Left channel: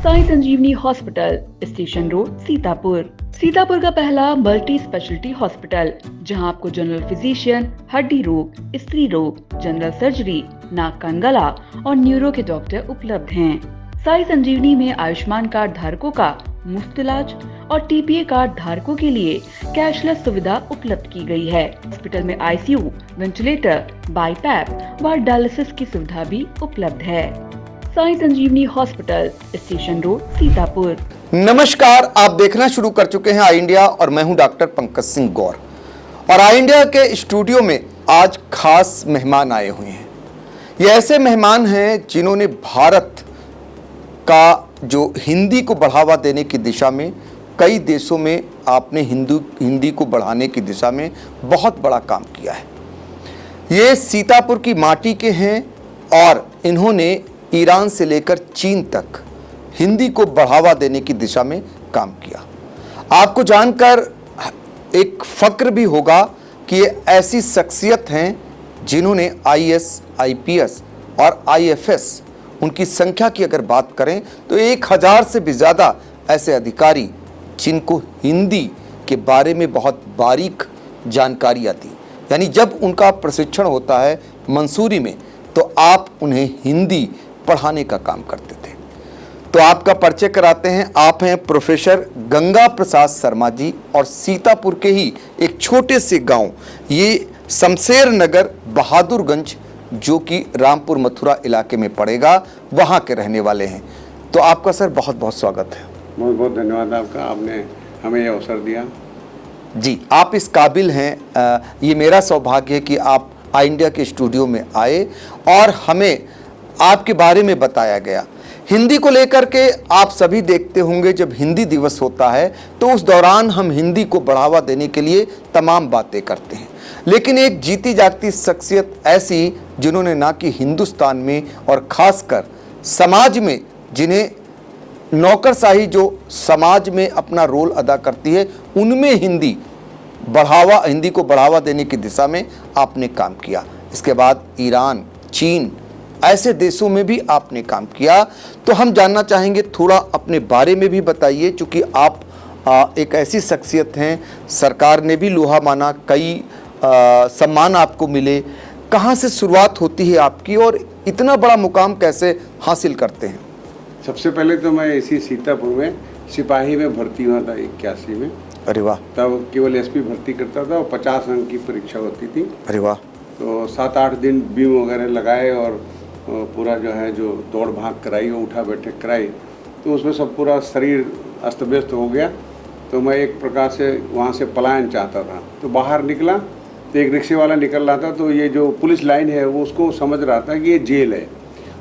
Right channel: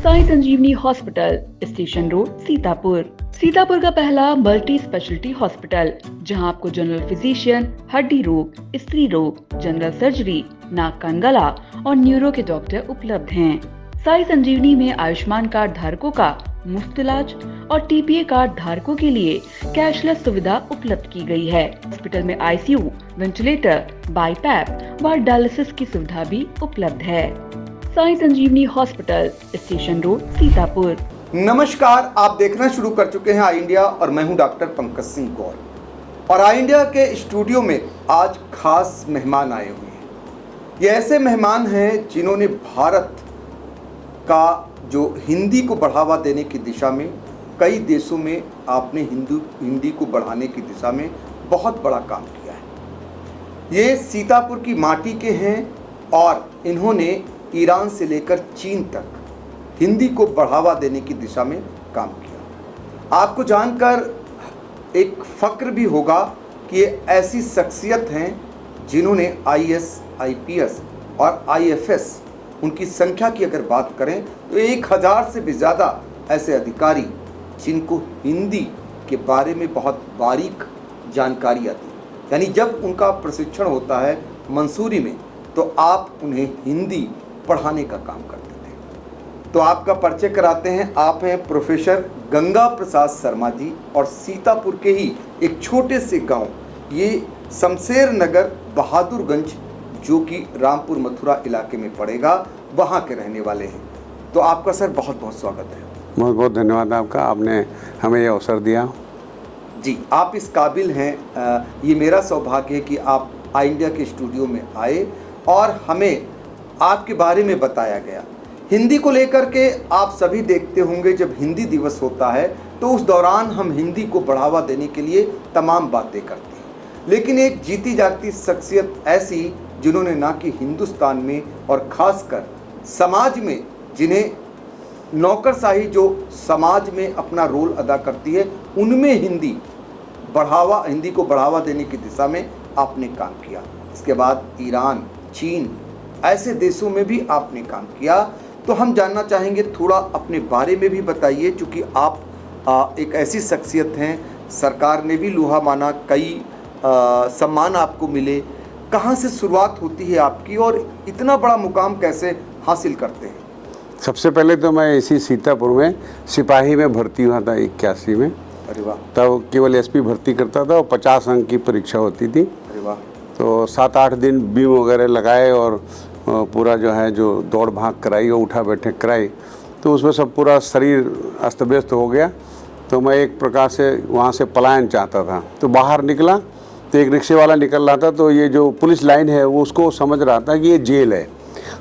Sai Sanjivani hospital, station road, Sitapur. Sitapur का पहला multi speciality hospital, जहां आपको जनरल फिजिशियन, हड्डी रोग, स्त्री रोग, जनरल सर्जरी, नाक कान गला और न्यूरो के डॉक्टर उपलब्ध हैं। साई संजीवनी में आयुष्मान कार्ड धारकों का मुफ्त इलाज और टीपीए कार्ड धारकों के लिए कैशलेस सुविधा उपलब्ध की गई है। हॉस्पिटल में आईसीयू, वेंटिलेटर, बाईपैप व डायलिसिस की सुविधा भी उपलब्ध है। Sai Sanjivani hospital, station road, Sitapur. नमस्कार, आप देखना शुरू कर चुके हैं आई इंडिया और मैं हूं डॉक्टर पंकज सिंह गौर। और आई इंडिया के स्टूडियो में आज खास मेहमान आए हुए हैं। ये ऐसे मेहमान हैं जिन्होंने भारत का जो हिंदी को बढ़ावा देने की दिशा में कई देशों में आपने हिंदी को बढ़ाने की दिशा में बहुत बड़ा काम किया है। ये सीतापुर की माटी के हैं और इन्होंने ईरान से लेकर चीन तक हिंदी को बढ़ावा देने की दिशा में काम किया। आपको जानकर एक फक्र भी होगा कि ये ऐसी शख्सियत हैं जिन्होंने आईएएस, आईपीएस और आईएफएस, उनकी संख्या की अगर बात करें तो 1000 से भी ज़्यादा ऐसे अधिकारी जिनको हिंदी के बारे में बहुत बारीक जानकारी आती, यानी जब उनका प्रशिक्षण होता है मंसूरी में तो आप उन्हें हिंदी पढ़ाने का काम करते थे। तो आपका परिचय कराते हैं। आप हैं प्रोफेसर गंगा प्रसाद शर्मा जी और सीतापुर के ही एक छोटे से गांव, ये शमशेर नगर बहादुरगंज, जो कि रामपुर मथुरा इलाके में पड़ेगा, वहाँ के रहने वाले हैं। तो आपका सर बहुत बहुत स्वागत है। बहुत बहुत धन्यवाद आपका, आपने हमें ये अवसर दिया। जी, आप इस काबिल हैं। ये मेरा सौभाग्य है कि आप आई इंडिया के स्टूडियो में आए और हमें आपके बारे में बताया गया। हिंदी को लेकर के आप सभी देखते होंगे, जब हिंदी दिवस होता है तो उस दौरान हम हिंदी को बढ़ावा देने के लिए तमाम बातें करते हैं, लेकिन एक जीती जागती शख्सियत ऐसी जिन्होंने ना कि हिंदुस्तान में और ख़ासकर समाज में, जिन्हें नौकरशाही जो समाज में अपना रोल अदा करती है, उनमें हिंदी को बढ़ावा देने की दिशा में आपने काम किया। इसके बाद ईरान, चीन, ऐसे देशों में भी आपने काम किया। तो हम जानना चाहेंगे, थोड़ा अपने बारे में भी बताइए, क्योंकि आप एक ऐसी शख्सियत हैं, सरकार ने भी लोहा माना, कई सम्मान आपको मिले। कहाँ से शुरुआत होती है आपकी और इतना बड़ा मुकाम कैसे हासिल करते हैं? सबसे पहले तो मैं इसी सीतापुर में सिपाही में भर्ती हुआ था 81 में। अरे वाह। तब केवल एसपी भर्ती करता था और 50 अंक की परीक्षा होती थी। अरे वाह। तो 7-8 दिन बीम वगैरह लगाए और पूरा जो दौड़ भाग कराई और उठा बैठक कराई, तो उसमें सब पूरा शरीर अस्त व्यस्त हो गया। तो मैं एक प्रकार से वहाँ से पलायन चाहता था। तो बाहर निकला तो एक रिक्शे वाला निकल रहा था, तो ये जो पुलिस लाइन है वो उसको समझ रहा था कि ये जेल है।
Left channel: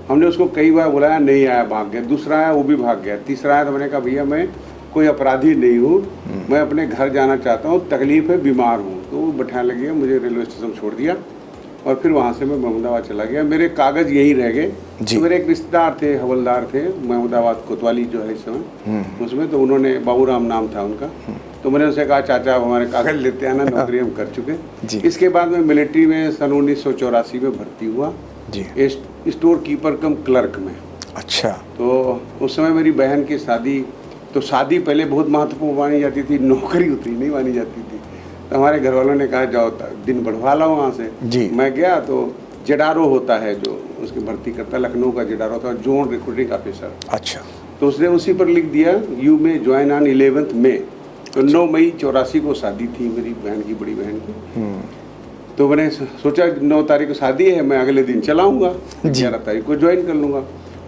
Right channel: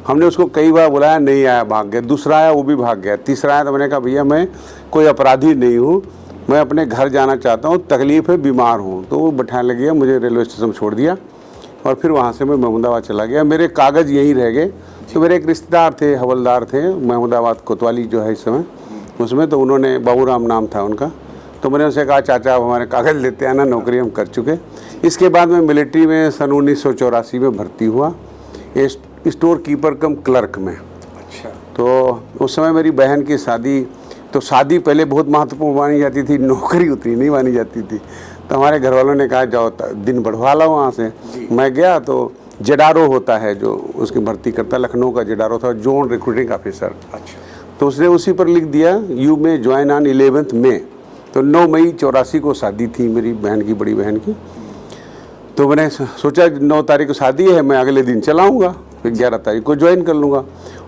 हमने उसको कई बार बुलाया, नहीं आया, भाग गया। दूसरा आया, वो भी भाग गया। तीसरा आया तो मैंने कहा, भैया मैं कोई अपराधी नहीं हूँ, मैं अपने घर जाना चाहता हूँ, तकलीफ है, बीमार हूँ। तो वो बैठाने लग गया, मुझे रेलवे स्टेशन छोड़ दिया और फिर वहाँ से मैं महमूदाबाद चला गया। मेरे कागज़ यहीं रह गए। तो मेरे एक रिश्तेदार थे, हवलदार थे महमूदाबाद कोतवाली जो है इस समय, उसमें। तो उन्होंने, बाबूराम नाम था उनका, तो मैंने उनसे कहा, चाचा आप हमारे कागज़ लेते आना, नौकरी हम कर चुके। इसके बाद मैं मिलिट्री में सन 1984 में भर्ती हुआ, स्टोर कीपर कम क्लर्क में। अच्छा। तो उस समय मेरी बहन की शादी, तो शादी पहले बहुत महत्वपूर्ण मानी जाती थी, नौकरी उतनी नहीं मानी जाती थी। तो हमारे घर वालों ने कहा, जाओ दिन बढ़वा लो वहाँ से। मैं गया तो जेडारो होता है जो उसकी भर्ती करता, लखनऊ का जेडारो था, जोन रिक्रूटिंग ऑफिसर। अच्छा। तो उसने उसी पर लिख दिया, यू में ज्वाइन ऑन 11 मई। तो 9 मई 84 को शादी थी मेरी बहन की, बड़ी बहन की। तो मैंने सोचा 9 तारीख को शादी है, मैं अगले दिन चलाऊँगा, 11 तारीख को ज्वाइन कर लूँगा।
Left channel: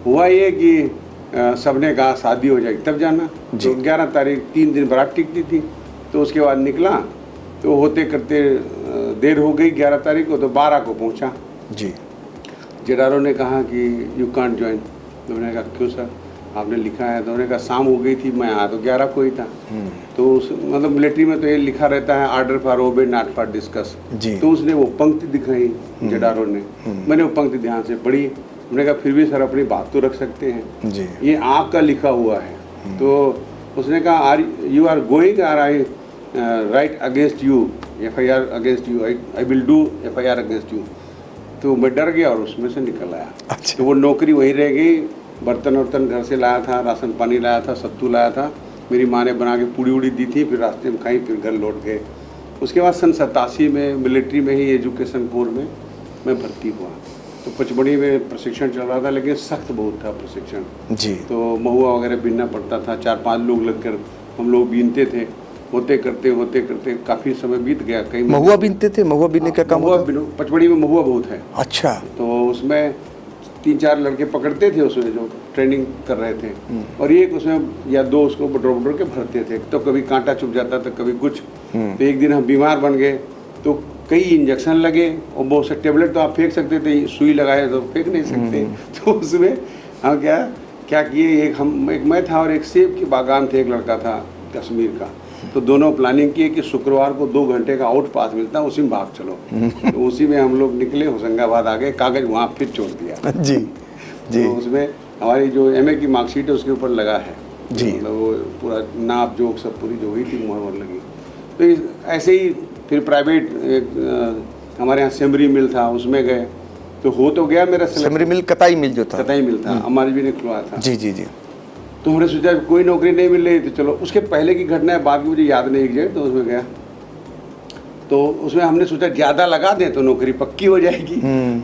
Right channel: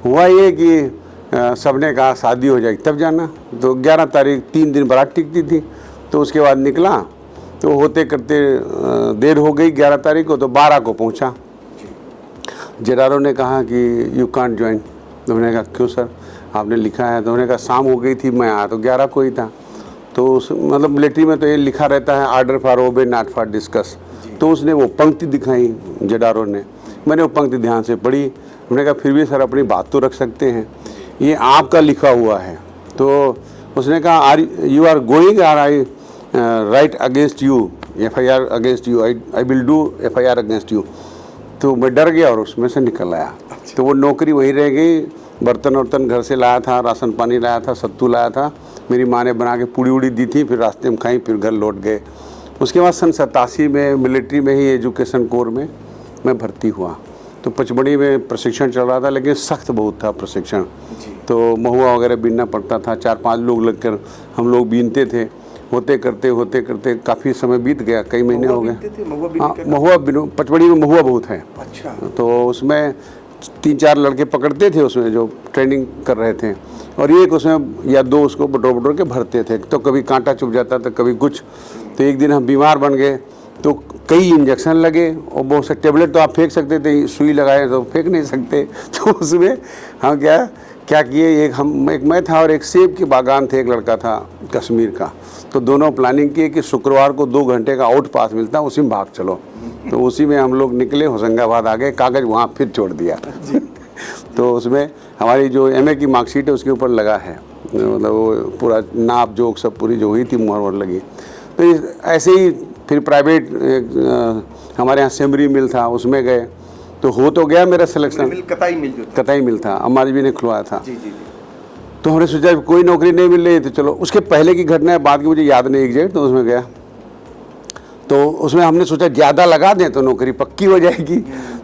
हुआ ये कि सबने कहा शादी हो जाएगी तब जाना। तो 11 तारीख 3 दिन बारात टिकती थी। तो उसके बाद निकला, तो होते करते देर हो गई 11 तारीख को, तो 12 को पहुंचा। जी। जेडारो ने कहा कि यू कांट ज्वाइन। तो मैंने कहा क्यों सर, आपने लिखा है। तो उन्होंने कहा शाम हो गई थी, मैं आया तो 11 को ही था। तो मतलब मिलिट्री में तो ये लिखा रहता है, order for obey not for discuss. तो उसने वो पंक्ति दिखाई जेडारो ने, मैंने वो पंक्ति ध्यान से पढ़ी। मैंने कहा फिर भी सर अपनी बात तो रख सकते हैं, ये आपका लिखा हुआ है। तो उसने कहा, you are going are I write against you, FIR against you, I will do FIR against you. तो मैं डर गया और उसमें से निकल आया। अच्छा। तो वो नौकरी वहीं रह गई। बर्तन वर्तन घर से लाया था, राशन पानी लाया था, सत्तू लाया था, मेरी माँ ने बना के पूड़ी उड़ी दी थी, फिर रास्ते में खाई, फिर घर लौट गए। उसके बाद सन 87 में मिलिट्री में ही एजुकेशन कोर में मैं भर्ती हुआ। तो पचमढ़ी में प्रशिक्षण चल रहा था, लेकिन सख्त बहुत था प्रशिक्षण जी। तो महुआ वगैरह बीनना पड़ता था, 4-5 लोग लगकर हम लोग बीनते थे। होते करते काफ़ी समय बीत गया, कई महीने महुआ हो गए। बीनते थे? महुआ बीनने का काम? महुआ पचमढ़ी में महुआ बहुत है। अच्छा। तो उसमें 3-4 लड़के पकड़ते थे उसमें जो ट्रेनिंग कर रहे थे, और एक उसमें या 2 उसको बटोर के भरते थे। तो कभी कांटा चुभ जाता था, कभी कुछ। तो एक दिन हम बीमार बन गए, तो कई इंजेक्शन लगे और बहुत से टेबलेट तो आप फेंक सकते थे, सुई लगाए तो फेंक नहीं सकते। तो उसमें हम क्या किए, एक मैं था और एक सेब की बागान थे, एक लड़का था कश्मीर का। तो दोनों प्लानिंग किए कि शुक्रवार को 2 घंटे का आउट पास मिलता है, उसी में भाग चलो। तो उसी में हम लोग निकले, होशंगाबाद आ गए, कागज वहाँ फिर छोड़ दिया जी। तो उसमें हमारी जो MA की मार्कशीट है उसके ऊपर लगा है, मतलब वो पूरा नाप जोक सब पूरी जो हुई थी मुहर लगी। तो ऐसे ही फिर प्राइवेट हमारे यहाँ सेमरी मिल था, उसमें गए, तो हो तो गया मेरा सिलेक्शन। मिल कताई मिल जो था? कताई मिल था, अम्मा जी ने खुलवाया था। जी जी जी। तो हमने सोचा कोई नौकरी नहीं मिल रही, तो चलो उसके पहले की घटना है, बाद की मुझे याद नहीं एग्जैक्ट। तो उसमें गया, तो उसमें हमने सोचा ज़्यादा लगा दें तो नौकरी पक्की हो जाएगी।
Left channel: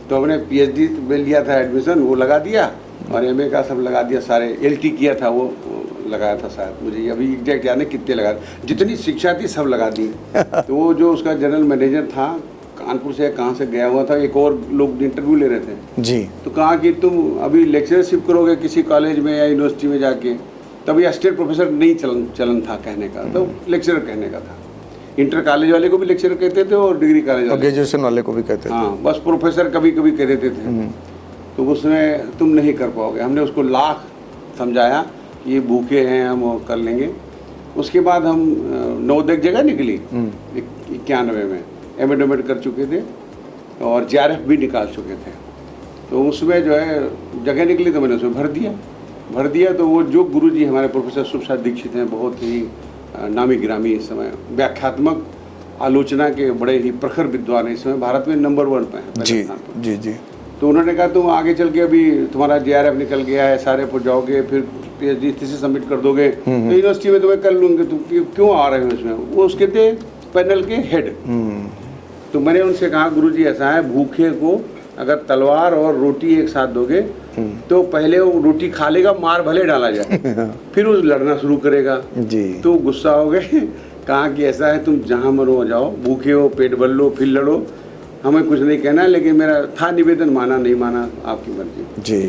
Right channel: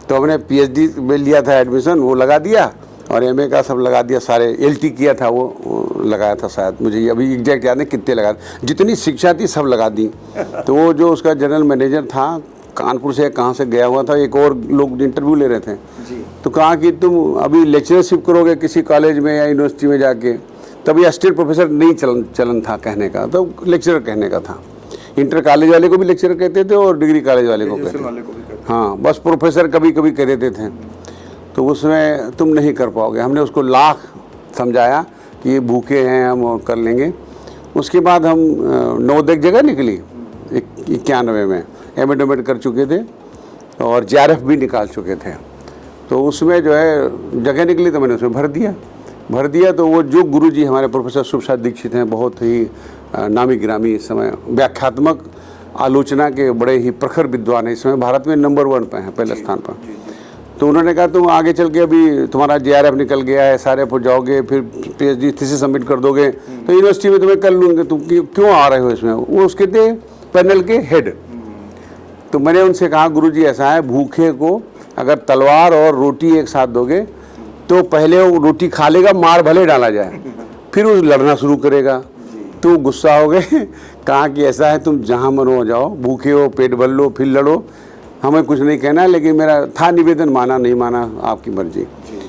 तो हमने PhD में लिया था एडमिशन, वो लगा दिया, और MA का सब लगा दिया, सारे LT किया था वो लगाया था शायद, मुझे अभी एग्जैक्ट याद नहीं कितने लगा, जितनी शिक्षा थी सब लगा दी। तो वो जो उसका जनरल मैनेजर था, कानपुर से कहाँ से गया हुआ था, एक और लोग इंटरव्यू ले रहे थे जी। तो कहा कि तुम अभी लेक्चरशिप करोगे किसी कॉलेज में या यूनिवर्सिटी में जाके, तभी असिस्टेंट प्रोफेसर नहीं चलन था कहने का, तो लेक्चरर कहने का था। इंटर कॉलेज वाले को भी लेक्चरर कहते थे और डिग्री कॉलेज वाले ग्रेजुएशन वाले को भी कहते थे। हाँ, बस प्रोफेसर कभी कभी कह देते थे। तो उसमें तुम नहीं कर पाओगे। हमने उसको लाख समझाया कि ये भूखे हैं, हम कर लेंगे। उसके बाद हम 9-10 जगह निकली, 91 में एमएड कर चुके थे और JRF भी निकाल चुके थे। तो उसमें जो है जगह निकली, तो मैंने उसमें भर दिया। तो वो जो गुरुजी हमारे प्रोफेसर सुप्रसाद दीक्षित हैं, बहुत ही नामी गिरामी इस समय व्याख्यात्मक आलोचना के बड़े ही प्रखर विद्वान है, इस समय भारत में नंबर 1 पे हैं, पहले स्थान पर। जी जी। तो उन्होंने कहा तुम आगे चल के, अभी तुम्हारा JRF निकल गया है, SRF हो जाओगे, फिर PhD थीसिस सबमिट कर दोगे, तो यूनिवर्सिटी में तुम्हें कर लूँगे, तुम क्यों आ रहे हो इसमें। वो उसके थे पैनल के हेड। तो मैंने उनसे कहा गुरुजी ऐसा है, भूखे को अगर तलवार और रोटी एक साथ दोगे तो पहले वो रोटी खा लेगा, मार भले डाला जाए, फिर वो लड़ना शुरू करेगा जी। तो गुस्सा हो गए। कहा कि ऐसा है, तुम जहाँ मनो हो जाओ, भूखे हो पेट भर लो, फिर लड़ो, हमें कुछ नहीं कहना। लेकिन मेरा था निवेदन, माना नहीं माना आपकी मर्जी जी।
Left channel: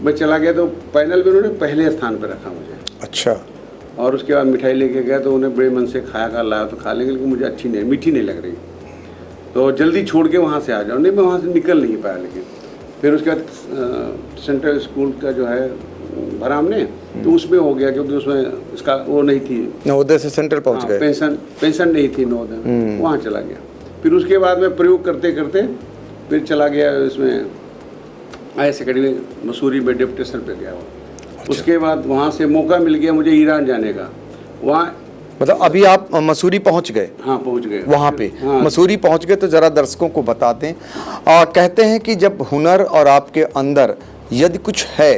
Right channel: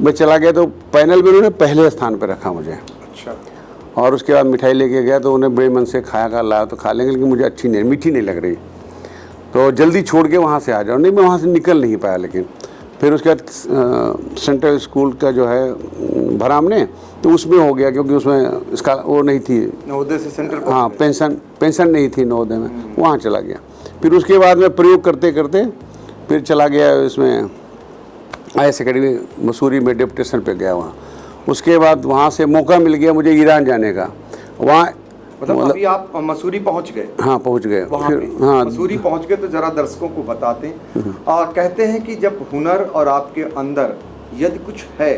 मैं चला गया, तो पैनल में उन्होंने पहले स्थान पर रखा मुझे। अच्छा। और उसके बाद मिठाई लेके गया, तो उन्हें बड़े मन से खाया लाया तो खा लेंगे, लेकिन मुझे अच्छी नहीं, मीठी नहीं लग रही, तो जल्दी छोड़ के वहाँ से आ जाओ। नहीं, मैं वहाँ से निकल नहीं पाया। लेकिन फिर उसके बाद सेंट्रल स्कूल का जो है भरा हमने, तो उसमें हो गया, क्योंकि उसमें इसका वो नहीं थी, नवोदय से सेंटर पहुंच गए। पेंशन नहीं थी नवोदय में, वहाँ चला गया। फिर उसके बाद में प्रयोग करते करते फिर चला गया इसमें IAS अकेडमी मसूरी में डेप्यूटेशन पे गया वहाँ। उसके बाद वहाँ से मौका मिल गया मुझे ईरान जाने का। वहाँ मतलब अभी आप मसूरी पहुंच गए? हाँ, पहुंच गए वहाँ पे। हाँ, मसूरी पहुंच गए तो जरा दर्शकों को बताते हैं। कहते हैं कि जब हुनर और आपके अंदर यदि कुछ है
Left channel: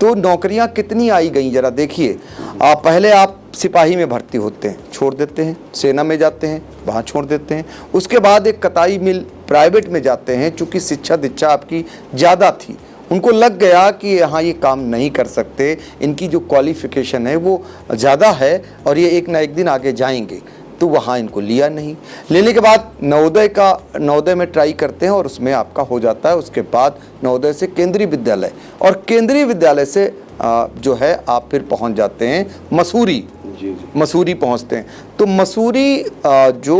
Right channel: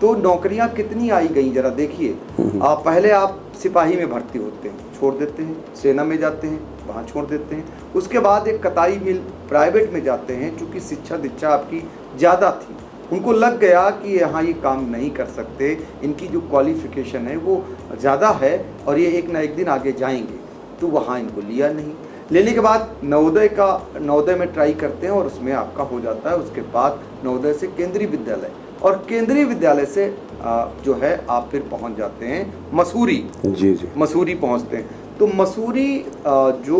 तो नौकरियां कितनी आई गई, जरा देखिए। पहले आप सिपाही में भर्ती होते हैं, छोड़ देते हैं, सेना में जाते हैं, वहाँ छोड़ देते हैं। उसके बाद एक कताई मिल प्राइवेट में जाते हैं, चूँकि शिक्षा दीक्षा आपकी ज़्यादा थी, उनको लग गया कि यहाँ ये काम नहीं कर सकते, इनकी जो क्वालिफिकेशन है वो ज़्यादा है और ये एक ना एक दिन आगे जाएंगे, तो वहाँ इनको लिया नहीं। लेने के बाद नवोदय में ट्राई करते हैं और उसमें आपका हो जाता है। उसके बाद नवोदय से केंद्रीय विद्यालय, और केंद्रीय विद्यालय से जो है आप फिर पहुंच जाते हैं मसूरी। जी। मसूरी पहुंचते हैं तो मसूरी जो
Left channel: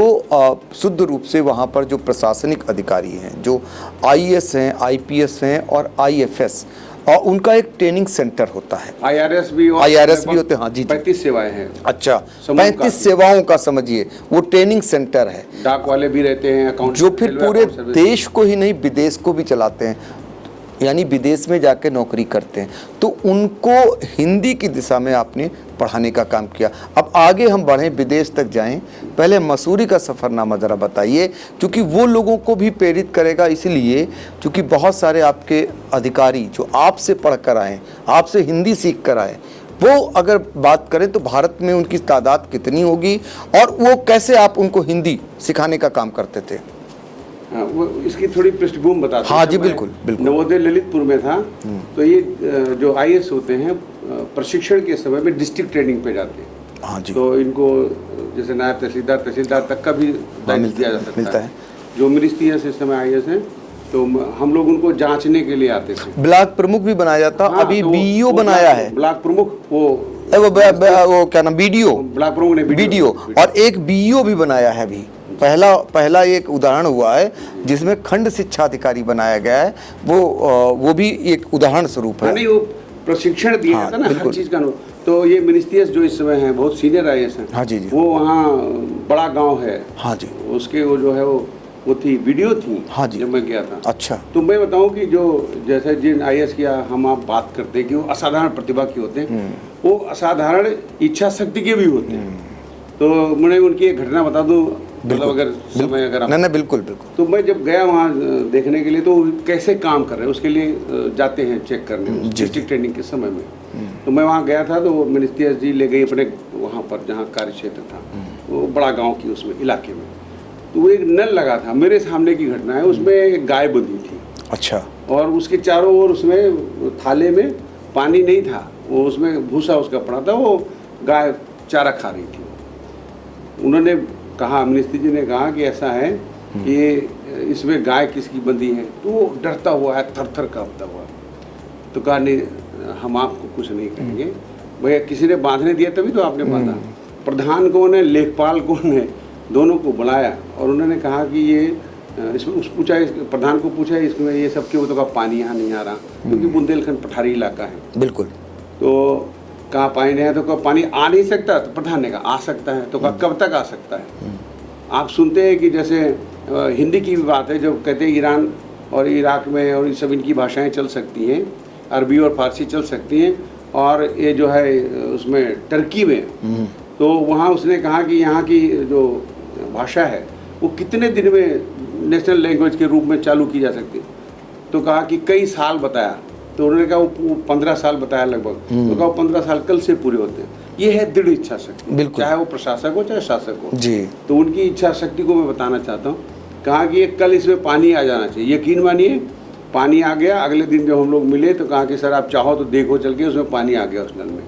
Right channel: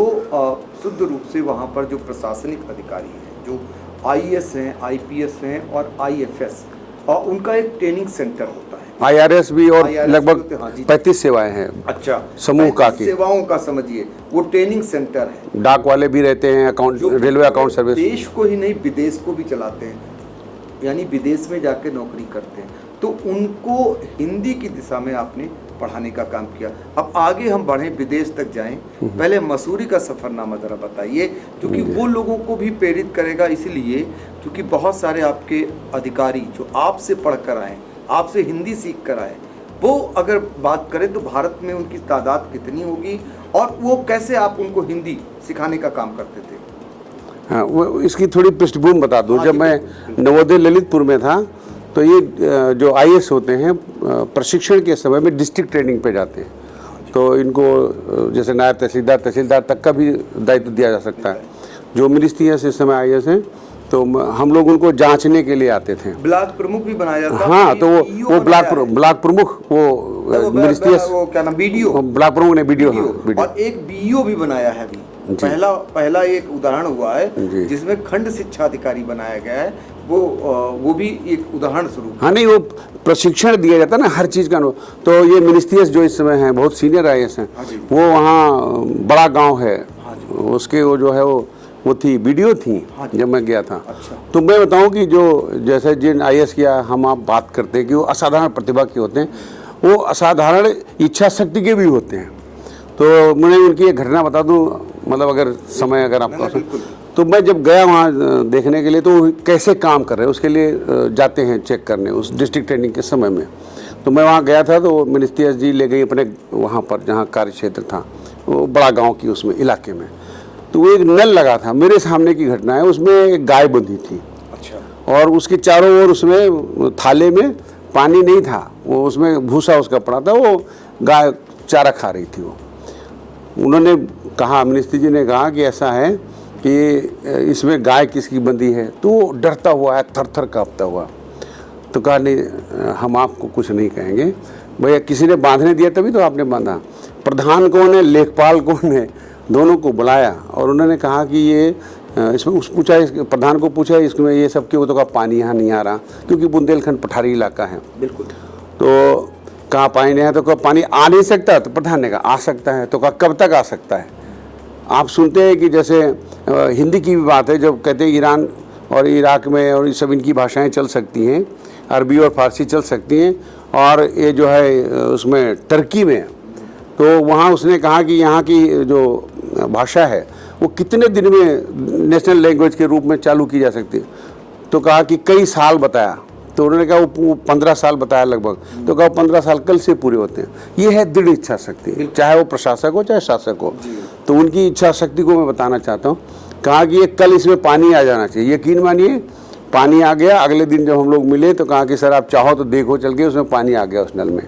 शुद्ध रूप से वहाँ पर जो प्रशासनिक अधिकारी हैं, जो IAS हैं, IPS हैं और IFS, और उनका एक ट्रेनिंग सेंटर होता है। IRS भी और IRS भी होते हैं। हाँ जी। 35 सेवाएं हैं। अच्छा, समूह का 35 सेवाओं का समझिए वो ट्रेनिंग सेंटर है। डाक वाले भी रहते हैं, अकाउंट, जो फिर रेलवे अकाउंट पूरे सर्विस, देश को ही नहीं विदेश को भी चलाते हैं। यानी विदेश में जाके नौकरी करते हैं, तो उनको हिंदी की दिशा में आपने पढ़ाने का काम किया। अब आगे हम बढ़ें, विदेश तक जाएं, पहले मसूरी का सफ़रनामा ज़रा बताइए, क्योंकि वो लोगों को भी प्रेरित करेगा, इसलिए क्योंकि बहुत सारे आपके अधिकारी जो आपसे पढ़ कर आए, आपसे हिंदी सीख कर आए, वो अगर बात करें तो भारत में उनकी तादाद कितनी होगी और वो कैसे आप उनको हिंदी सिखाने का काम करते थे? हाँ, वो इसकी थोड़ी पृष्ठभूमि बता दूं। हाँ, जब मैं बिल्कुल। नवोदय ललितपुर में था तो ये जो आईएएस होते हैं प्रशिक्षण के समय में डिस्ट्रिक्ट ट्रेनिंग पे जाते हैं। हाँ जी। तो इनको जैसे नायब तहसीलदार तक का भी दायित्व दिया जा सकता है। जो मिनिस्ट्रियस इस समय आईएएस हैं, तो हम लोग उनको जांचने के लिए आते थे। ब्लॉक प्रमुख भी बनाया जाता। हाँ, अभी तो बीईओ बनाया है। ब्लॉक प्रमुख वो क्या नाम, बीडीओ, ब्लॉक प्रमुख ने बीडीओ, और एक बीईओ भी बनाया है अभी। पहला एक उदाहरण हुआ है जिसमें खंड शिक्षा अधिकारी बनाया गया है, वो भी एक उदाहरण स्वरूप है। हाँ, नहीं, वो प्रशिक्षण दिया जाता है ना हर चीज का। तो ये मिनिस्ट्रियस जो इस समय हैं, बहुत सीनियर आईएएस हैं। हाँ जी। वो वहाँ बड़ा गांव है। हाँ जी। उसके वो जो है वो थी वीडियो थी। हाँ जी। जब मैं गया था। अच्छा। तो मैं बताऊं कि जो जैसे जिन आईएएस की हम आप बात करते हैं कि वो असाधारण प्रतिभा के होते हैं, वो असाधारण इच्छा शक्ति के भी होते हैं। तो मैं उनकी एक घटना बता दूं, मतलब अगर समय अगर आप नहीं, बिल्कुल। तो मैं जब गया वहाँ देखने के लिए, तो वो कैसे काम कर रहे हैं उसके लिए जाते हैं चेक करने उस डिस्ट्रिक्ट ट्रेनिंग के समय में। तो मैं वहाँ गया था, तो मिनिस्ट्रियस जी ले गई अपने वहाँ पर जहाँ कार्य क्षेत्र था, वो बड़ा गाँव की उसमें इलाके में। तो वो एक नल लगा था, मेरे सामने की घटना है, उसमें एक गाय बंधी थी। अच्छा। और उसके चारों ओर उसमें थाले में पानी नहीं था, वो उसमें भूसा उसका पड़ा था, वो गाय चारा खा रही थी। वो उन्होंने कहा, मिनिस्ट्री जी ने कहा कि ऐसा है कि इसमें गाय किसकी बंधी है। तो डरता हुआ है, थर थर कांपता हुआ। तो कहा नहीं, हम आपको कुछ नहीं कहेंगे भैया, किसी ने बांधने दिया तभी तो आपने बांधा। प्रधान कौन है, लेखपाल कौन है, दोनों को बुलाया और उन्होंने कहा कि ये इसमें पूछा, प्रधान को पूछा इसमें ये सब क्यों, तो कहा पानी यहाँ नहीं आ रहा, क्योंकि बुंदेलखंड पठारी इलाका है। बिल्कुल। तो कहा पानी नहीं है, तो कहा पानी आ नहीं सकता, तो प्रधान ने कहा आ सकता है। तो कहा कब तक आ सकता है? आप सुनते हैं कि जैसे हिंदी की भी बात है, जब कहते हैं ईरान और इराक में और ये सब इनकी भाषाएं चल सकती हैं, अरबी और फारसी चल सकती हैं, और ये जो है उसमें टर्की में, तो वहाँ उसने कहा कि यहाँ की जो भाषा है वो कितने दिन में नेशनल लैंग्वेज के रूप में चालू की जा सकती है। तो कहा कि कई साल बताया। तो उन्होंने कहा वो 15 साल बताया लगभग। तो कहा 15 साल कल से पूरे होते हैं। ये है दृढ़ इच्छा शक्ति, चाहे वो प्रशासक हो चाहे शासक हो जी। तो उनकी इच्छा शक्ति को मैं बताना चाहता हूँ। कहा कि कल इसमें पानी आ जाना चाहिए। यकीन मानिए पानी आ गया। अगले दिन जब हम लोग मिले तो कहा कि सर आप चाहो तो देखो चल के, उसमें पानी आ गया उस नल में।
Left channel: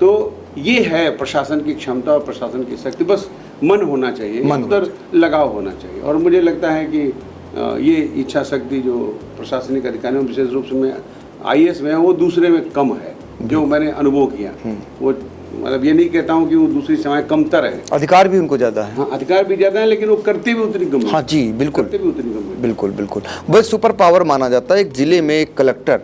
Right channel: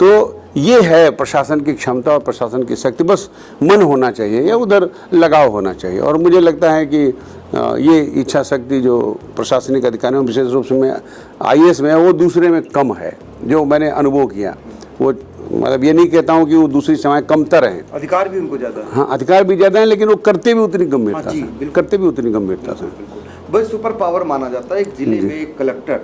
तो ये है प्रशासन की क्षमता और प्रशासन की शक्ति, बस मन होना चाहिए या उधर लगाव होना चाहिए। और मुझे लगता है कि ये इच्छा शक्ति जो प्रशासनिक अधिकारियों में, विशेष रूप से मैं आईएएस में है, वो दूसरे में कम है, जो मैंने अनुभव किया। वो मतलब ये नहीं कहता हूँ कि वो दूसरी सेवाएं कमतर है, अधिकार भी उनको ज्यादा है। हाँ, अधिकार भी ज्यादा है, लेकिन वो करते भी उतनी गंभीर। हाँ जी, बिल्कुल, करते भी उतनी गंभीर। बिल्कुल बिल्कुल। बस सुपर पावर माना जाता है एक जिले में एक कलेक्टर,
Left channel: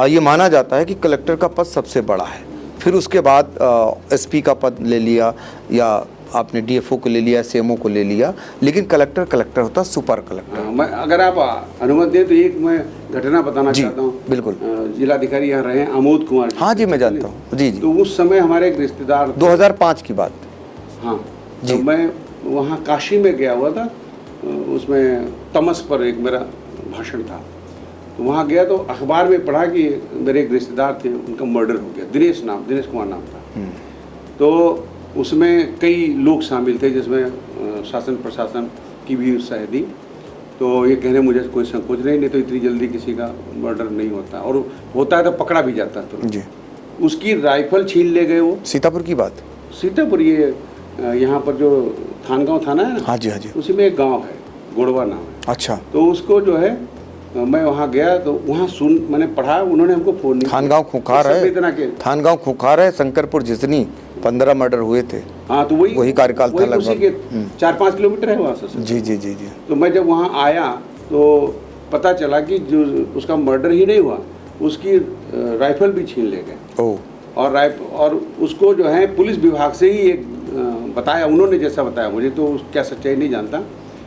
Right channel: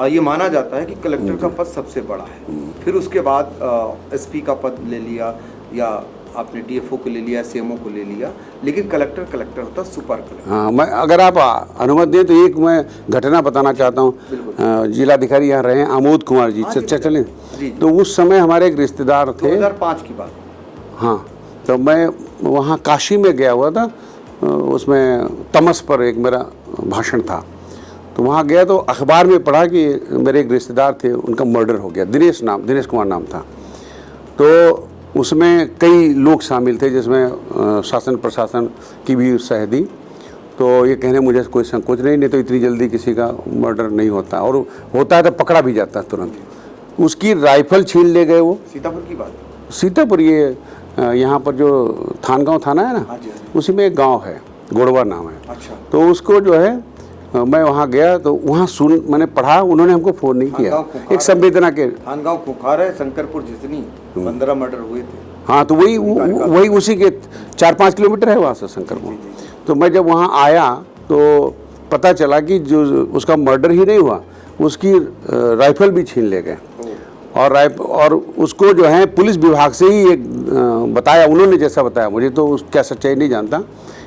ये माना जाता है कि कलेक्टर का पद सबसे बड़ा है। फिर उसके बाद एसपी का पद ले लिया, या आपने डीएफओ को ले लिया, सीएमओ को ले लिया, लेकिन कलेक्टर होता है सुपर कलेक्टर। हाँ, मैं अगर आप अनुमति दें तो एक मैं घटना बताना चाहता हूँ। बिल्कुल। जिलाधिकारी यहाँ रहे आमोद कुमार जी। हाँ जी, मैं जानता हूँ। जी। तो उस समय हमारे एक रिश्तेदार 2005 की बात। हाँ, तो मैं वहाँ काशी में गया हुआ था, उसमें तमस पर एक मेरा भाषण था। तो वहाँ गया तो अखबार में पढ़ा कि मेरे एक रिश्तेदार थे, उनका मर्डर हो गया। दिनेश कुमार नाम था। तो उसमें कई लोग शामिल थे, जिसमें शासन प्रशासन की भी सह दी। तो ये कहने मुझे कोई संकोच नहीं तो इतनी जल्दी किसी का मर्डर नहीं होता, और होता है तो पकड़ा भी जाता है तुरंत। उसकी राइफल छीन ले गए वो। सीतापुर की बात? सीतापुर, ये यहाँ पर जो थानगांव थाना है ना, हाँ जी हाँ जी, उसी में एक गाँव है, गोड़वा नाम है। अच्छा। तो उसको जो है मैं वहाँ गया तो वहाँ मैंने पढ़ा, उन्होंने हमको फोन नहीं किया। थानगांव खुखार है, संवेदना के थानगांव खुखार है, शंकरपुर जिसनी 15 मर्डर हुए थे। हाँ, तो वही उसी के 4-5 किलोमीटर है वहाँ से। जी। तो मैं जब वहाँ आया तो पता चला कि जो उसका मर्डर ही नहीं हुआ, उसकी राइफल भी छीन ले गए। और उसको जो है पुलिस विभाग से ही एक बताया, उन्होंने जैसा बताया, मुझे तो क्या सच्चाई नहीं जानता,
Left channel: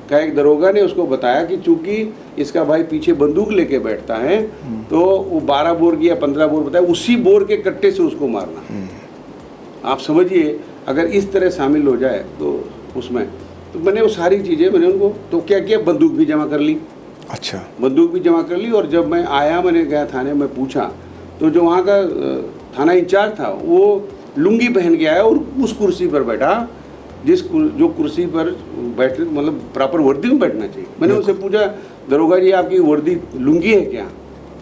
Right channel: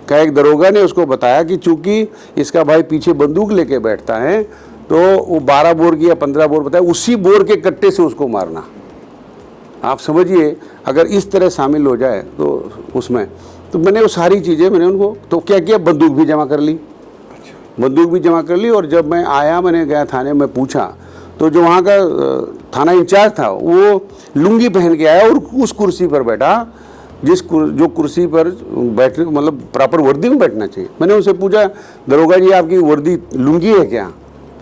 का एक दरोगा ने उसको बताया कि चूंकि इसका भाई पीछे बंदूक लेके बैठता है तो वो 12 बोर की या 15 बोर बताया, उसी बोर के कट्टे से उसको मारना। आप समझिए अगर इस तरह शामिल हो जाए तो उसमें, तो मैंने वो सारी चीज़ें मैंने उनको तो क्या किया, बंदूक भी जमा कर ली। अच्छा, बंदूक भी जमा कर ली। और जब मैं आया, मैंने गया थाने में पूछा, तो जो वहाँ का थाना इंचार्ज था वो लुंगी पहन के आया और उस कुर्सी पर बैठा जो कुर्सी पर बैठने मतलब प्रॉपर वर्दी में बैठना चाहिए। मैंने उनसे पूछा, दरोगा जी आपकी वर्दी लुंगी है क्या?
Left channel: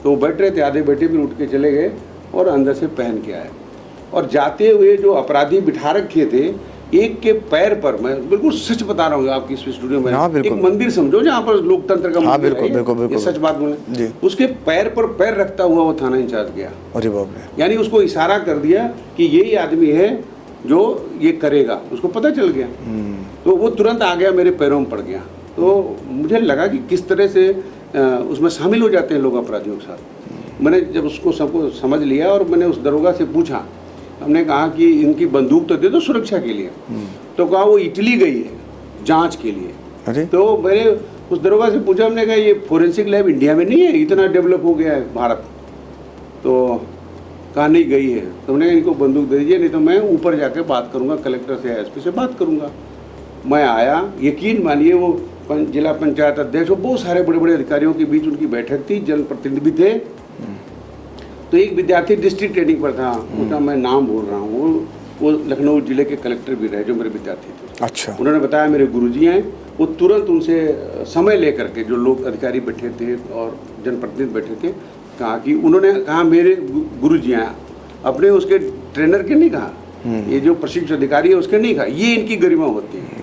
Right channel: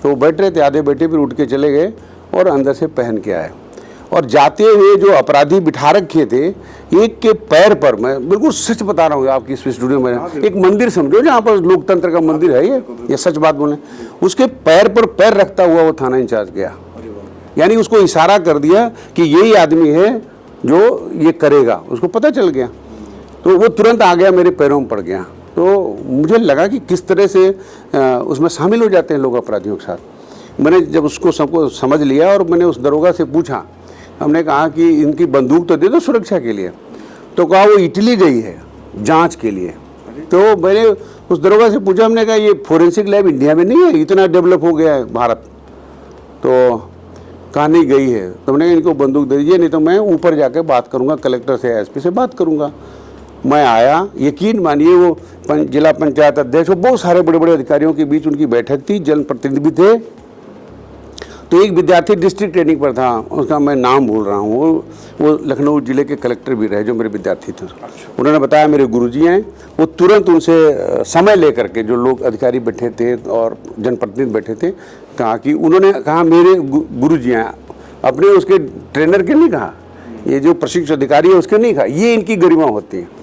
तो वो बैठ रहे थे, आधे बैठे, फिर उठ के चले गए और अंदर से पहन के आए। और जाते हुए जो अपराधी बिठा रखे थे, एक के पैर पर, मैं बिल्कुल सच बता रहा हूँ आपकी स्टूडियो में, एक मंदिर समझो जहाँ पर लोकतंत्र का मंदिर है, ये सच बात बोले, उसके पैर पर पैर रखता हुआ वो थाना इंचार्ज गया। अरे बाप रे। यानी उसको इशारा कर दिया कि यही आदमी है जो ये करेगा, उसको पता चल गया। तो वो तुरंत आ गया, मेरे पैरों में पड़ गया। तो मुझे लगा कि किस तरह से उसमें शामिल हो जाते हैं लोग अपराधियों के साथ। मैंने जब उसको सबको समझ लिया और मैंने उस दरोगा से पूछा, हमने कहा कि इनकी बंदूक तो दे दो सुरक्षा के लिए। तो कहा वो इटली गई है जांच के लिए। अरे? तो मैंने उस दरोगा से पूछा, हमने कहा ये फोरेंसिक लैब इंडिया में नहीं है, इतना डेवलप हो गया है भारत? तो कहा नहीं गई है। तो हमने कहा इनको बंदूक दे दीजिए, नहीं तो मैं ऊपर जाकर बात करूंगा, कलेक्टर से एसपी से बात करूंगा। मैं आया, यकीन मानिए वो जिला पंचायत अध्यक्ष और बहुत सारे बड़े बड़े अधिकारियों के बीच उनकी बैठक थी, जनप्रतिनिधि भी थे। तो एक विद्यार्थी डिस्ट्रिक्ट ट्रेनिंग पर था, उसका मैं नाम भूल रहा हूँ, वो लखनऊ जिले के कलेक्टर भी रहे जो मेरे विद्यार्थी थे। अच्छा। उन्होंने बताया मेरे गुरुजी हैं। वो तुरंत उनसे समय लेकर के, जो लोग अधिकारी बैठे थे और जनप्रतिनिधि बैठे थे, कहा कि उन्होंने कहा मेरे गुरुजी हैं, अपने उसके ट्रेनर के नहीं कहा, ये जो प्रशिक्षण अधिकारी है उसके नहीं कहा, ये इनकी गरिमा होती है।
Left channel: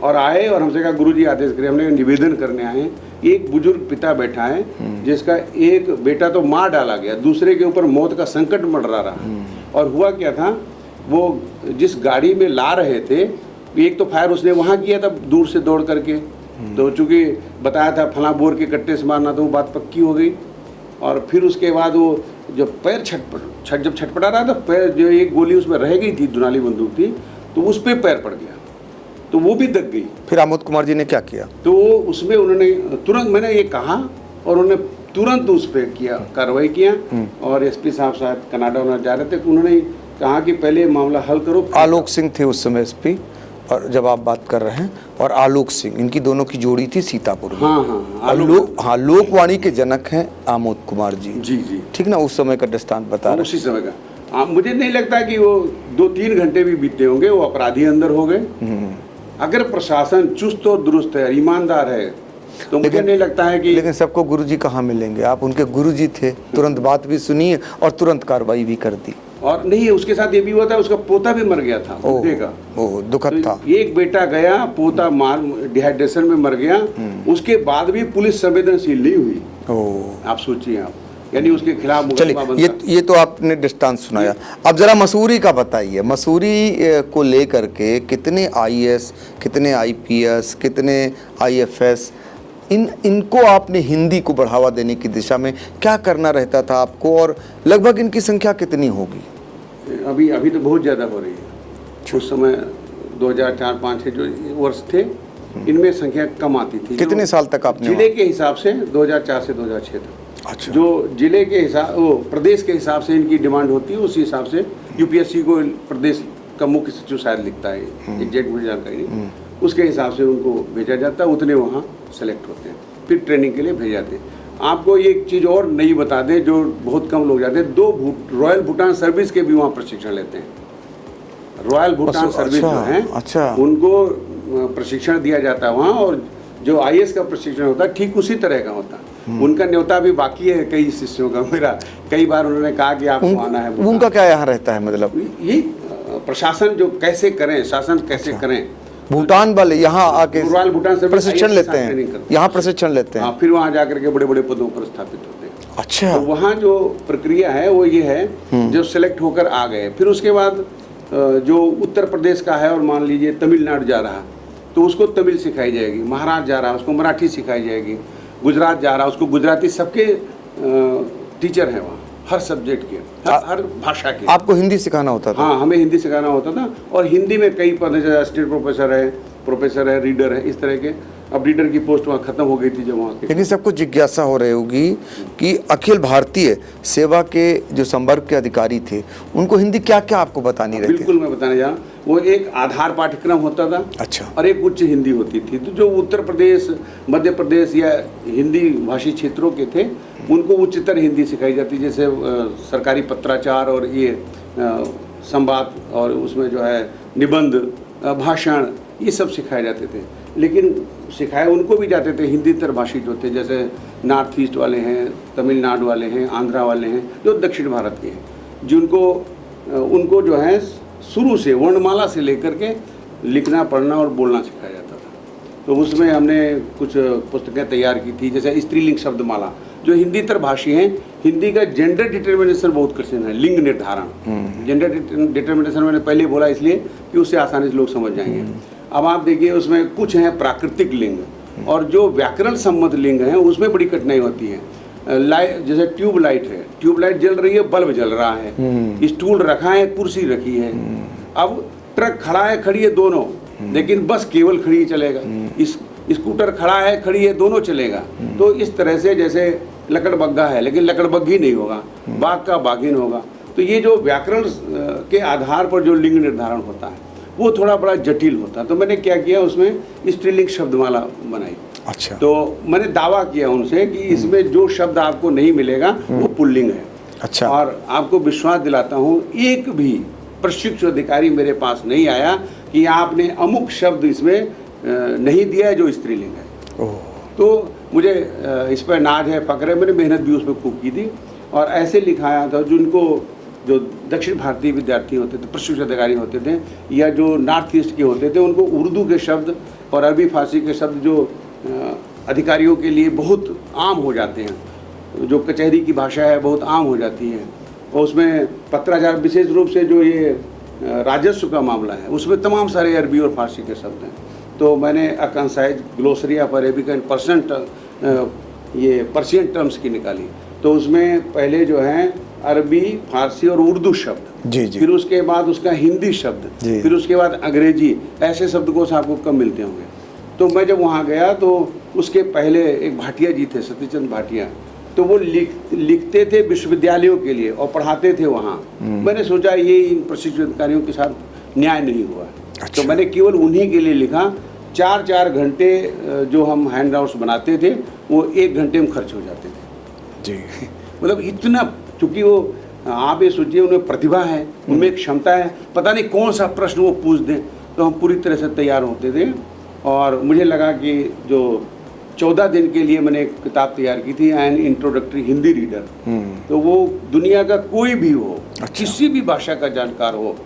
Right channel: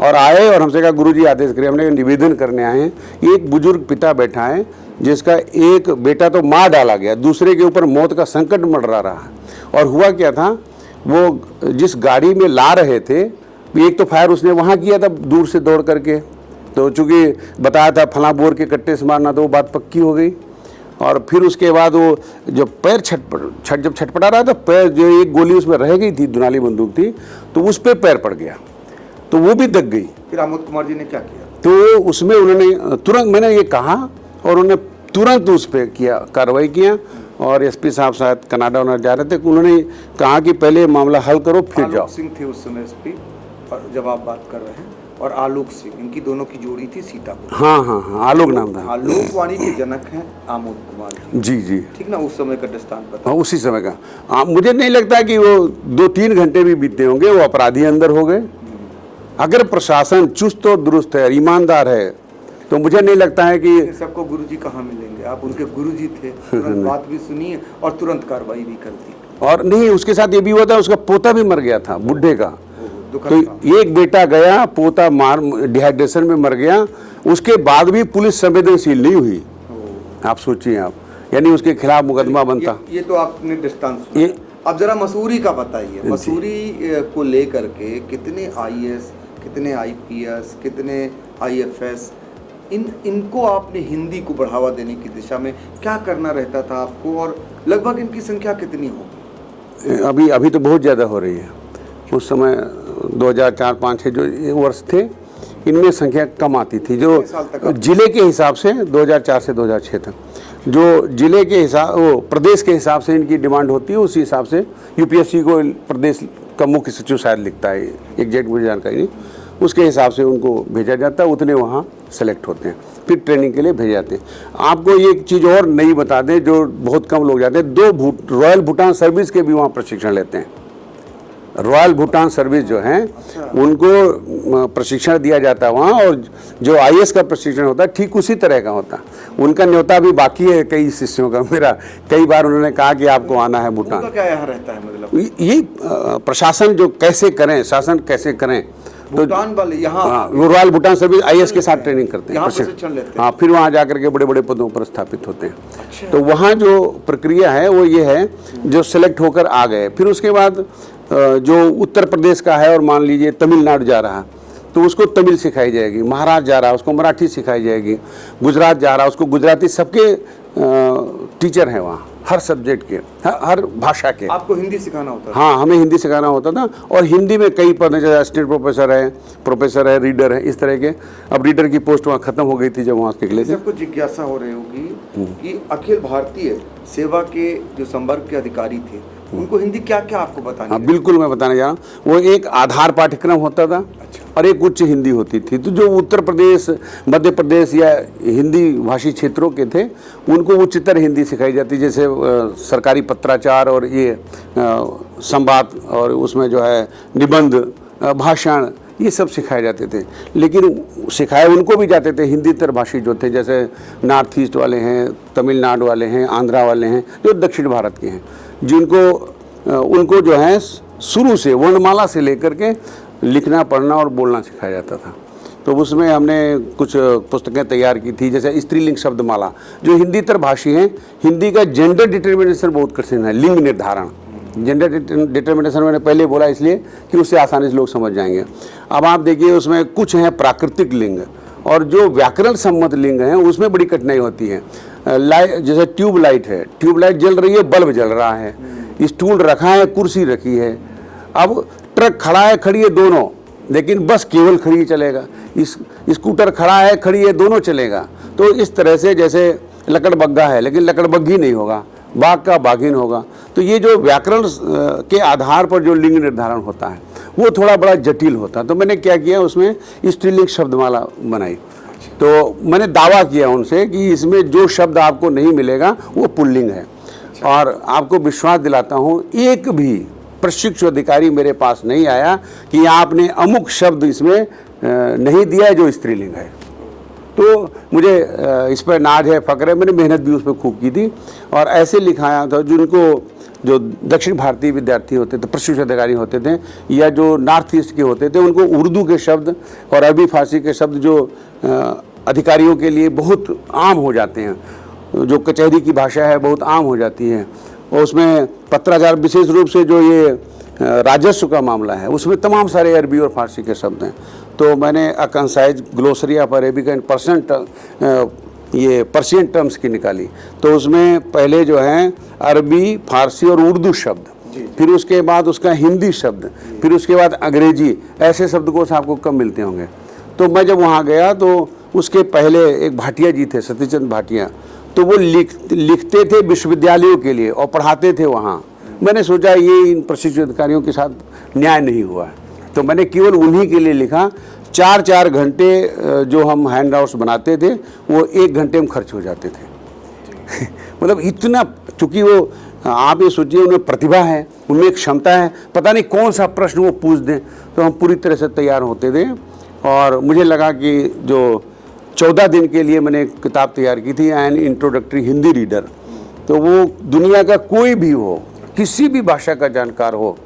और आए और हमसे कहा गुरुजी आदेश करिए, हमने निवेदन करने आए हैं। एक बुजुर्ग पिता बैठा है जिसका एक बेटा तो मार डाला गया, दूसरे के ऊपर मौत का संकट मंडरा रहा। और हुआ क्या था, वो जिस गाड़ी में ला रहे थे, एक तो फायर उसने वहां किया था दूर से दौड़ करके, तो चूंकि बताया था फला बोर के कट्टे से मारना, तो वो बात पक्की हो गई। और फिर उसके बाद वो जो पैर जब छटपटा रहा था, पैर जो एक गोली उसमें रह गई थी, दुनाली बंदूक थी, तो उस पर पैर पड़ गया, तो वो भी दग गई। फिर आमोद कुमार जी ने क्या किया? तो उसमें उन्होंने तुरंत, मैंने ये कहा और उन्होंने तुरंत उस पर किया, कार्रवाई किया। और एसपी साहब शायद कनाडा जा रहे थे, उन्होंने कहा कि पहले मामला हल करो। आलोक सिंह थे उस समय एसपी, और जब आप बात कर रहे हैं, और आलोक सिंह, इनकी दोनों की जोड़ी थी सीतापुर। हाँ, आलोक, हाँ, लोकवाणी के जनक हैं आमोद कुमार जी। जी, ठीक ना, उस समय का दृष्टांत बता। हाँ, उसी समय का। मुझे नहीं लगता कि वो 2-3 घंटे भी बीते होंगे, वो अपराधी अंदर हो गए। अगर प्रशासन चुस्त और दुरुस्त है, ईमानदार है, तो मुझे नहीं लगता है कि, लेकिन सबको गुरुजी कहाँ मिलेंगे? आप उनके गुरुजी थे, तुरंत बात भी सुनी और तुरंत कार्रवाई भी कर दी। और नहीं, उसके साथ ये भी हुआ था, उसका पोता भी मर गया था, बुढ़े का। दुखद था। एक बेटा गया, पोता डिहाइड्रेशन में मर गया, उसके बाद भी पुलिस संवेदनशील नहीं हुई। आप सोचिए आप, यानी उसके खिलाफ मुकदमा बनता। ये तो आपने दृष्टांत सुनाया। अब जरा मसूरी का बताइए। मसूरी को लेकर के कितने आईएएस, कितने आईपीएस, कितने आईएफएस, इनको आपने हिंदी को बढ़ावा देने की दिशा में क्या करना रहता था आपको, और लगभग इनकी संख्या कितनी होगी? अभी तो बहुत ज़्यादा हो रही है। उस समय 2004-05 के जो वर्ष थे, इनमें संख्या कम आती थी। कितने साल तक? जिले के हिसाब से 2004 से 2006 तक। अच्छा। जो जिले के हिसाब, प्रदेश के हिसाब से इनकी डिमांड होती है, उसी हिसाब से यूपीएससी को प्रदेश का मुख्य सचिव शायद लिखता है, एग्जैक्ट मुझे जानकारी नहीं, उसके हिसाब से उनको भेजा जाता है, उतने वहाँ सेलेक्ट होते हैं, फिर ट्रेनिंग के लिए भेजे जाते हैं। आपको एक चीज़ और नई बता दें, जो बहुत कम लोग जाते हैं, 2 रॉयल भूटान सर्विस के भी वहाँ प्रशिक्षण लेते हैं। रॉयल भूटान सर्विस जो है, उनको प्रशिक्षण दिया जाता है वहाँ, और जो आईएएस का प्रशिक्षण होता है ठीक उसी तरह का होता है। उनका न्योता भी बाकी है कई शिष्यों का मेरा, कई बार उन्होंने कहा कि आपको आना है भूटान। उनका क्या यहाँ रहता है? मतलब ये प्रशासन जो कैसे करें, शासन कैसे करें, भूटान वाले यहाँ रॉयल भूटान सर्विस आईएएस के साथ ट्रेनिंग करते हैं, यहाँ प्रशिक्षण लेते हैं, फिर वहाँ जाकर के बड़े बड़े पदों पर स्थापित होते हैं। अच्छा। तो वहाँ जो प्रक्रिया है वो ये है, जो सिलेक्ट होकर आ गए, फिर उसके बाद जो उत्तर प्रदेश का है और मान लीजिए तमिलनाडु जा रहा है, तो उसको तमिल सिखाई जाएगी, महाराष्ट्र जा रहा है उसको मराठी सिखाई जाएगी, गुजरात जा रहा है उसको गुजराती, सबके टीचर हैं वहाँ। हर सब्जेक्ट के, हर भाषा के। आपको हिंदी सिखाना होता था? हाँ, हमें हिंदी सिखाना होता था। और हिंदी में कई पद, जैसे असिस्टेंट प्रोफेसर है, रीडर है, इस तरह के। अब रीडर की पोस्ट वहाँ खत्म हो गई थी जब वहाँ के लिए सबको जिज्ञासा हो रही होगी कि अखिल भारतीय सेवा के जो संवर्ग के अधिकारी थे उनको हिंदी क्या क्या आपको बतानी रहती? बिल्कुल, मैं बताने जा रहा हूँ। वो एक आधार पाठ्यक्रम होता था, अच्छा, और एक उच्च हिंदी होती थी। तो जो उत्तर प्रदेश, मध्य प्रदेश या हिंदी भाषी क्षेत्रों के थे उनको उच्चतर हिंदी सिखाई जाती, जैसे सरकारी पत्राचार और ये संवाद, और उसमें जो है निबंध, भाषण, ये सब सिखाए जाते थे। लेकिन सिखाए उनको भी जाते थे हिंदीतर भाषी जो थे, जैसे नॉर्थ ईस्ट वाले हैं, तमिलनाडु वाले हैं, आंध्रा वाले हैं, जो दक्षिण भारत के हैं, जिनको उनको जो है शुरू से वर्णमाला से लेकर के लिखना, पढ़ना और बोलना सिखाया जाता था। तो उसमें हमने कुछ पुस्तकें तैयार की थी, जैसे स्त्रीलिंग शब्दमाला। जो हिंदीतर भाषी हैं, हिंदी का जेंडर डिटर्मिनेशन बहुत कठिन है, लिंग निर्धारण। जेंडर डिटर्मिनेशन मैंने पहले बोला इसलिए कि उससे आसानी से लोग समझ जाएंगे। अब आप देखिए, उसमें कुछ है प्राकृतिक लिंग, और जो व्याकरण सम्मत लिंग है उसमें बड़ी कठिनाई होती है। लाइट, जैसे ट्यूबलाइट है, ट्यूबलाइट जल रही है, बल्ब जल रहा है, स्टूल रखा है, कुर्सी रखी है। अब ट्रक खड़ा है, खड़ी है, दोनों, लेकिन बस केवल खड़ी चलेगा। स्कूटर खड़ा है, खड़ी है, दोनों चलेगा। तो इस तरह से जैसे लकड़बग्गा है, लेकिन लकड़बग्गी नहीं होगा, बाघ का बाघिन होगा। तो ये जो व्याकरण के आधार पर जो लिंग निर्धारण होता है वो थोड़ा बड़ा जटिल होता है। तो मैंने क्या किया, उसमें स्त्रीलिंग शब्दमाला बनाई। अच्छा। तो मैंने दावा किया उनसे कि इसमें जो शब्द आपको नहीं मिलेगा वो पुल्लिंग है। अच्छा। और आपको विश्वास दिलाता हूँ, एक भी प्रशिक्षु अधिकारी मेरे पास नहीं आया कि आपने अमुक शब्द इसमें नहीं दिया है जो स्त्रीलिंग है। तो मुझे इस पर नाज है, फक्र है, मैंने मेहनत भी उस पर खूब की थी। और ऐसे लिखाया था, जिनको जो दक्षिण भारतीय विद्यार्थी होते थे, प्रशिक्षु अधिकारी होते थे, या जो नॉर्थ ईस्ट के होते थे, उनको उर्दू के शब्द और अरबी फारसी के शब्द जो अधिकारियों के लिए बहुत आम हो जाते हैं, जो कचहरी की भाषा है बहुत आम हो जाती है। और उसमें पत्राचार, विशेष रूप से जो ये राजस्व का मामला है, उसमें तमाम सारे अरबी और फारसी के शब्द हैं। तो मैंने a concise glossary of Arabic and Persian terms की निकाली। तो उसमें पहले जो है अरबी, फारसी और उर्दू शब्द, जी जी, फिर उसके बाद उसका हिंदी शब्द, फिर उसके बाद अंग्रेजी, ऐसे शब्दकोश आपको कम मिलते होंगे। तो मैं जब वहाँ गया तो उसके पहले एक भाटिया जी थे, सतीचंद भाटिया, तो वो लिखते थे विश्वविद्यालयों के लिए और पढ़ाते थे वहाँ। मैंने सोचा ये इन प्रशिक्षु अधिकारियों के साथ न्याय नहीं हुआ। अच्छा। तो मैंने केवल उन्हीं के लिए लिखा। 4-4 घंटे जो हम हैंड आउट्स बनाते थे वो 1 घंटे में खर्च हो जाते थे जी। मतलब इतना, चूंकि वो, आप ये सोचिए, उनमें प्रतिभा है, उनमें एक क्षमता है, पता नहीं कौन सा प्रश्न वो पूछ दें, तो हम पूरी तरह से तैयार होते थे। और मुझे लगा कि जो 14 दिन के लिए मैंने एक किताब तैयार की थी, एन इंट्रोडक्टरी हिंदी रीडर, तो वो दुनिया का कोई भी हो, किसी भी भाषा का जानकार हो,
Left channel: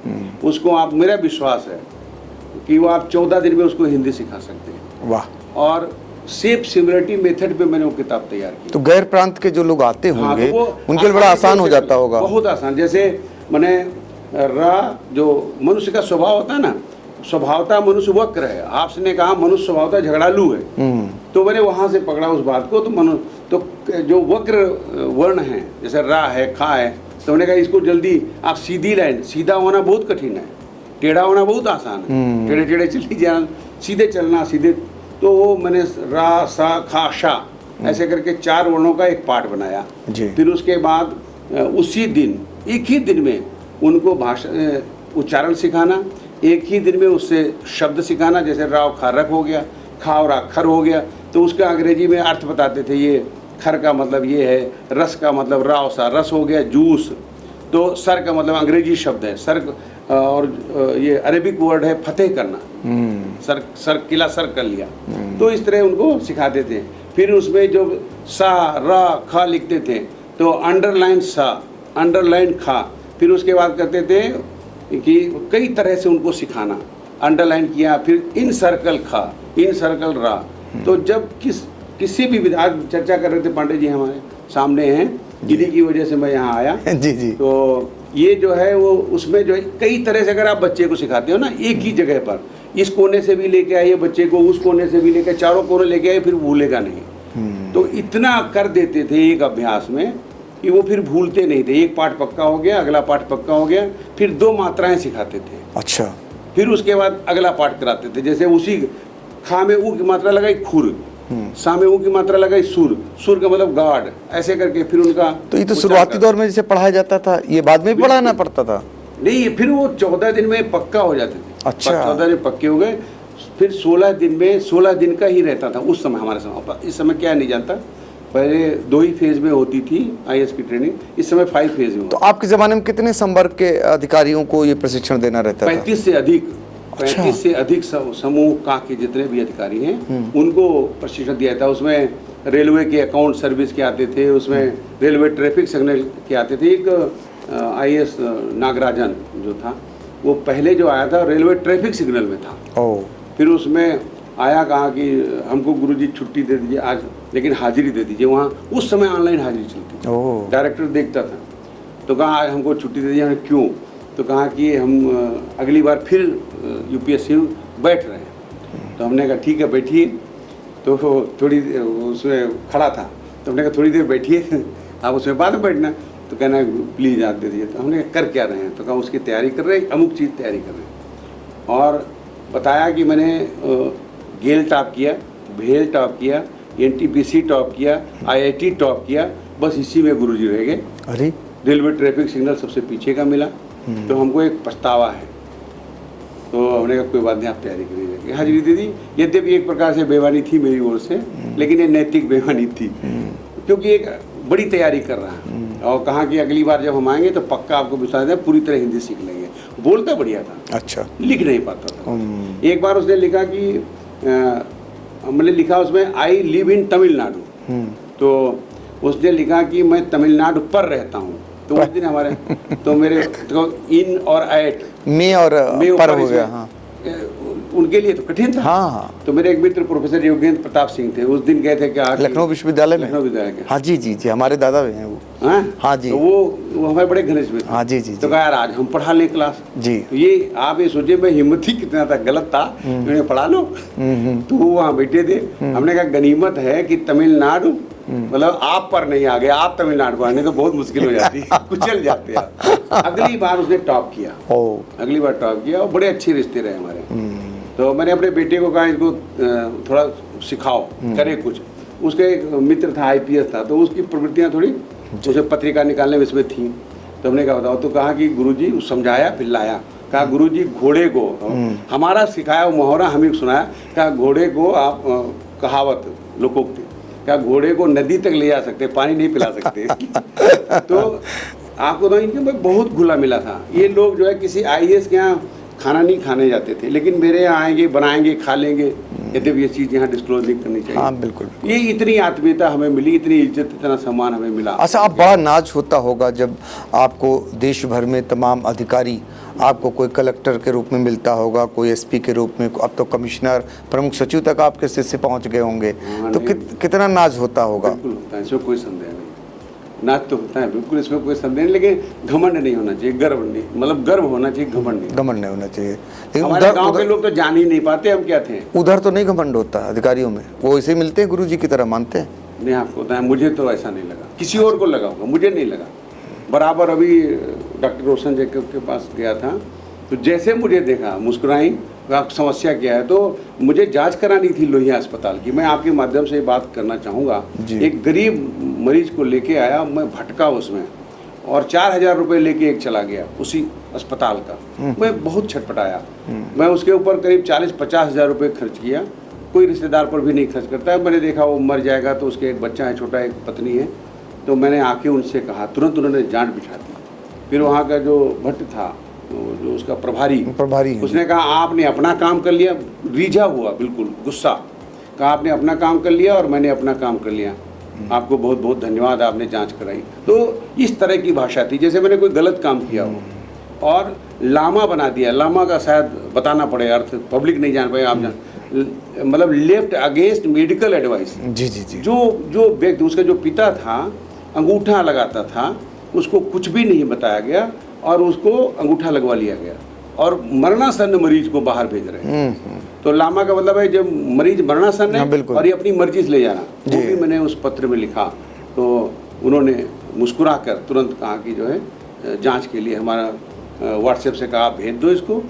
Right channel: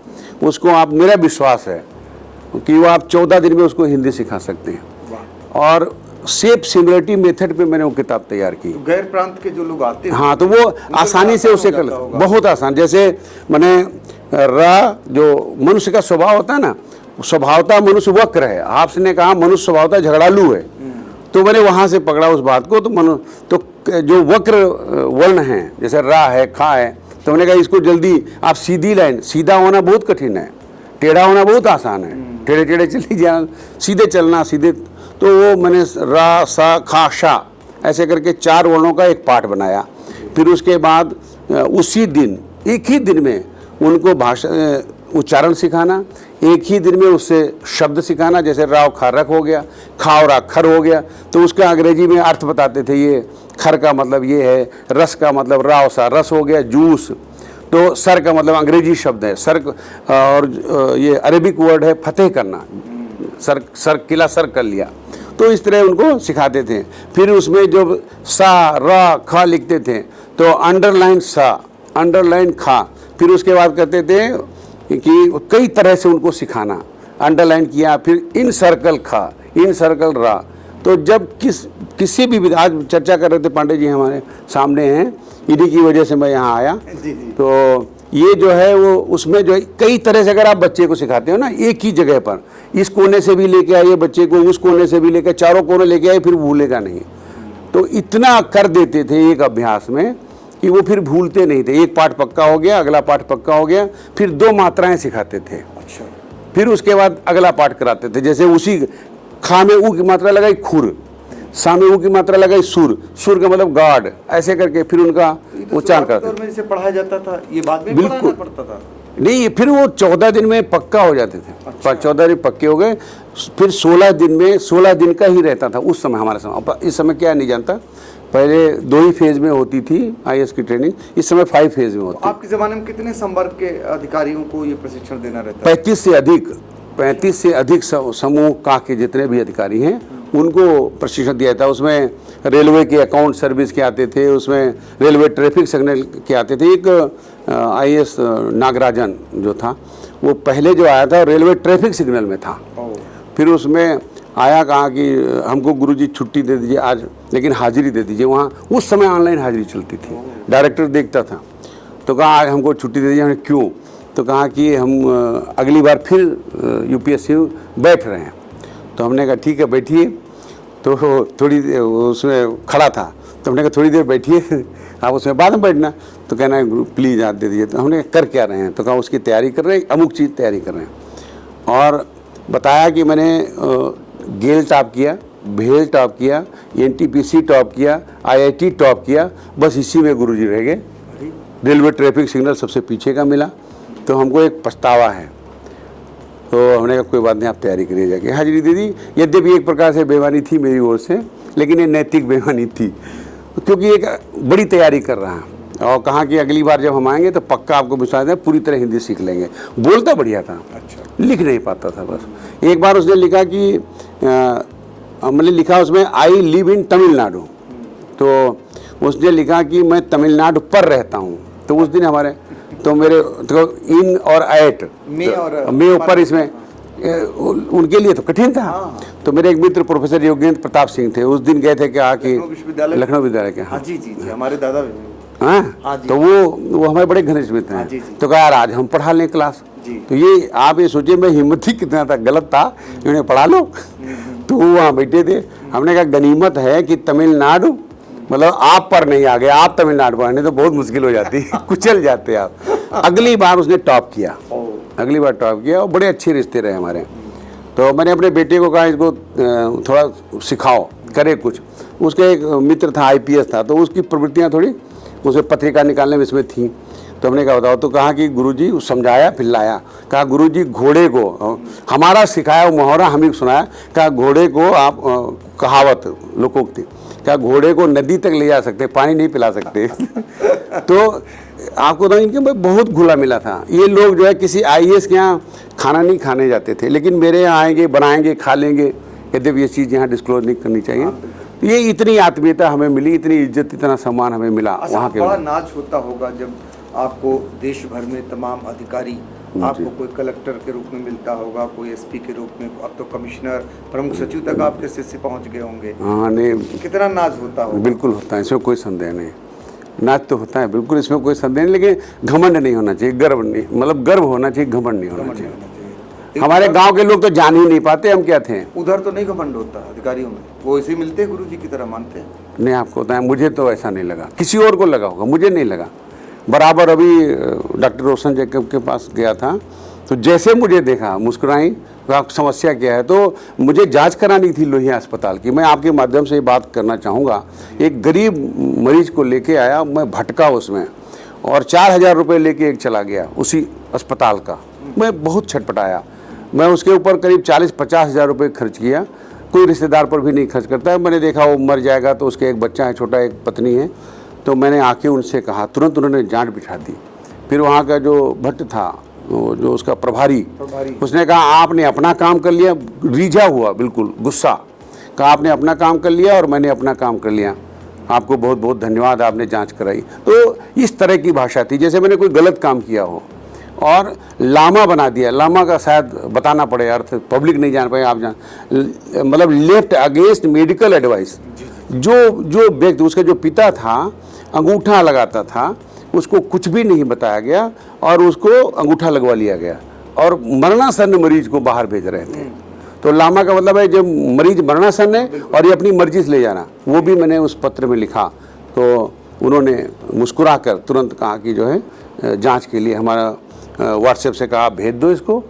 उसको आप, मेरा विश्वास है कि वो आप 14 दिन में उसको हिंदी सिखा सकते हैं। वाह। और सेफ सिमिलरिटी मेथड पे मैंने वो किताब तैयार की। तो गैर प्रांत के जो लोग आते हैं, हाँ, तो वो आसानी से हो जाता होगा, बहुत आसान। जैसे मैंने जो मनुष्य का स्वभाव होता है ना, स्वभावतः मनुष्य वक्र है, आपने कहा मनुष्य स्वभावतः झगड़ालू है, तो मैंने वहां से पकड़ा उस बात को। तो जो वक्र वर्ण है, जैसे रा है, खा है, तो मैंने कहा इसको जल्दी आप सीधी लाइन, सीधा होना बहुत कठिन है, टेढ़ा होना बहुत आसान है, टेढ़े टेढ़े चली जाना, सीधे चलना, सीधे। तो वो मैंने रा, सा, खा, शा ऐसे करके 4 वर्णों का एक पाठ बनाया। फिर उसके बाद उसी दिन, एक ही दिन में उनको भाषा उच्चारण सिखाना, एक ही दिन में उससे शब्द सिखाना। जैसे राव खारक हो गया, खावरा खर हो गया, तो उसका अंग्रेजी में अर्थ बताते थे। ये खर का मतलब ये है, रस का मतलब राव सा रस हो गया, जूस। तो सर का मतलब अंग्रेजी शब्द है सर, और ये अरेबिक वर्ड है फतेह करना, सर किला सर कर लिया। तो इस तरह उनको सिखाते थे। फिर उसमें जब सा, रा, खा लिखते थे तो अंडरलाइन सा, अंडरलाइन खा। फिर उसके बाद कहते थे कि कई तरह से उनको सिखाना, अंडरलाइन किया, फिर इन सर्कल खा, इन सर्कल रा। तो जब किसी भी, आज चर्चा कर रहे थे, पांडे जी हमारे सामने हैं, इन्हीं की वजह से मैं यहाँ आया। जी जी। तो ये जो है वो उसमें जो है कई तरह से अगर आप बच्चे को सिखाते हो ना, एक ही जगह पर, इस कोने से भी लेके आइए बच्चे को, उस कोने से भी लेके, चारों कोने लेके आइए, फिर भूलेगा नहीं। तो इतना कर देते थे एक अभ्यास में कि वो फिर भूलते नहीं थे। एक पाठ पक्का हो गया, अगला पाठ पक्का हो गया, फिर 2 मात्राएं सिखाते थे। अच्छा। फिर उसके बाद अगला पाठ कराते थे। जैसे उसी खा में ऊ की मात्रा लगाई खुर, सा में ऊ की मात्रा लगाई सुर, सुर का मतलब गाड, ऐसे करके फिर उनका तो ये तो उच्चार शुरुआती करते दौर में जैसे पढ़ाया जाता था, ये बाद में बिल्कुल। पढ़ाना पड़ता था? नहीं, फिर वो 14 दिन में पक्का हो जाते थे। अच्छा। 14 दिन पक्के हो गए, फिर 16 दिन में 16 दिन का ही रहता था उस समय हमारे समय। इस समय क्या नहीं जानता, पहले 2 ही फेज में होती थी आईएएस की ट्रेनिंग, इस समय 5 फेज में होती तो आपके जमाने में कितने संवर्ग के अधिकारियों को ये प्रशिक्षण देना रहता था? 35 से अधिक 35 से अधिक समूह का के जितने भी अधिकारी हैं उनको प्रशिक्षण दिया था। उसमें रेलवे के अकाउंट सर्विस के आते थे, उसमें रेलवे ट्रैफिक सिग्नल के आते थे। एक आईएएस नागराजन जो था वो पहले जो आया था रेलवे ट्रैफिक सिग्नल में था। फिर उसमें आया, कहा कि हमको गुरुजी छुट्टी दे दीजिए आज, लेकिन हाजिरी दे दीजिए। वहाँ उस समय ऑनलाइन हाजिरी चलती थी, डायरेक्टर देखता था। तो कहा आज हमको छुट्टी दे दीजिए। क्यों? तो कहा कि हम अगली बार फिर यूपीएससी में बैठ रहे हैं। तो हमने कहा ठीक है बैठिए। तो थोड़ी उसमें खड़ा था, तो हमने कहा थोड़ी देर बैठिए, आप उसमें बाद में बैठना। तो कहना प्लीज़ आप दे दीजिए। तो हमने कर क्या रहे हैं? तो कहा उसकी तैयारी कर रहे हैं, अमुक चीज़ तैयारी कर रहे हैं। और बताया कि मैंने गेल टॉप किया, भेल टॉप किया, एनटीपीसी टॉप किया, आईआईटी टॉप किया, बस इसी में गुरुजी रह गए। अरे रेलवे ट्रैफिक सिग्नल सबसे पीछे का मिला। तो हमको एक पछतावा है। तो हमने कहा कोई बात नहीं, आप तैयारी करिए, जाके हाजिरी दे दी। यद्यपि एक प्रकार से बेईमानी थी मेरी ओर से, लेकिन ये नैतिक बेईमानी थी, क्योंकि एक बड़ी तैयारी कर रहा हूँ। और कहा कि अगली बार जब हम आएंगे तो पक्का आपको विश्वास है पूरी तरह हिंदी सीख लेंगे। बोलता बढ़िया था, अच्छा, लिख नहीं पाता था बस। एक बार उसने लिखा कि हमने लिखा उसमें आई लिव इन तमिलनाडु, तो उसने लिखा कि मैं तमिलनाडु पर रहता हूँ। तो उस दिन हमारे तो मेरे तो इन और ऐट मैं और मैं ऊपर हो इसमें गया, उनके लिए तो कठिन था। हाँ। तो मेरे एक मित्र प्रोफेसर योगेंद्र प्रताप सिंह थे, उस दिन गए थे कि लखनऊ विश्वविद्यालय, लखनऊ विद्यालय के। हाँ जी जी जी, हमारे दादा भी हैं वो। हाँ? हाँ जी। तो वो हमारे बड़े घनिष्ठ मित्र हाँ हैं। जी जी तो कहा यार आज हम पढ़ा लें क्लास जी। तो ये आप ये सोचिए मैं हिम्मत ही कितना था, गलत था, इन्होंने पढ़ा लो। तो वो वहाँ बैठे थे। हमने कहा गनीमत है कि तमिलनाडु मतलब आप पर नहीं आ गए, आप तमिलनाडु पर, नहीं तो बहुत मुश्किल हो जाती, कुचल जाते आप। अगली बार उसने टॉप किया, अगली बार टॉप किया और बड़े अच्छे रिश्ते रहे हमारे। तो मैंने अपने बेटे को कहा इसको थोड़ा सिखाओ, करे कुछ। उसका एक मित्र था आईपीएस था, तो उसकी प्रवृत्तियां थोड़ी उसे पत्रिका निकालने में इसमें थी। तो हमने कहा बताओ, तो कहा कि गुरुजी समझाया, फिर लाया। कहा गुरुजी घोड़े को हमारा सिखाया मुहावरा हम ही सुनाया। कहा घोड़े को आप कहावत लोकोक्ति, क्या घोड़े को नदी तक ले जा सकते, पानी नहीं पिला सकते। तो आपको बताएं कि मैं बहुत घुला मिला था। ये लोग जो है किसी आईएएस के यहाँ खाना नहीं खाने जाते थे, लेकिन मेरे यहाँ आएंगे, बनाएंगे, खा लेंगे। यद्यपि ये चीज़ यहाँ डिस्क्लोज नहीं करनी चाहिए। हाँ, बिल्कुल। ये इतनी आत्मीयता हमें मिली, इतनी इज्जत, इतना सम्मान हमें मिला। अच्छा, आप बड़ा नाज होता होगा जब आपको देश भर में तमाम अधिकारी आपको कोई कलेक्टर के रूप में मिलता होगा, कोई एसपी के रूप में, अब तो कमिश्नर, प्रमुख सचिव तक आपके शिष्य पहुंच गए होंगे। हाँ, तो कितना नाज होता होगा? बिल्कुल होता है, इसमें कोई संदेह नहीं। नाज तो होता है बिल्कुल, इसमें कोई संदेह नहीं, लेकिन घमंड नहीं होना चाहिए, गर्व नहीं, मतलब गर्व होना चाहिए, घमंड नहीं होना चाहिए। हमारे गांव के लोग तो जान ही नहीं पाते हम क्या थे। उधर तो नहीं घमंड होता अधिकारियों में, वो ऐसे मिलते हैं गुरुजी की तरह मानते हैं। नहीं, आपको बताया, मुझे तो ऐसा नहीं लगा, किसी और को लगा होगा, मुझे नहीं लगा। बराबर अभी डॉक्टर रोशन जैकब के पास गया था, तो जैसे मुझे देखा मुस्कुराई, समस्या क्या है, तो मुझे जांच करानी थी लोहिया अस्पताल की। मैं आपके माध्यम से बात करना चाहूँगा। एक गरीब मरीज को लेके आया, मैं भटका उसमें, और 4,000 रुपये लेके एक चला गया उसी अस्पताल का। मैं बहुत छटपटाया। मैं उसके ऊपर करीब 40-50 हज़ार रुपये खर्च किया। कोई रिश्तेदार पर भी नहीं खर्च करता है। मैंने देखा वो मर जाएगा, तो उसके एक बच्चा है छोटा, एक पत्नी है। तो मैंने आके उनसे कहा, तुरंत उन्होंने जांच बिठा दी। फिर वहाँ का जो भट्ट था, जो उसका प्रभारी, उसने कहा आपने अपना काम कर लिया, रीझा हुआ बिल्कुल गुस्सा, कहा आपने अपना काम कर लिया और मैंने अपना काम कर लिया, आपको बहुत बहुत धन्यवाद, आपने जांच कराई। तो इस तरह की भाषा थी जैसे मैंने कोई गलत काम किया हो, और लामा बना दिया। लामा का शायद बताना पड़े अर्थ, पब्लिक नहीं जान पाए, आप जान, मतलब लेफ्ट अगेंस्ट मेडिकल एडवाइस। जी जी जी। जो व्यक्ति, उसका जो पिता था अंगूठा लगाता था, उसको कुछ भी नहीं बताया गया और उसको अंगूठा लगवा लिया गया, और मरणासन्न मरीज को बाहर भेज रहे हैं। तो लामा का मतलब है जब मरीज मरणासन्न है और ये अपनी मर्जी से ले जाना। वो भी मैंने उस पत्र में लिखा। तो उन्होंने मुस्कुराकर तुरंत कहा कि जो है जांच के लिए हमारा व्हाट्सएप से कहा भेज दो इसको,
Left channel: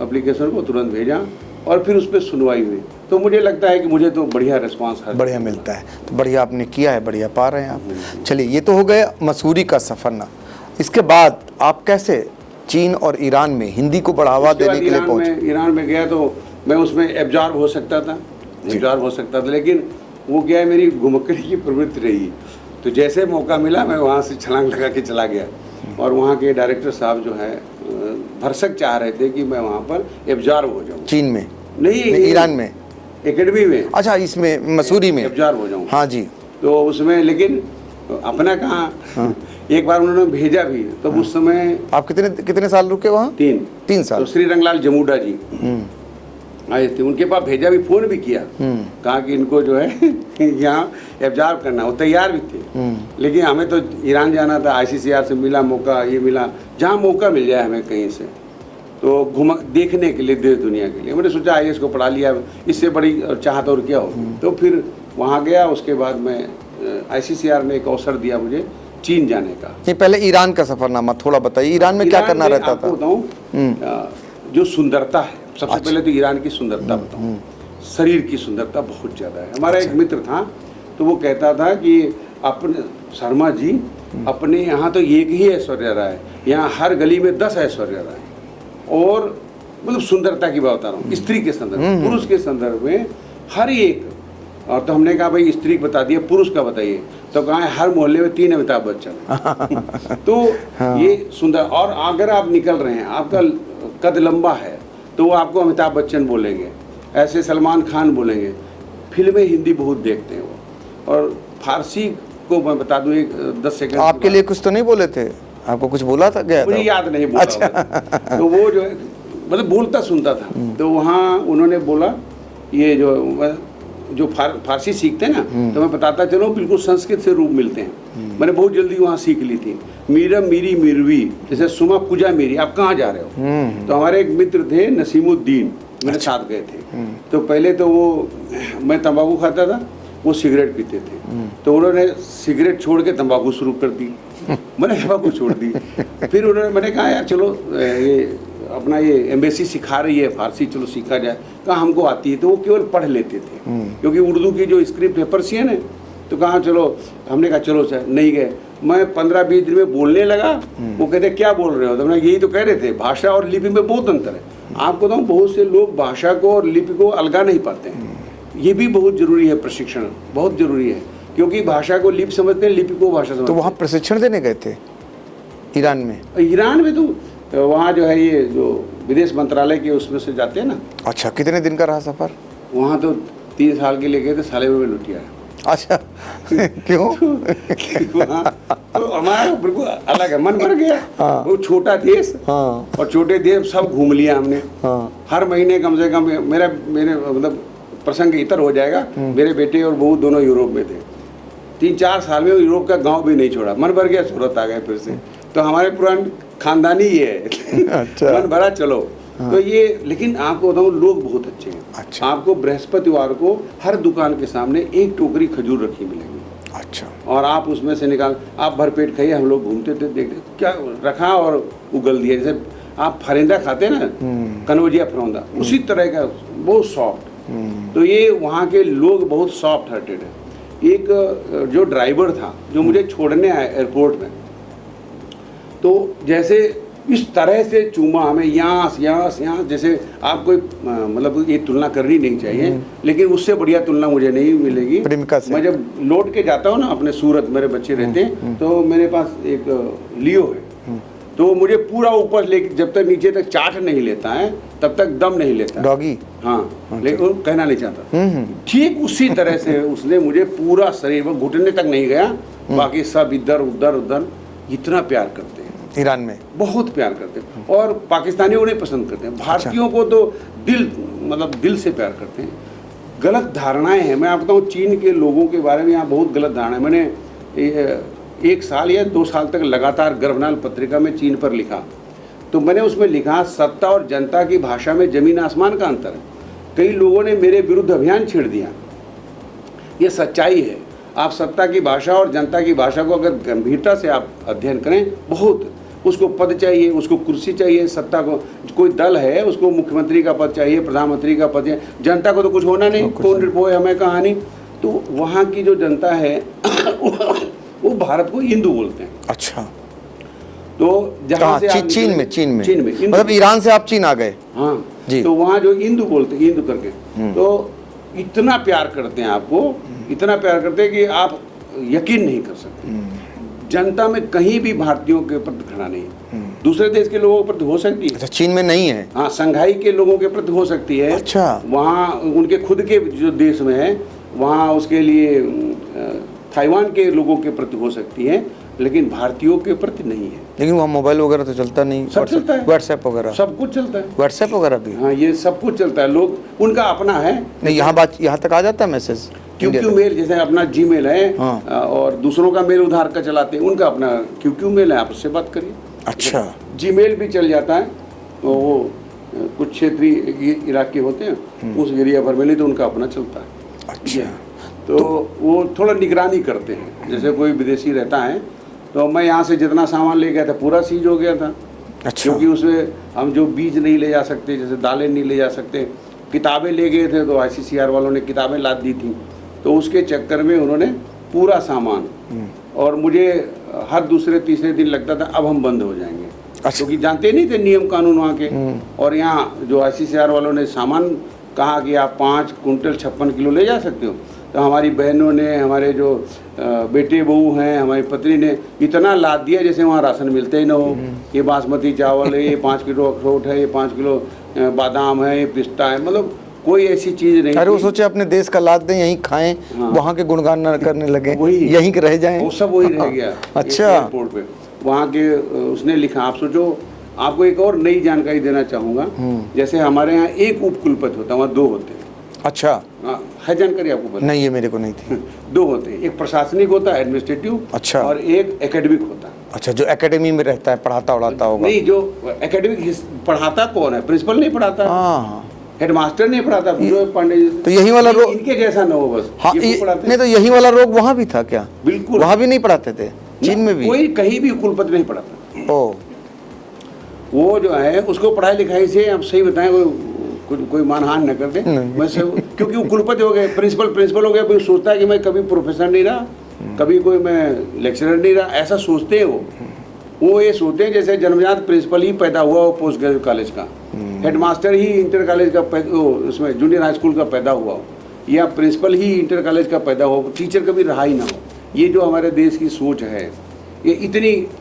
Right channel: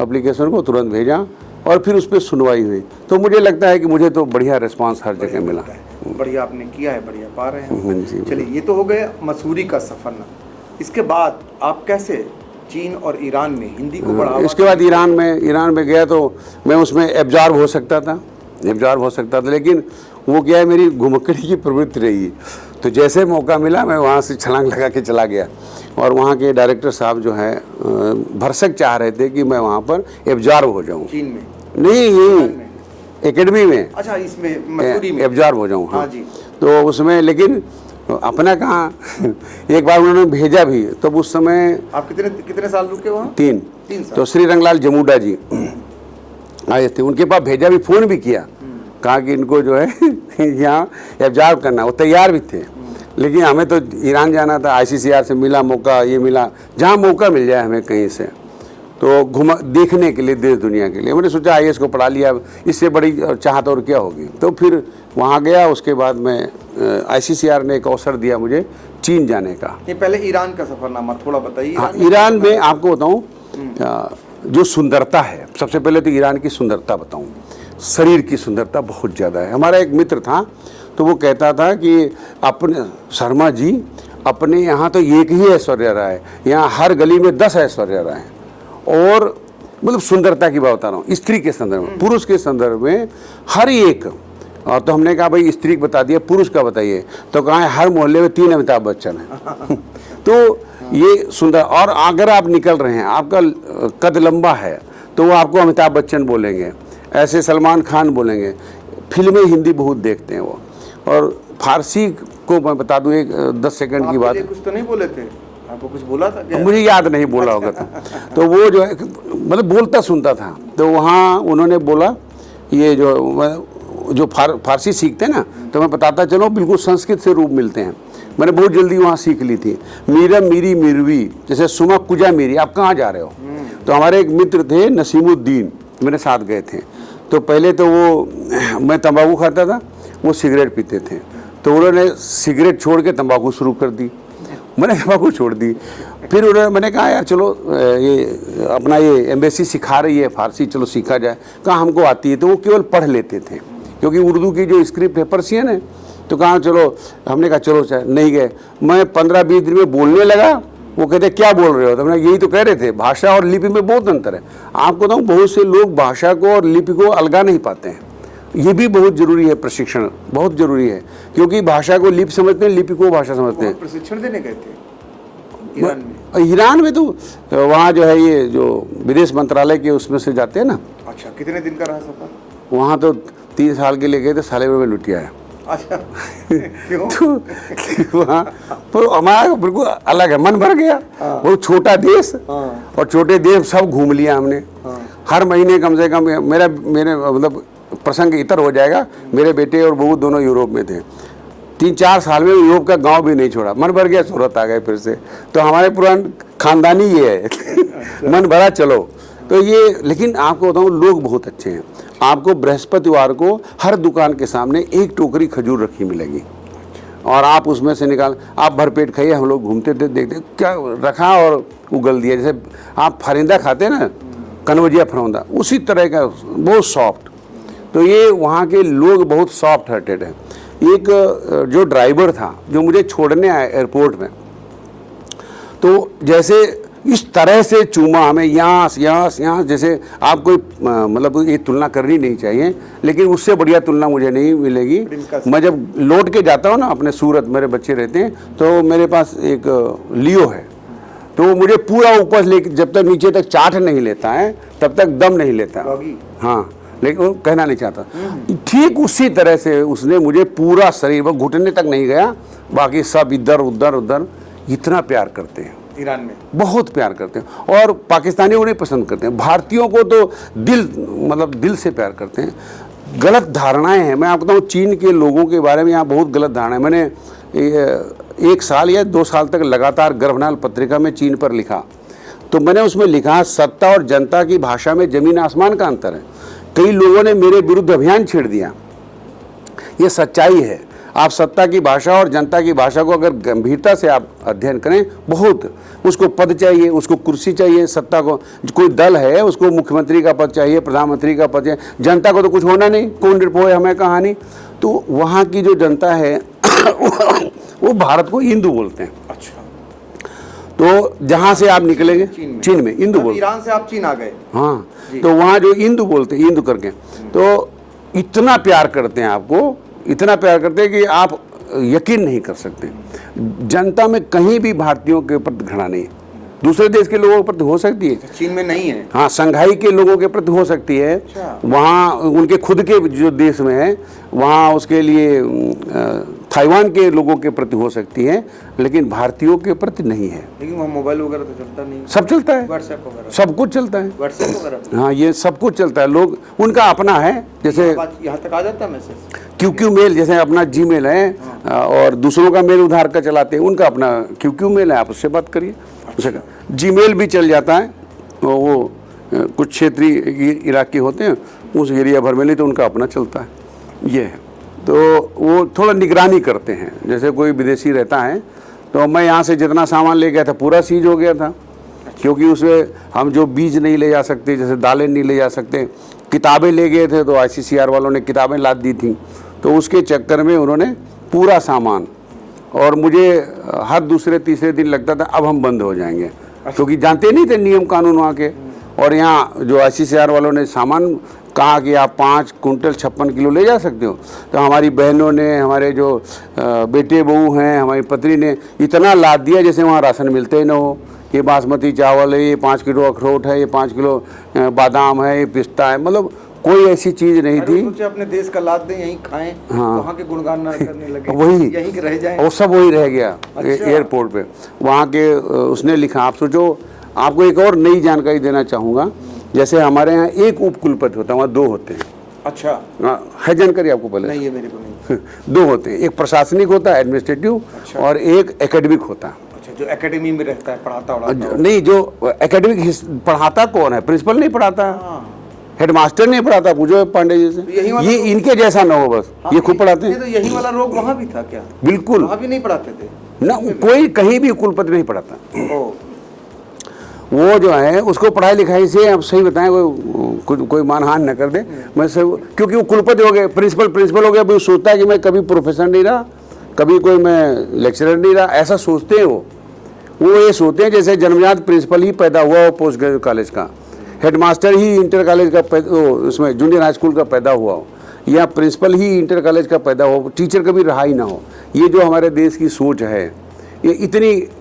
एप्लीकेशन को तुरंत भेजा और फिर उस पर सुनवाई हुई। तो मुझे लगता है कि मुझे तो बढ़िया रिस्पांस हर बढ़िया जगह मिलता है। बढ़िया आपने किया है, बढ़िया पा रहे हैं जी। आप। चलिए, ये तो हो गया मसूरी का सफर ना। इसके बाद आप कैसे चीन और ईरान में हिंदी को बढ़ावा उसके बाद देने के लिए ईरान में गया तो मैं उसमें एब्जॉर्ब हो सकता था, लेकिन वो क्या है, मेरी घुमक्कड़ी की प्रवृत्ति रही। तो जैसे मौका मिला मैं वहाँ से छलांग लगा के चला गया और वहाँ के डायरेक्टर साहब जो है भरसक चाह रहे थे कि मैं वहाँ पर एब्जॉर्ब हो जाऊँ। चीन में नहीं, ईरान में, एकेडमी में। अच्छा, इसमें मसूरी में एब्जॉर्ब हो जाऊँ। हाँ जी। तो उसमें लेकिन अपना कहाँ एक बार उन्होंने भेजा भी, तो उस समय आप कितने साल रुके वहाँ? 3 साल। तो श्री रंगलाल जमूडा जी आए थे, उनके पास भेजा भी, फोन भी किया, कहा कि इनको जो है यहाँ एब्जॉर्ब करना। वो तैयार भी थे, लेकिन हमें तो ईरान जाना था, ICCR से मिला मौका, ये मिला, जहाँ मौका मिल जाए हमें कहीं से तो देखने के लिए, देश दुनिया के लिए। मैंने सोचा IAS को पढ़ा लिया, इससे बड़ी चाहत और क्या होगी। तो फिर वहाँ गया। उसके बाद में ICCR ने एक अवसर दिया मुझे चीन जाने का। ये पहले ईरान का सफरनामा थोड़ा बताइए। ईरान में ईरान में आपको बताऊं, जो सुंदरता है, सबसे पहले तो ईरान की सुंदरता बताऊं। शरीर की सुंदरता बहुत ज़्यादा है। हमारा एक मित्र था, तो वो कहता था कि अपने शर्मा जी, अपने यहाँ तो एक ही ऐश्वर्या राय है, यहाँ हर गली में 10 ऐश्वर्या राय है। और मतलब सुंदरता की बात बता रहा हूँ, स्त्री के संदर्भ में, पुरुष के संदर्भ में हर एक। और तो हमने कहा भाई स्त्री बता दिया, पुरुष का बताइए। तो कहा है हर मोहल्ले में 3 अमिताभ बच्चन है। तो ये सुंदर। और अगर आप निकल रहे हैं, आपका कद लंबा है, तो वो आपको अमिताभ बच्चन बोलेंगे, ऐसे सलमान खान बोलेंगे। फिल्में हिंदी बहुत देखते हैं वो। और फारसी को मैं बता दूं, एक 10 सेकंड की आपके बात। लिए कुछ तो नहीं बोले थे? आपको कुछ बोला था क्या? मुझे याद नहीं बोला होगा। तो वो जो है मतलब बोलता सुनता था। तो वहाँ उन्होंने बोला, ये जो फारसी सीखते हैं ना, तो मैं बताता चलो, बिल्कुल संस्कृत से रूप मिलते हैं। मैंने बहुत जल्दी वहाँ सीख ली थी। मीरा मीरी मिरवी, जैसे सुमा कुजा मेरी, आप कहाँ जा रहे हो? तो हमारे एक मित्र थे नसीमुद्दीन, मेरे साथ गए थे। तो पहले तो वो, मैं तंबाकू खाता था, वो सिगरेट पीते थे। तो उन्होंने सिगरेट छोड़ के तंबाकू शुरू कर दी, मैंने तंबाकू छोड़ दी। फिर उन्होंने, मैंने कहा यार चलो, ये अपना ये एम्बेसी सिखा रही है फारसी, चलो सीखा जाए। कहा हमको आती है। तो वो केवल पढ़ लेते थे, क्योंकि उर्दू की जो स्क्रिप्ट है पर्शियन है। तो कहा चलो, हमने कहा चलो सर, नहीं गए। मैं 15-20 दिन में बोलने लगा। वो कहते क्या बोल रहे हो? तो मैंने यही तो कह रहे थे, भाषा और लिपि में बहुत अंतर है। आपको बताऊँ, बहुत से लोग भाषा को और लिपि को अलगा नहीं पाते हैं। ये भी बहुत जरूरी है, प्रशिक्षण बहुत जरूरी है, क्योंकि भाषा को लिपि समझते हैं, लिपि को भाषा समझते हैं। तो वहाँ प्रशिक्षण देने गए थे ईरान में? ईरान में तो वहाँ जो है, ये जो विदेश मंत्रालय के उसमें से जाते हैं ना। अच्छा, कितने दिन का रहा सफर? वहाँ तो 3 साल के लिए गए थे, साले में लुट आया। अच्छा। क्यों? तो हमारा बिल्कुल अलग है, मन भर गया। वो छोटा देश, और छोटे देश सब घूम लिया हमने। हर महीने कम से कम मेरे मतलब प्रसंग इतर हो जाएगा, मेरे बेटे और बहू दोनों यूरोप में थे। 3-4 साल में यूरोप का गांव भी नहीं छोड़ा। मन भर गया, सूरत आ गए फिर से। तो हमारे पुराने खानदानी ये है। अच्छा। मन भरा चलो। तो ये, लेकिन आपको बताऊं, लोग बहुत अच्छे हैं। अच्छा। आपको बृहस्पतिवार को हर दुकान के सामने एक टोकरी खजूर रखी मिलेगी। अच्छा। और आप उसमें से निकाल, आप भरपेट खाइए। हम लोग घूमते थे, देखते क्या रखा और उगल दिया। जैसे आप फरिंदा खाते ना, कनौजिया फरौंदा, उसी तरह का, बहुत सॉफ्ट। तो ये वहाँ के लोग बहुत सॉफ्ट हार्टेड हैं। एक जो ड्राइवर था, जो मुझे छोड़ने आया एयरपोर्ट में, तो जैसे इस तरह से चूमा हमें, यहाँ जैसे आप कोई मतलब ये तुलना करनी नहीं चाहिए, लेकिन उससे बढ़िया तुलना मुझे नहीं मिलेगी। मैं जब लौट के जाता हूँ ना अपने सूरत, मेरे बच्चे रहते हैं, तो मेरे पास एक लियो है, तो मुझे पूरा ऊपर लेके, जब तक नीचे तक चाट नहीं लेता है तब तक दम नहीं लेता। डॉगी? हाँ, लेकिन कहना नहीं चाहता। ठीक उसी तरह से उसने मुझे पूरा शरीर, वो घुटने तक नहीं गया, बाकी सब इधर उधर। इतना प्यार करते हैं ईरान में, बहुत प्यार करते हैं। और पाकिस्तानियों उन्हें पसंद करते हैं, भारतीयों को तो दिल से प्यार करते हैं। गलत धारणाएं हैं। मैं आपको बताऊँ, चीन के लोगों के बारे में यहाँ बहुत गलत धारणा है। मैंने 1 साल या 2 साल तक लगातार गर्भनाल पत्रिका में चीन पर लिखा। तो मैंने उसमें लिखा, सत्ता और जनता की भाषा में जमीन आसमान का अंतर है। कई लोगों ने मेरे विरुद्ध अभियान छेड़ दिया, ये सच्चाई है। आप सत्ता की भाषा और जनता की भाषा को अगर गंभीरता से आप अध्ययन करें, बहुत उसको पद चाहिए, उसको कुर्सी चाहिए, सत्ता को कोई दल है उसको मुख्यमंत्री का पद चाहिए, प्रधानमंत्री का पद चाहिए, जनता को तो कुछ होना नहीं, कौन रिपोर्ट हमें कहानी। तो वहाँ की जो जनता है वो भारत को हिंदू बोलते हैं। अच्छा, तो जहाँ से आप निकलेंगे चीन में हिंदू मतलब ईरान से आप चीन आ गए। हाँ जी। तो वहाँ जो हिंदू बोलते हैं, हिंदू करके, तो इतना प्यार करते हैं आपको, इतना प्यार करते हैं कि आप यकीन नहीं कर सकते। जनता में कहीं भी भारतीयों के प्रति घृणा नहीं है। दूसरे देश के लोगों के प्रति हो सकती है, अच्छा, चीन में नहीं है। हाँ, संघाई के लोगों के प्रति हो सकती है। अच्छा। वहाँ उनके खुद के जो देश में है वहाँ उसके लिए ताइवान के लोगों के प्रति हो सकती है, लेकिन भारतीयों के प्रति नहीं है। लेकिन वहाँ मोबाइल वगैरह तो चलता नहीं। सब चलता है, व्हाट्सएप वगैरह सब कुछ चलता है, व्हाट्सएप वगैरह भी। हाँ, ये सब कुछ चलता है, लोग उनका अपना है। यहाँ तक आ जाता है मैसेज क्यू मेल, जैसे अपना जीमेल है। हाँ। और दूसरों का मेल उधार का चलाते हैं, उनका अपना क्यू मेल है, आप उससे बात करिए। अच्छा, जीमेल भी चल जाता है। वो कुछ क्षेत्रीय इलाके होते हैं उस एरिया भर में, नहीं तो उनका अपना चलता है। ये है। तो वो थोड़ा निगरानी करते हैं। जैसे कोई विदेशी रहता है तो मैं यहाँ से जितना सामान ले गया था पूरा सीज हो गया था। अच्छा। क्योंकि उसमें हम जो बीज नहीं ले जा सकते, जैसे दालें नहीं ले जा सकते, किताबें ले गए थे तो ICCR वालों ने किताबें लाद दी थी, तो उसके चक्कर में उन्होंने पूरा सामान, और मुझे हर दूसरे तीसरे दिन लगता था अब हम बंद हो जाएंगे, क्योंकि जानते नहीं थे नियम कानून वहाँ के। और यहाँ जो ICCR वालों ने सामान कहा कि आप 5 कुंटल 56 किलो ले जा सकते हो, तो हमारी बहनों ने, हमारे जो बेटे बहू हैं, हमारी पत्नी ने इतना लाद दिया जैसे वहाँ राशन मिलते ही ना हो। ये बासमती चावल है, ये 5 किलो अखरोट है, ये 5 किलो बादाम है, ये पिस्ता है, मतलब कोई ऐसी चीज नहीं अरे वो थी। सोचे अपने देश का लाद दें, यहीं खाएं। हाँ। वहाँ के गुणगान ना करने लगे, वही यहीं के रह जाएं। वो सब वही रह गया। अच्छा। एयरपोर्ट पे वहाँ के उसने लिखा, आप सोचो। आपको एक और नई जानकारी देना चाहूँगा, जैसे हमारे यहाँ एक उपकुलपति होता है, वहाँ 2 होते हैं। अच्छा, है जानकारी आपको पहले? नहीं, ये मेरे को नहीं थी। 2 होते हैं, एक प्रशासनिक होता है, एडमिनिस्ट्रेटिव। अच्छा। और एक एकेडमिक होता है। अच्छा, जो एकेडमी में रहता है, पढ़ाता होगा। नहीं, जो एकेडमिक पढ़ाता कौन है? प्रिंसिपल नहीं पढ़ाता, हाँ, हेडमास्टर नहीं पढ़ाता, पूछो पांडे जी से। तो यही वाला रोग- इनके जैसा ना हो बस। हाँ, ये खुद पढ़ाते नहीं, तो यही वाला रोग वहाँ भी था क्या? बिल्कुल। वहाँ भी नहीं पढ़ाते थे, चीन में भी? कोई कहीं भी कुलपति नहीं पढ़ाता। ओ, वो जो है उसको पढ़ाई लिखाई से, आप सही बताएं, कोई मानहान न कर दे। मैं से क्योंकि वो कुलपति हो गए, प्रिंसिपल हो गया, वो सोचता है कि मैं कभी प्रोफेसर नहीं रहा, कभी कोई मैं लेक्चरर नहीं रहा, ऐसा सोचते हैं वो ये सोचते हैं जैसे जन्मजात प्रिंसिपल ही पैदा हुआ हो पोस्ट ग्रेजुएट कॉलेज का, हेडमास्टर ही इंटर कॉलेज का उसमें जूनियर हाई स्कूल का पैदा हुआ हो, या प्रिंसिपल ही इंटर कॉलेज का पैदा हो, टीचर कभी रहा ही ना हो। ये जो हमारे देश की सोच है, ये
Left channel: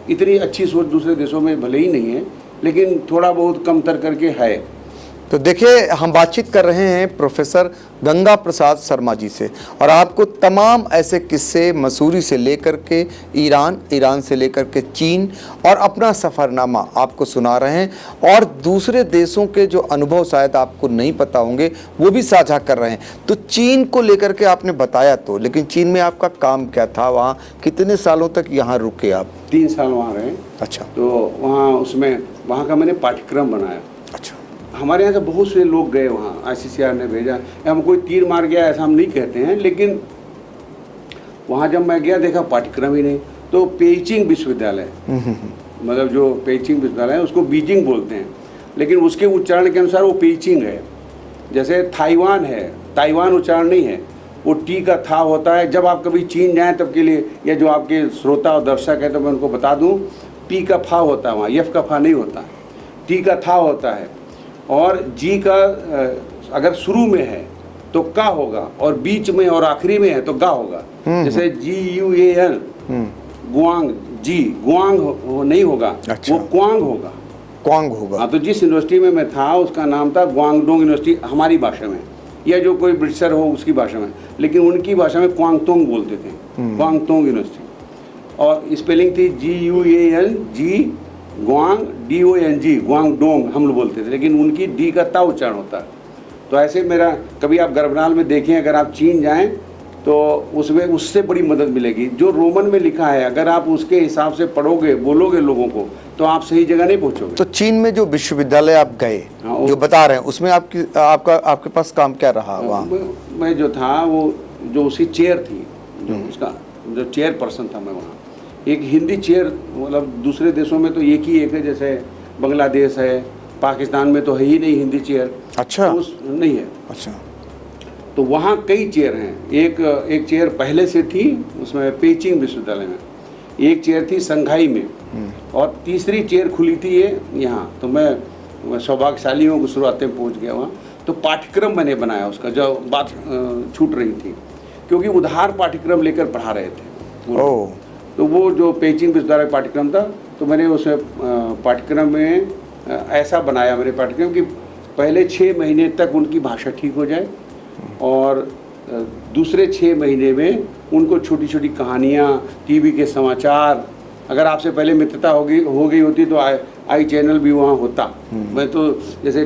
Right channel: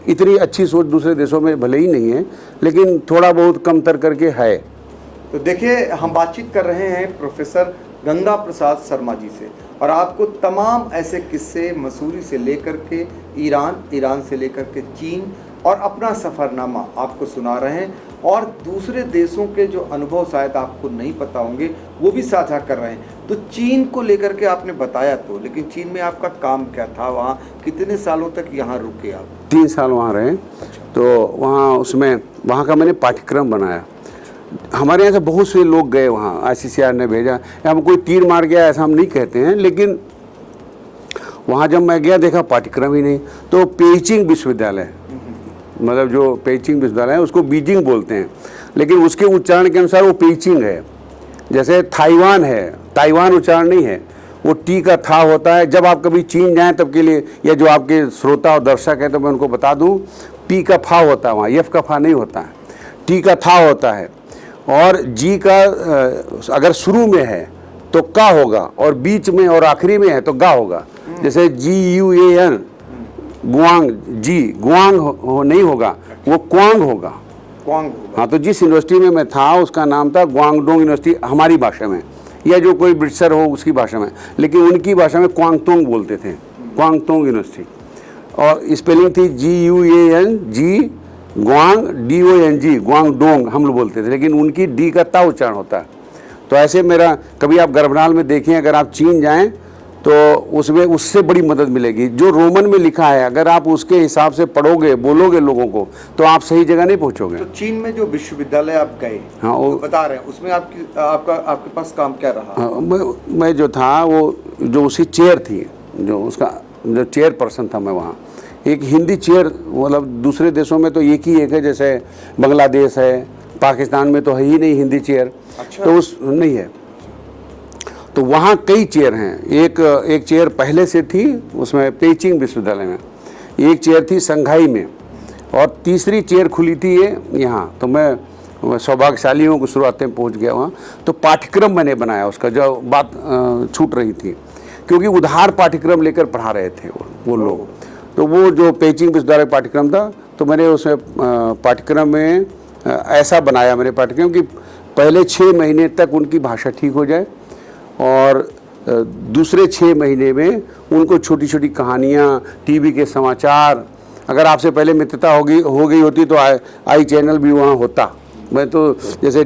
इतनी अच्छी सोच दूसरे देशों में भले ही नहीं है, लेकिन थोड़ा बहुत कमतर करके है। तो देखिए, हम बातचीत कर रहे हैं प्रोफेसर गंगा प्रसाद शर्मा जी से, और आपको तमाम ऐसे किस्से मसूरी से लेकर के ईरान से लेकर के चीन, और अपना सफ़रनामा आपको सुना रहे हैं, और दूसरे देशों के जो अनुभव शायद आपको नहीं पता होंगे वो भी साझा कर रहे हैं। तो चीन को लेकर के आपने बताया तो, लेकिन चीन में आपका काम क्या था? वहाँ कितने सालों तक यहाँ रुके आप? 3 साल वहाँ रहे। अच्छा। तो वहाँ का मैंने पाठ्यक्रम बनाया। अच्छा। हमारे यहाँ से बहुत से लोग गए वहाँ, ICCR ने भेजा, हम कोई तीर मार गया ऐसा हम नहीं कहते हैं, लेकिन वहाँ जब मैं गया देखा पाठ्यक्रम ही नहीं। तो पेइचिंग विश्वविद्यालय, मतलब जो पेइचिंग विश्वविद्यालय है उसको बीजिंग बोलते हैं, लेकिन उसके उच्चारण के अनुसार वो पेइचिंग है। जैसे ताइवान है, ताइवान उच्चारण नहीं है, वो टी का था होता है। जब आप कभी चीन जाएं तब के लिए, या जो आपके श्रोता और दर्शक हैं तो मैं उनको बता दूं, पी का फा होता है वहाँ, एफ का फा नहीं होता है, टी का था होता है। और जी का अगर शुरू में है तो का होगा, और बीच में और आखिरी में है तो गा होगा। जैसे GUAN, गुआंग, जी गुआंग नहीं होगा। अच्छा। वो क्वांग होगा। क्वांग होगा। हाँ, तो जिस यूनिवर्सिटी में मैं था उसका नाम था ग्वांगडोंग यूनिवर्सिटी हमारी भाषा में, या जो कोई ब्रिटिशर हो उसकी भाषा में, लेकिन उनकी भाषा में क्वांगतोंग बोलते थे, क्वांगतोंग यूनिवर्सिटी। और स्पेलिंग थी GUANG, ग्वांग DONG, ग्वांगडोंग हम लोग बोलते थे, लेकिन उनकी डी का ता उच्चारण होता है। तो ऐसे मेरा कभी आप गर्भनाल में देखिए, अगर आप चीन जाएं तो उसमें उससे बड़ी मदद मिलेगी। जो रोमन में लिखा है अगर आप उसके हिसाब से पढ़ोगे, बोलोगे लोगों को, तो आप सही जगह नहीं पहुंचोगे। तो चीन में जो विश्वविद्यालय आप गए, हाँ, जो बता रहे हैं, उसमें आपके पास काम क्या रहा? मैं जो था वो जो उसकी चेयर थी जो उसका जो चेयर पर्सन था मैं वहाँ। एक हिंदी चेयर, मतलब दूसरे देशों में तो एक ही एक है, जैसे बांग्लादेश है, पाकिस्तान में तो है ही नहीं हिंदी चेयर। अच्छा। तो उस नहीं है। अच्छा। तो वहाँ कई चेयर हैं। एक चेयर पहले से थी उसमें पेइचिंग विश्वविद्यालय में, एक चेयर थी संघाई में, और तीसरी चेयर खुली थी ये यहाँ। तो मैं सौभाग्यशाली हूँ कि शुरुआत में पहुँच गया वहाँ। तो पाठ्यक्रम मैंने बनाया उसका, जो बात छूट रही थी, क्योंकि उधार पाठ्यक्रम लेकर पढ़ा रहे थे वो लोग। तो वो जो पेइचिंग विश्वविद्यालय पाठ्यक्रम था, तो मैंने उसमें पाठ्यक्रम में ऐसा बनाया मैंने पाठ्यक्रम कि पहले 6 महीने तक उनकी भाषा ठीक हो जाए, और दूसरे 6 महीने में उनको छोटी छोटी कहानियाँ, टीवी के समाचार, अगर आपसे पहले मित्रता हो गई होती तो आई चैनल भी वहाँ होता। मैं तो जैसे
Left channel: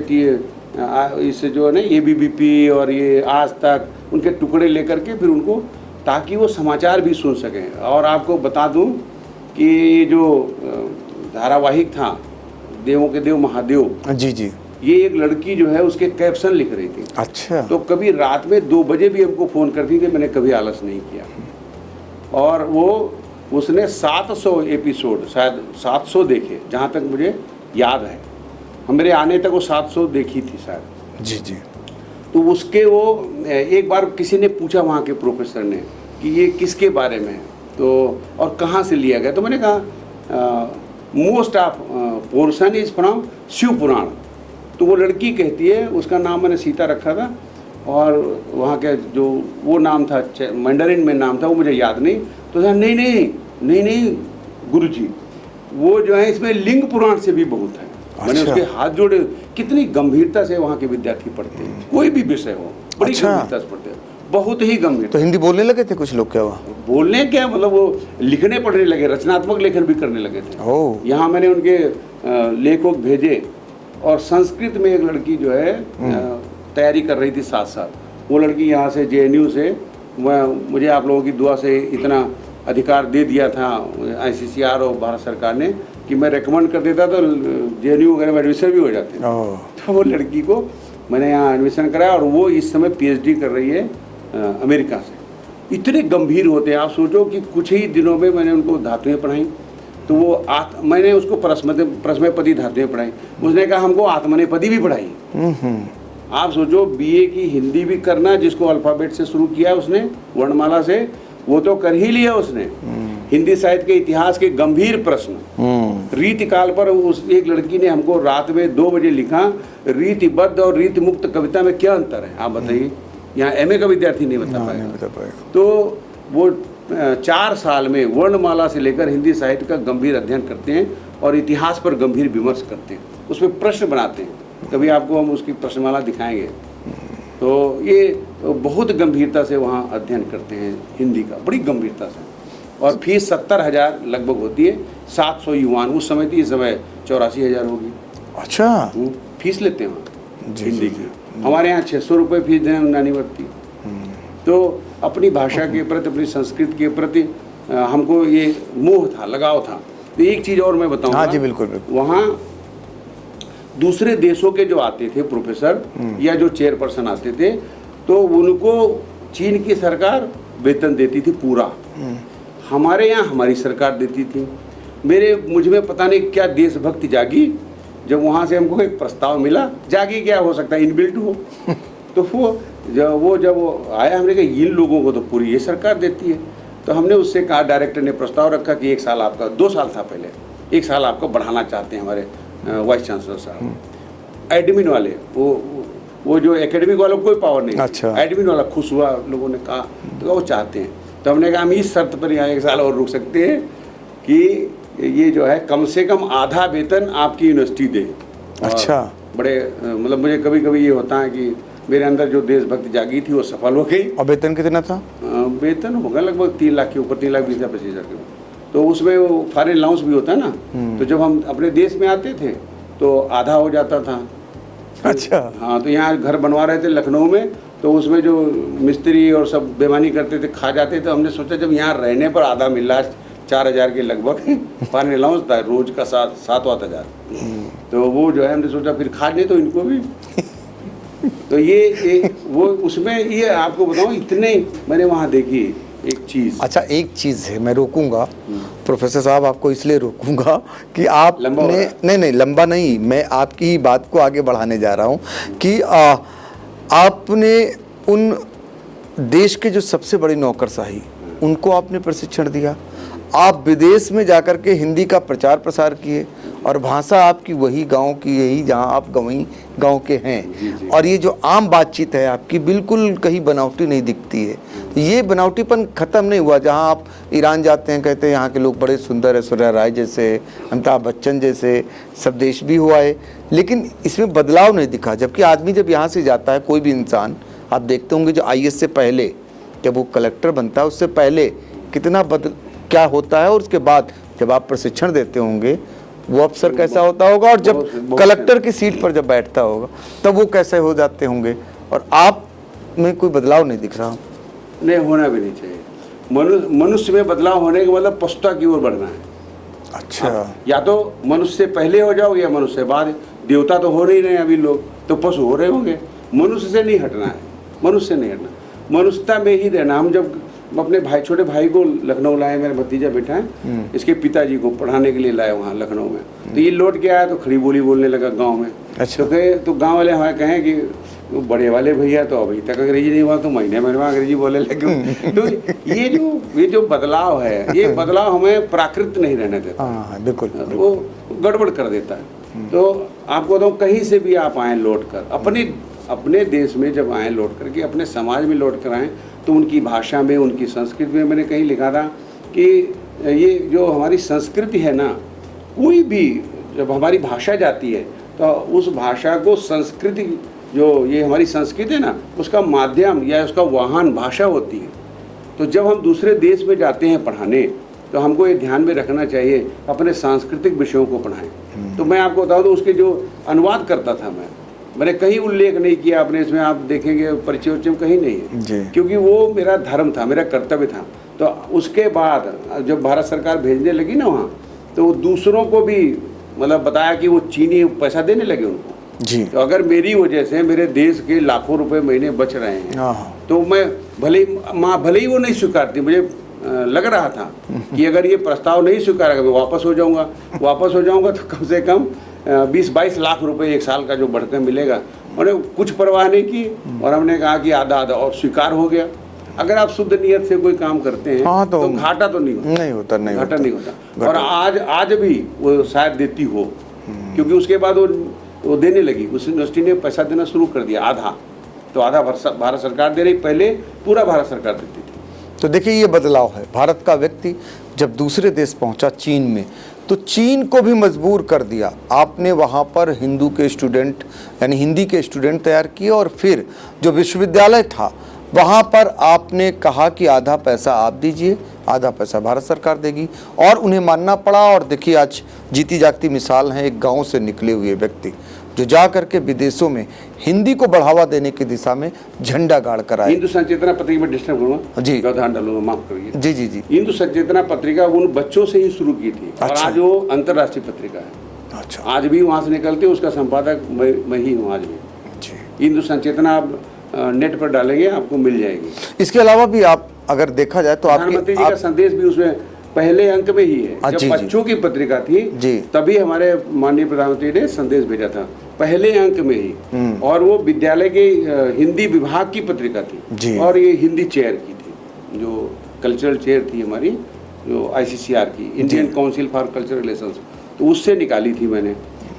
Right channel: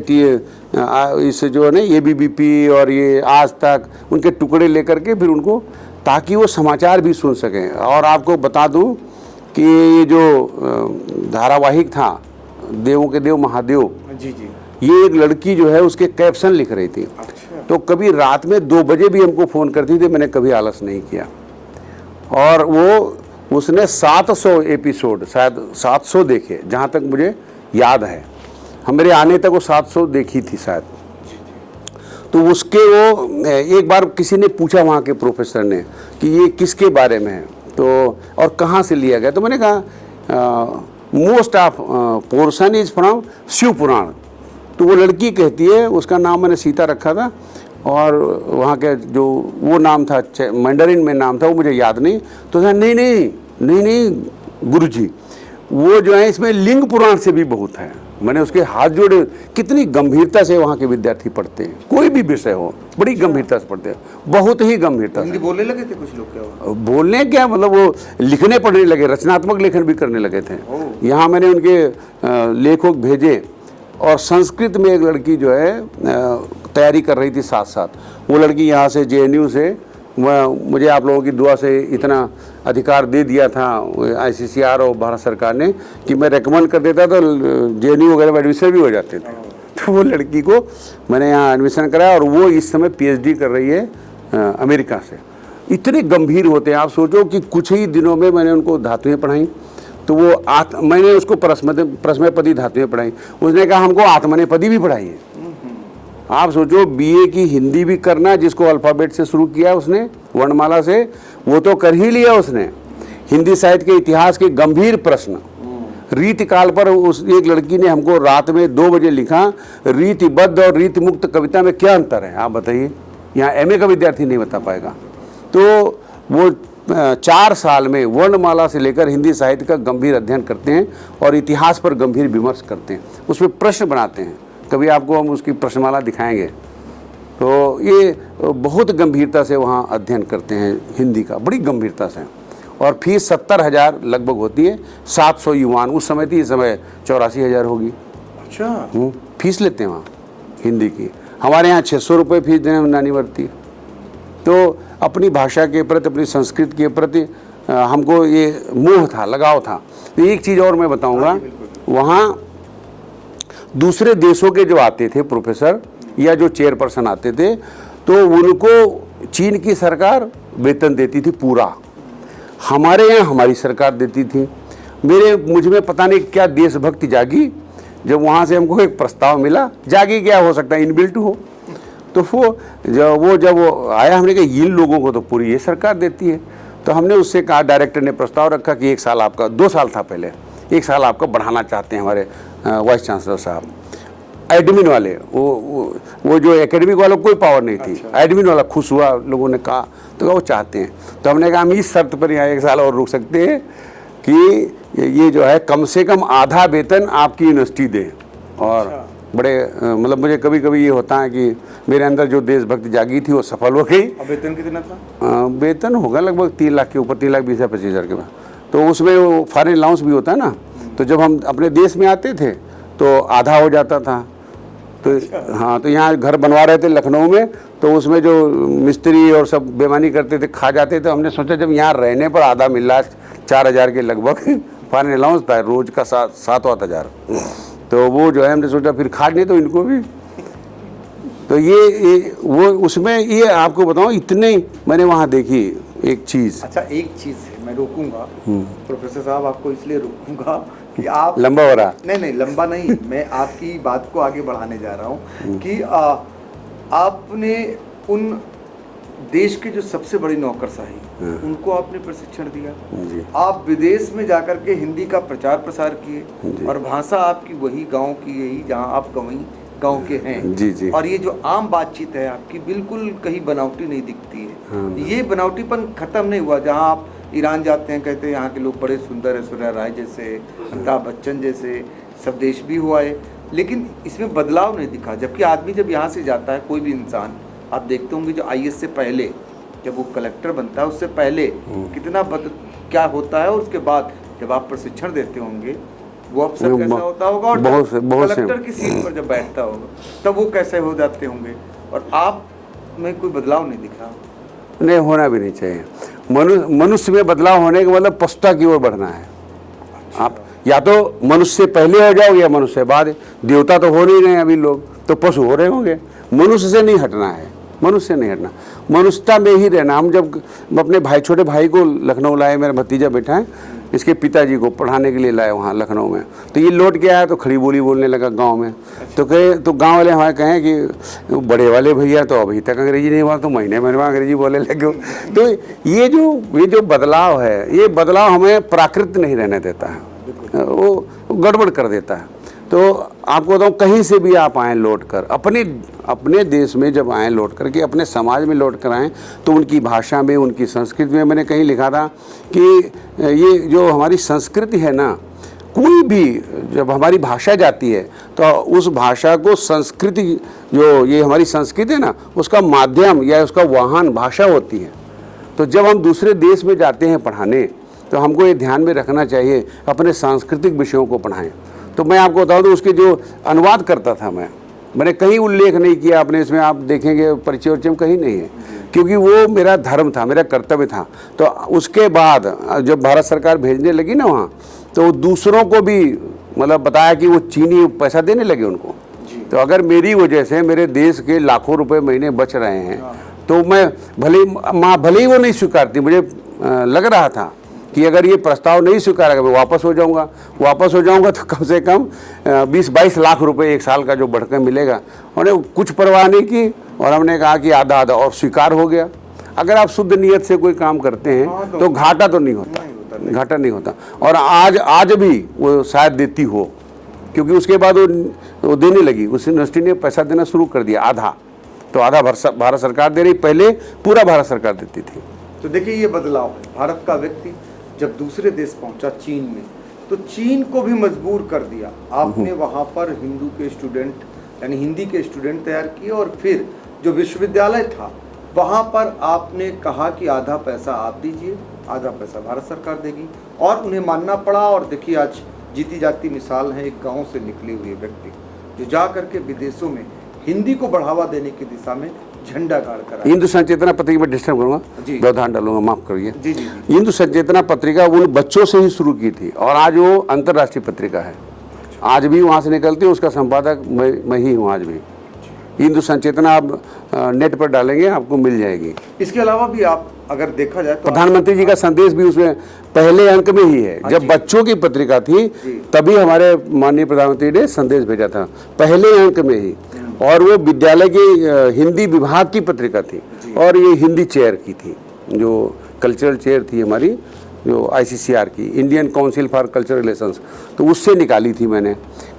इससे जो है ना ABVP और ये आज तक, उनके टुकड़े लेकर के फिर उनको, ताकि वो समाचार भी सुन सकें। और आपको बता दूं कि ये जो धारावाहिक था देवों के देव महादेव, जी जी, ये एक लड़की जो है उसके कैप्शन लिख रही थी। अच्छा। तो कभी रात में 2 बजे भी हमको फ़ोन करती थी, मैंने कभी आलस नहीं किया। और उसने 700 एपिसोड, शायद 700 देखे, जहाँ तक मुझे याद है। हमारे आने तक वो 700 देखी थी शायद। जी जी। तो उसके वो एक बार किसी ने पूछा वहाँ के प्रोफेसर ने कि ये किसके बारे में है, तो और कहाँ से लिया गया। तो मैंने कहा most of portion is from Shiv Puran. तो वो लड़की कहती है, उसका नाम मैंने सीता रखा था, और वहाँ के जो वो नाम था, मैंडरिन में नाम था, वो मुझे याद नहीं। तो कहा नहीं गुरुजी, वो जो है इसमें लिंग पुराण से भी बहुत है। मैंने उसके हाथ जोड़े। कितनी गंभीरता से वहाँ के विद्यार्थी पढ़ते हैं, कोई भी विषय हो, बड़ी गंभीरता से पढ़ते हैं, बहुत ही गंभीरता। तो हिंदी बोलने लगे थे कुछ लोग क्या? बोलने क्या, मतलब वो लिखने पढ़ने लगे, रचनात्मक लेखन भी करने लगे थे। यहाँ मैंने उनके लेखक भेजे, और संस्कृत में एक लड़की जो है तैयारी कर रही थी साथ साथ। वो लड़की यहाँ से JNU से, मुझे आप लोगों की दुआ से इतना अधिकार दे दिया था ICCR और भारत सरकार ने कि मैं रेकमेंड कर देता तो JNU वगैरह में एडमिशन भी हो जाते थे। तो वो लड़की को मैंने यहाँ एडमिशन कराया, और वो इस समय PhD कर रही है अमेरिका से। इतने गंभीर होते हैं, आप सोचो कि कुछ ही दिनों में मैंने उनको धातुएं पढ़ाई। तो वो मैंने उसको प्रश्नपदी धातुएं पढ़ाई, उसने कहा हमको आत्मनेपदी भी पढ़ाई है। आप सोचो, BA की हिंदी भी करना, जिसको अल्फाबेट से शुरू किया उसने, वर्णमाला से, वो तो कर ही लिया उसने। हिंदी साहित्य के इतिहास के गंभीर प्रश्न रीतिकाल पर उस एक लड़की ने हमको रात में 2 बजे लिखा, रीतिबद्ध और रीति मुक्त कविता में क्या अंतर है, आप बताइए। यहाँ MA का विद्यार्थी नहीं बता पाएगा। तो वो 4 साल में वर्णमाला से लेकर हिंदी साहित्य का गंभीर अध्ययन करते हैं, और इतिहास पर गंभीर विमर्श करते हैं, उसमें प्रश्न बनाते हैं। कभी आपको हम उसकी प्रश्नमाला दिखाएंगे। तो ये बहुत गंभीरता से वहाँ अध्ययन करते हैं हिंदी का, बड़ी गंभीरता से। और फीस 70,000 लगभग होती है, 700 युवान उस समय थी, इस समय 84,000 होगी। अच्छा। फीस लेते हैं वहाँ हिंदी की। हमारे यहाँ 600 रुपये फीस देने में नानी बढ़ती। तो अपनी भाषा के प्रति, अपनी संस्कृति के प्रति हमको ये मोह था, लगाव था। तो एक चीज़ और मैं बताऊँगा, बिल्कुल। वहाँ दूसरे देशों के जो आते थे प्रोफेसर या जो चेयरपर्सन आते थे, तो उनको चीन की सरकार वेतन देती थी पूरा। हमारे यहाँ हमारी सरकार देती थी। मुझ में पता नहीं क्या देशभक्ति जागी, जब वहाँ से हमको एक प्रस्ताव मिला। जागी क्या, हो सकता है इनबिल्ट हो। तो जब वो आया, हमने कहा इन लोगों को तो पूरी ये सरकार देती है। तो हमने उससे कहा, डायरेक्टर ने प्रस्ताव रखा कि 1 साल आपका, 2 साल था पहले, 1 साल आपका बढ़ाना चाहते हैं हमारे वाइस चांसलर साहब। एडमिन वाले, वो जो एकेडमिक वालों को कोई पावर नहीं थी। एडमिन वाला खुश हुआ, लोगों ने कहा, तो वो चाहते हैं। तो हमने कहा हम इस शर्त पर यहाँ 1 साल और रुक सकते हैं कि ये जो है कम से कम आधा वेतन आपकी यूनिवर्सिटी दे। अच्छा। बड़े मतलब मुझे कभी कभी ये होता है कि मेरे अंदर जो देशभक्ति जागी थी वो सफल हो गई। और वेतन कितना था? वेतन होगा लगभग 3 लाख के ऊपर, 3,20,000-25,000 के बाद। तो उसमें वो फॉरेन अलाउंस भी होता है ना। तो जब हम अपने देश में आते थे तो आधा हो जाता था। अच्छा। हाँ, तो यहाँ घर बनवा रहे थे लखनऊ में, तो उसमें जो मिस्त्री और सब बेईमानी करते थे, खा जाते थे। हमने सोचा जब यहाँ रहने पर आधा मिल रहा है, 4,000 के लगभग फॉरेन अलाउंस था रोज का, 7-8 हज़ार। तो वो जो है हमने सोचा फिर खा नहीं तो इनको भी। तो ये वो उसमें ये आपको बताऊँ, इतने मैंने वहाँ देखी एक चीज़। अच्छा, एक चीज है, मैं रोकूंगा प्रोफेसर साहब, आपको इसलिए रोकूंगा कि आप लंबा हो रहा। नहीं लंबा नहीं, मैं आपकी बात को आगे बढ़ाने जा रहा हूं कि आपने उन देश के जो सबसे बड़ी नौकरशाही उनको आपने प्रशिक्षण दिया, आप विदेश में जाकर के हिंदी का प्रचार प्रसार किए और भाषा आपकी वही गांव की, यही जहां आप वही गांव के हैं। जी, जी। और ये जो आम बातचीत है आपकी बिल्कुल कहीं बनावटी नहीं दिखती है। ये बनावटीपन खत्म नहीं हुआ। जहां आप ईरान जाते हैं, कहते हैं यहाँ के लोग बड़े सुंदर है, ऐश्वर्या राय जैसे, अमिताभ बच्चन जैसे, सब देश भी हुआ है, लेकिन इसमें बदलाव नहीं दिखा। जबकि आदमी जब यहाँ से जाता है, कोई भी इंसान, आप देखते होंगे जो आईएएस से पहले जब वो कलेक्टर बनता है, उससे पहले कितना क्या होता है, और उसके बाद जब आप प्रशिक्षण देते होंगे वो अफसर कैसा होता होगा, और जब कलेक्टर की सीट पर जब बैठता होगा तब वो कैसे हो जाते होंगे। और आप में कोई बदलाव नहीं दिख रहा। नहीं, होना भी नहीं चाहिए। मनुष्य में बदलाव होने का मतलब पशुता की ओर बढ़ना है। अच्छा, या तो मनुष्य से पहले हो जाओ या मनुष्य से बाद। देवता तो हो नहीं रहे अभी लोग, तो पशु हो रहे होंगे। मनुष्य से नहीं हटना है, मनुष्य से नहीं हटना, मनुष्यता में ही रहना। हम जब अपने भाई, छोटे भाई को लखनऊ लाए, मेरा भतीजा बैठा है, इसके पिताजी को पढ़ाने के लिए लाए वहाँ लखनऊ में, तो ये लौट के आया तो खड़ी बोली बोलने लगा गांव में। अच्छा। तो गांव वाले हमारे कहें कि बड़े वाले भैया तो अभी तक अंग्रेजी नहीं हुआ, तो महीने महीने अंग्रेजी बोलने लगे। तो ये जो बदलाव है, ये बदलाव हमें प्राकृत नहीं रहने देता है, बिल्कुल वो गड़बड़ कर देता है। तो आपको बताऊँ, कहीं से भी आप आए लौट कर, अपने देश में जब आए लौट करके, अपने समाज में लौट कर आए, तो उनकी भाषा में, उनकी संस्कृति में, मैंने कहीं लिखा था कि ये जो हमारी संस्कृति है ना, कोई भी जब हमारी भाषा जाती है तो उस भाषा को संस्कृति, जो ये हमारी संस्कृति है ना, उसका माध्यम या उसका वाहन भाषा होती है। तो जब हम दूसरे देश में जाते हैं पढ़ाने, तो हमको ये ध्यान में रखना चाहिए अपने सांस्कृतिक विषयों को पढ़ाएं। तो मैं आपको बताऊं तो उसके जो अनुवाद करता था मैंने कहीं उल्लेख नहीं किया अपने इसमें, आप देखेंगे परिचय उच्चय कहीं नहीं है, क्योंकि वो मेरा धर्म था, मेरा कर्तव्य था। तो उसके बाद जब भारत सरकार भेजने लगी ना वहाँ, तो दूसरों को भी मतलब बताया कि वो चीनी पैसा देने लगे उनको जी। तो अगर मेरी वजह से मेरे देश के लाखों रुपए महीने बच रहे हैं, तो मैं भले ही वो नहीं स्वीकारती, मुझे लग रहा था कि अगर ये प्रस्ताव नहीं स्वीकारेगा मैं वापस हो जाऊंगा तो कम से कम 20-22 लाख रुपए एक साल का जो बढ़कर मिलेगा। उन्हें कुछ परवाह नहीं की और हमने कहा कि आधा और स्वीकार हो गया। अगर आप शुद्ध नियत से कोई काम करते हैं तो घाटा तो नहीं होता, घाटा नहीं होता। और आज भी वो शायद देती हो, क्योंकि उसके बाद वो देने लगी, उस यूनिवर्सिटी ने पैसा देना शुरू कर दिया, आधा तो आधा भारत सरकार दे रही, पहले पूरा भारत सरकार देती थी। तो देखिए ये बदलाव है। भारत का व्यक्ति जब दूसरे देश पहुंचा चीन में, तो चीन को भी मजबूर कर दिया। आपने वहां पर हिंदू के स्टूडेंट यानी हिंदी के स्टूडेंट तैयार किए, और फिर जो विश्वविद्यालय था वहां पर आपने कहा कि आधा पैसा आप दीजिए, आधा पैसा भारत सरकार देगी, और उन्हें मानना पड़ा। और देखिए आज जीती जागती मिसाल है एक गांव से निकले हुए व्यक्ति जो जा करके विदेशों में हिंदी को बढ़ावा देने की दिशा में झंडा गाड़ कर आए। हिंदू संचेतना पत्रिका में डिस्टर्ब करूंगा जी, व्यवधान डालूंगा, माफ करिए। जी जी जी। हिंदू संचेतना पत्रिका उन बच्चों से ही शुरू की थी, और आज वो अंतर्राष्ट्रीय पत्रिका है। अच्छा। आज भी वहां से निकलती है, उसका संपादक मैं ही हूँ आज भी। हिंदू संचेतना आप नेट पर डालेंगे आपको मिल जाएगी। इसके अलावा भी आप अगर देखा जाए तो प्रधानमंत्री जी का संदेश भी उसमें पहले अंक में ही है। जब बच्चों की पत्रिका थी तभी हमारे माननीय प्रधानमंत्री ने संदेश भेजा था, पहले अंक में ही। और वो विद्यालय की हिंदी विभाग की पत्रिका थी, और ये हिंदी चेयर की थी, जो कल्चरल चेयर थी हमारी, जो ICCR की, Indian council for cultural relations, तो उससे निकाली थी मैंने।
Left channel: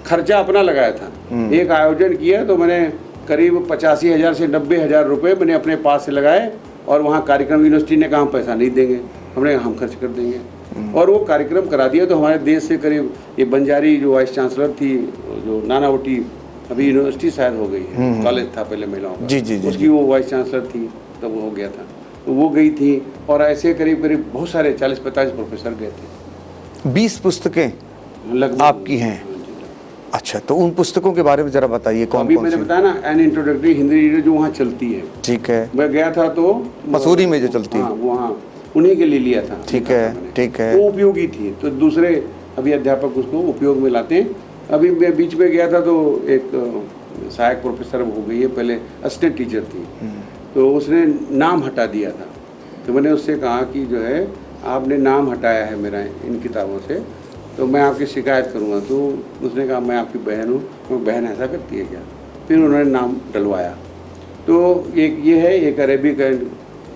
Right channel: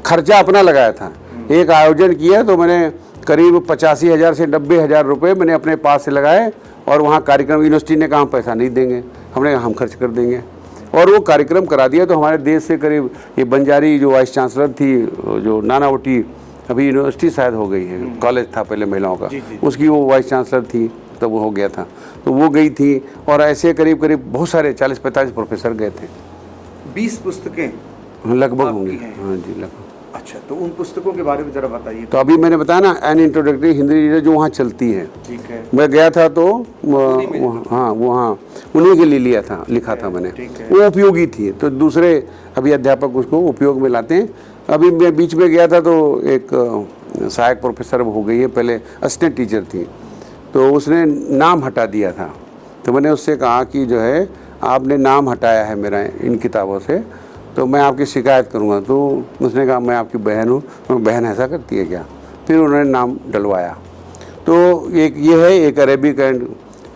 खर्चा अपना लगाया था। एक आयोजन किया तो मैंने करीब 85,000 से 90,000 रुपये मैंने अपने पास से लगाए, और वहाँ कार्यक्रम, यूनिवर्सिटी ने कहा पैसा नहीं देंगे, हमने कहा हम खर्च कर देंगे, और वो कार्यक्रम करा दिया। तो हमारे देश से करीब ये बंजारी जो वाइस चांसलर थी, जो नानावटी, अभी यूनिवर्सिटी शायद हो गई है, कॉलेज था पहले महिलाओं का, उसकी वो वाइस चांसलर थी, तब वो हो गया था, तो वो गई थी। और ऐसे करीब बहुत सारे 40-45 प्रोफेसर गए थे। 20 पुस्तकें लगभग आपकी हैं? हाँ जी, लगभग। अच्छा, तो उन पुस्तकों के बारे में जरा बताइए। तो अभी मैंने बताया ना, एन इंट्रोडक्टरी हिंदी रीडर जो वहाँ चलती है, ठीक है। मैं गया था तो मसूरी में जो चलती है, हाँ वहाँ उन्हीं के लिए लिया था, लिखा था मैंने, ठीक है। वो उपयोगी थी, तो दूसरे अभी अध्यापक उसको उपयोग में लाते हैं। अभी मैं बीच में गया था तो एक सहायक प्रोफेसर हो गई है, पहले असिस्टेंट टीचर थी, तो उसने नाम हटा दिया था तो मैंने उससे कहा कि जो है आपने नाम हटाया है मेरा इन किताबों से, तो मैं आपकी शिकायत करूँगा। तो उसने कहा मैं आपकी बहन हूँ। मैं बहन ऐसा करती है क्या? फिर उन्होंने नाम डलवाया। तो एक ये है, एक अरेबिक एंड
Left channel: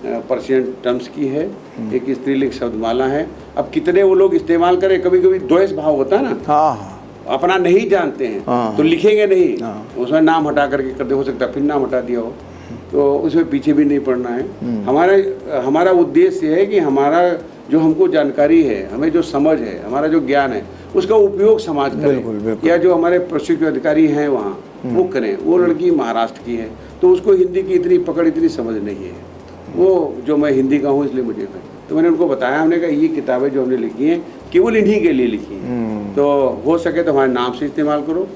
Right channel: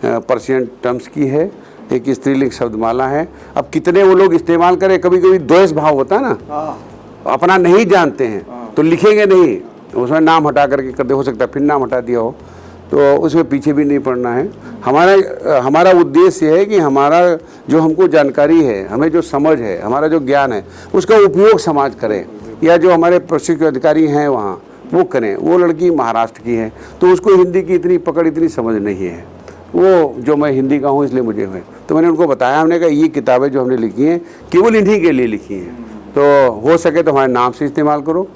पर्शियन टर्म्स की है, एक स्त्रीलिंग शब्दमाला है। अब कितने वो लोग इस्तेमाल करें, कभी कभी द्वेष भाव होता है ना, अपना नहीं जानते हैं तो लिखेंगे नहीं, उसमें नाम हटा करके करते, हो सकता है फिर नाम हटा दिया हो, तो उसमें पीछे भी नहीं पड़ना है। हमारा उद्देश्य है कि हमारा जो हमको जानकारी है, हमें जो समझ है, हमारा जो ज्ञान है, उसका उपयोग समाज करे, या जो हमारे प्रशिक्षित अधिकारी हैं वहाँ वो करें। वो लड़की महाराष्ट्र की है तो उसको हिंदी की इतनी पकड़, इतनी समझ नहीं है, वो जो मैं हिंदी का हूँ इसलिए मुझे हुए। तो मैंने उनको बताया, हमने कहा ये किताबें जो हमने लिखी हैं केवल इन्हीं के लिए लिखी हैं, तो हो सके तो हमारे नाम से इस्तेमाल करो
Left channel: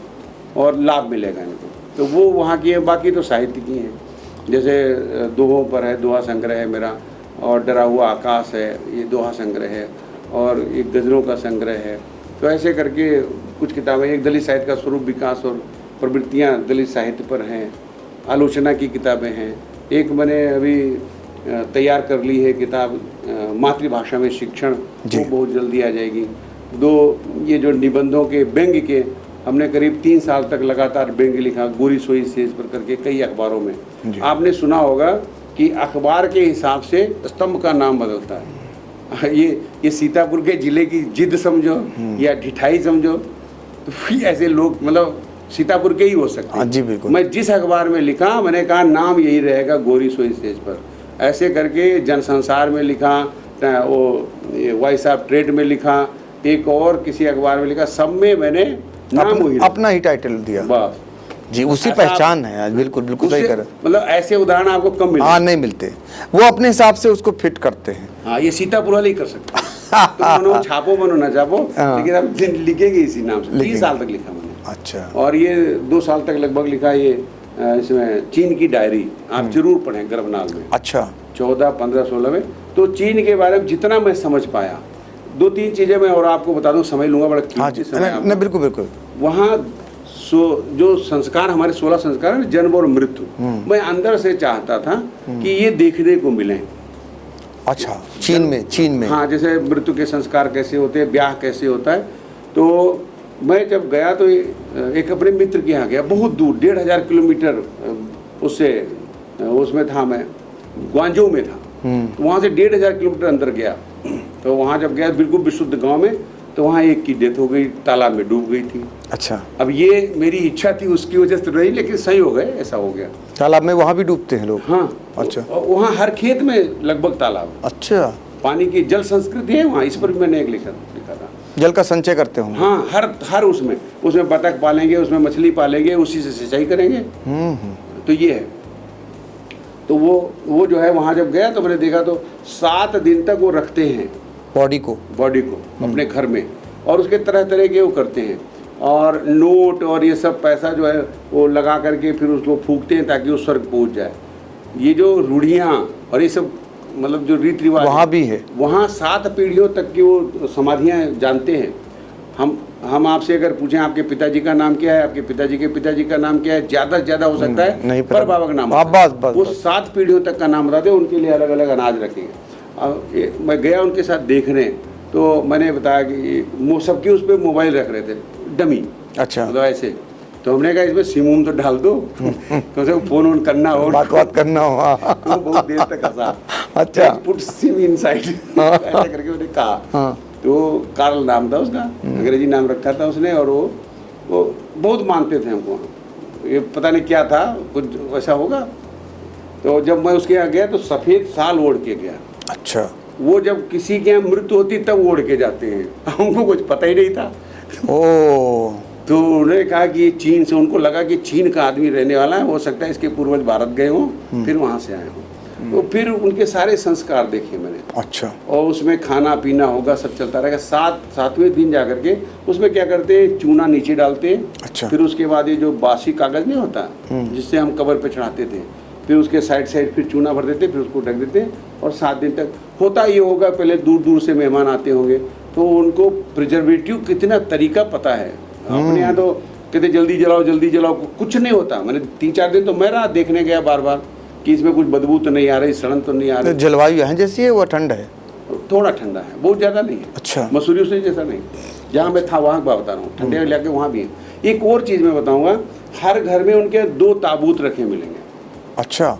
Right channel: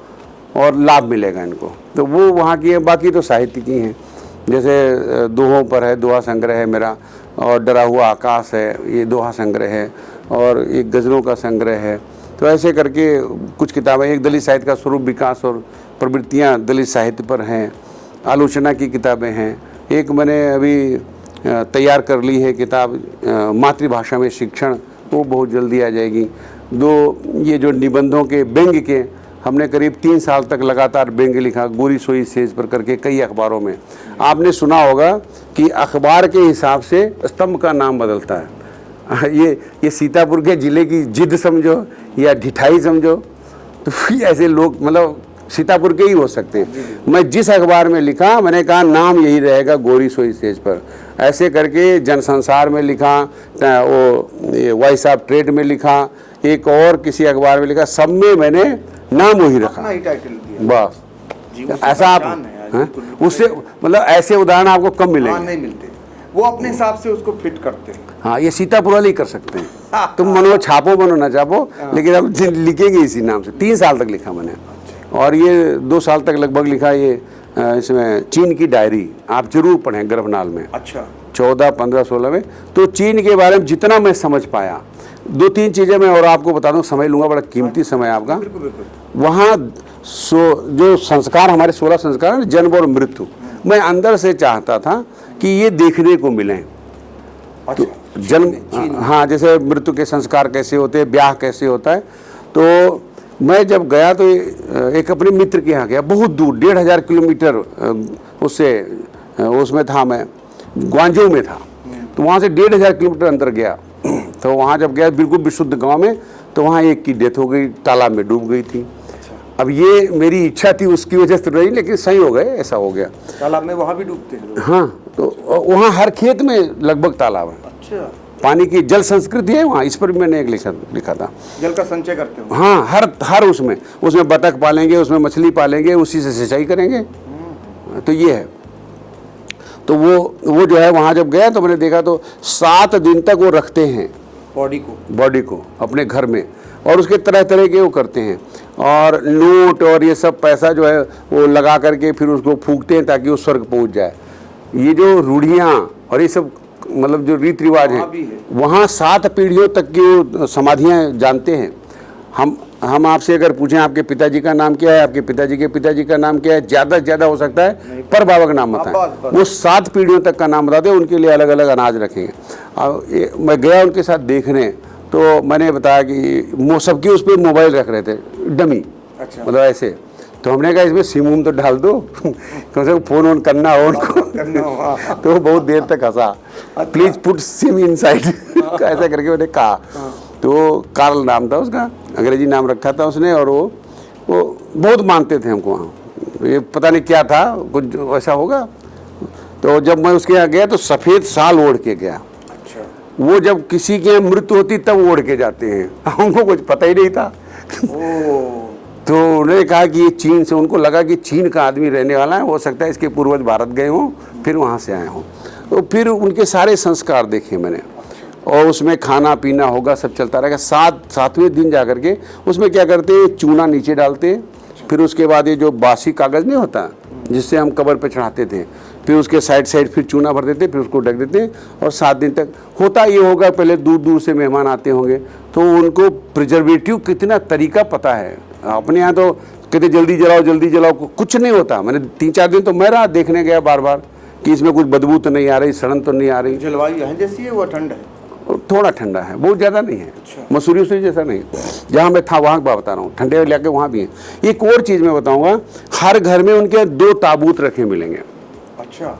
और लाभ मिलेगा इनको। तो वो वहाँ की है, बाकी तो साहित्य की हैं, जैसे दोहों पर है, दोहा संग्रह है मेरा, और डरा हुआ आकाश है, ये दोहा संग्रह है, और एक गज़लों का संग्रह है। तो ऐसे करके कुछ किताबें, एक दलित साहित्य का स्वरूप, विकास और प्रवृत्तियाँ दलित साहित्य पर हैं, आलोचना की किताबें हैं। एक मैंने अभी तैयार कर ली है किताब मातृभाषा में शिक्षण, वो बहुत जल्दी आ जाएगी। दो ये जो निबंधों के व्यंग्य के, हमने करीब 3 साल तक लगातार व्यंग्य लिखा, गोरी सोई सेज पर करके कई अखबारों में। आपने सुना होगा कि अखबार के हिसाब से स्तंभ का नाम बदलता है। ये सीतापुर के जिले की जिद समझो या ढिठाई समझो, तो ऐसे लोग मतलब सीतापुर के ही हो सकते हैं। मैं जिस अखबार में लिखा, मैंने कहा नाम यही रहेगा, गोरी सोई सेज पर। ऐसे करके जनसंसार में लिखा, वो ये वॉइस ऑफ ट्रेड में लिखा, एक और किसी अखबार में लिखा, सब में मैंने नाम वही रखा, अपना ही टाइटल दिया। बस जी, उससे पहचान है। बिल्कुल बिल्कुल, उससे मतलब ऐसे उदाहरण आपको कम मिले। हाँ, नहीं मिलते, वो अपने हिसाब से उसको फिट करते हैं। हाँ, ये सीतापुर वाले ही कर सकते हैं। तुम मनो छापो बनो ना छापो, लेकिन हम लिखेंगे इसी नाम से। 3 साल तक लिखा मैंने। अच्छा। और ये 2 साल तक लगभग लिखा। ये इसमें चीन की डायरी आप जरूर पढ़ें, गर्भनाल में। अच्छा। 14, 15, 16 में। तो चीन के बारे में जितना मैं समझ पाया, 2-3 चीजें मैं और आपको बता दूं, समय लूंगा, बड़ा कीमती समय आपका। बिल्कुल बिल्कुल। वहाँ जो संस्कार, हमारे 16 संस्कार है, जन्म और मृत्यु, मैं अंदर से चाहता था कि ये देखने को मिले। अच्छा, चीन में। हाँ, जैसे मृत्यु के संस्कार कैसे होते हैं, ब्याह कैसे होता है। तो मैं जब गया तो एक अपने मित्र के यहाँ गया, बहुत दूर, 1500 किलोमीटर उससे, उसमें था, मैं ग्वांजो में था। तो वहाँ से 1500 किलोमीटर अंदर गया। तो वहाँ जब गया बिल्कुल विशुद्ध गांव में, तो वहाँ एक की डेथ हो गई, तालाब में डूब गई थी। अच्छा। अब ये मेरी इच्छा थी, उसकी वजह से रही, लेकिन सही हो गए, ऐसा हो गया। तालाब में वहाँ भी डूबते हैं लोग? हाँ। अच्छा। वहाँ हर खेत में लगभग तालाब है। अच्छा। पानी की जल संस्कृति है वहाँ, इस पर भी मैंने एक लिखा था। जल का संचय करते हो? हाँ, हर उसमें बतख पालेंगे, उसमें मछली पालेंगे, उसी से सिंचाई करेंगे। तो ये है। तो वो जो है, वहाँ जब गया तो मैंने देखा तो 7 दिन तक वो रखते हैं बॉडी को अपने घर में, और उसके तरह तरह के वो करते हैं, और नोट और ये सब पैसा जो है वो लगा करके फिर उसको फूकते हैं ताकि वो स्वर्ग पहुंच जाए। ये जो रूढ़ियाँ और ये सब मतलब जो रीति रिवाज वहाँ भी है, वहाँ 7 पीढ़ियों तक की वो समाधियाँ जानते हैं। हम आपसे अगर पूछें आपके पिताजी का नाम क्या है, आपके पिताजी के पिताजी का नाम क्या है, ज्यादा से ज्यादा हो सकता है पर बाबा का नाम होता है। वो 7 पीढ़ियों तक का नाम बताते हैं, उनके लिए अलग अलग अनाज रखेंगे। अब मैं गया उनके साथ देखने, तो मैंने बताया कि सबके उस पर मोबाइल रख रहे थे, डमी। अच्छा। मतलब ऐसे। तो हमने कहा इसमें सिम उम तो डाल दो, कम से कम फोन ऑन करना हो, बात करना हो। तो बहुत देर तक हंसा। प्लीज पुट सिम इनसाइड, ऐसा करके मैंने कहा। तो कार्ल नाम था उसका, अंग्रेजी नाम रखा था उसने, और वो बहुत मानते थे हमको वहाँ। ये पता नहीं क्या था, कुछ ऐसा होगा। तो जब मैं उसके यहाँ गया तो सफ़ेद साल ओढ़ के गया। अच्छा। वो जब किसी की मृत्यु होती तब ओढ़ के जाते हैं, हमको कुछ पता ही नहीं था। ओ। तो उन्होंने कहा कि ये चीन से, उनको लगा कि चीन का आदमी रहने वाला है, हो सकता है इसके पूर्वज भारत गए हों, फिर वहाँ से आए हों। तो फिर उनके सारे संस्कार देखे मैंने। अच्छा। और उसमें खाना पीना होगा, सब चलता रहेगा। 7वें दिन जा करके उसमें क्या करते हैं, चूना नीचे डालते हैं। अच्छा। फिर उसके बाद ये जो बासी कागज नहीं होता जिससे हम कब्र पे चढ़ाते थे, फिर उसके साइड फिर चूना भर देते, फिर उसको ढक देते, और 7 दिन तक होता ये होगा। पहले दूर दूर से मेहमान आते होंगे, तो उनको प्रिजर्वेटिव कितना तरीका पता है। अपने यहाँ तो कहते जल्दी जलाओ, कुछ नहीं होता। मैंने 3-4 दिन तो मैं रहा, देखने गया बार बार, कि इसमें कुछ बदबू तो नहीं आ रही, सड़न तो नहीं आ तो रही। जलवायु यहाँ जैसी है वो ठंड है? थोड़ा ठंडा है, बहुत ज्यादा नहीं है। अच्छा। मसूरी से जैसा नहीं, जहाँ मैं था वहाँ का बता रहा हूँ, ठंडे इलाके वहाँ भी है। एक और चीज मैं बताऊंगा, हर घर में उनके 2 ताबूत रखे मिलेंगे। अच्छा।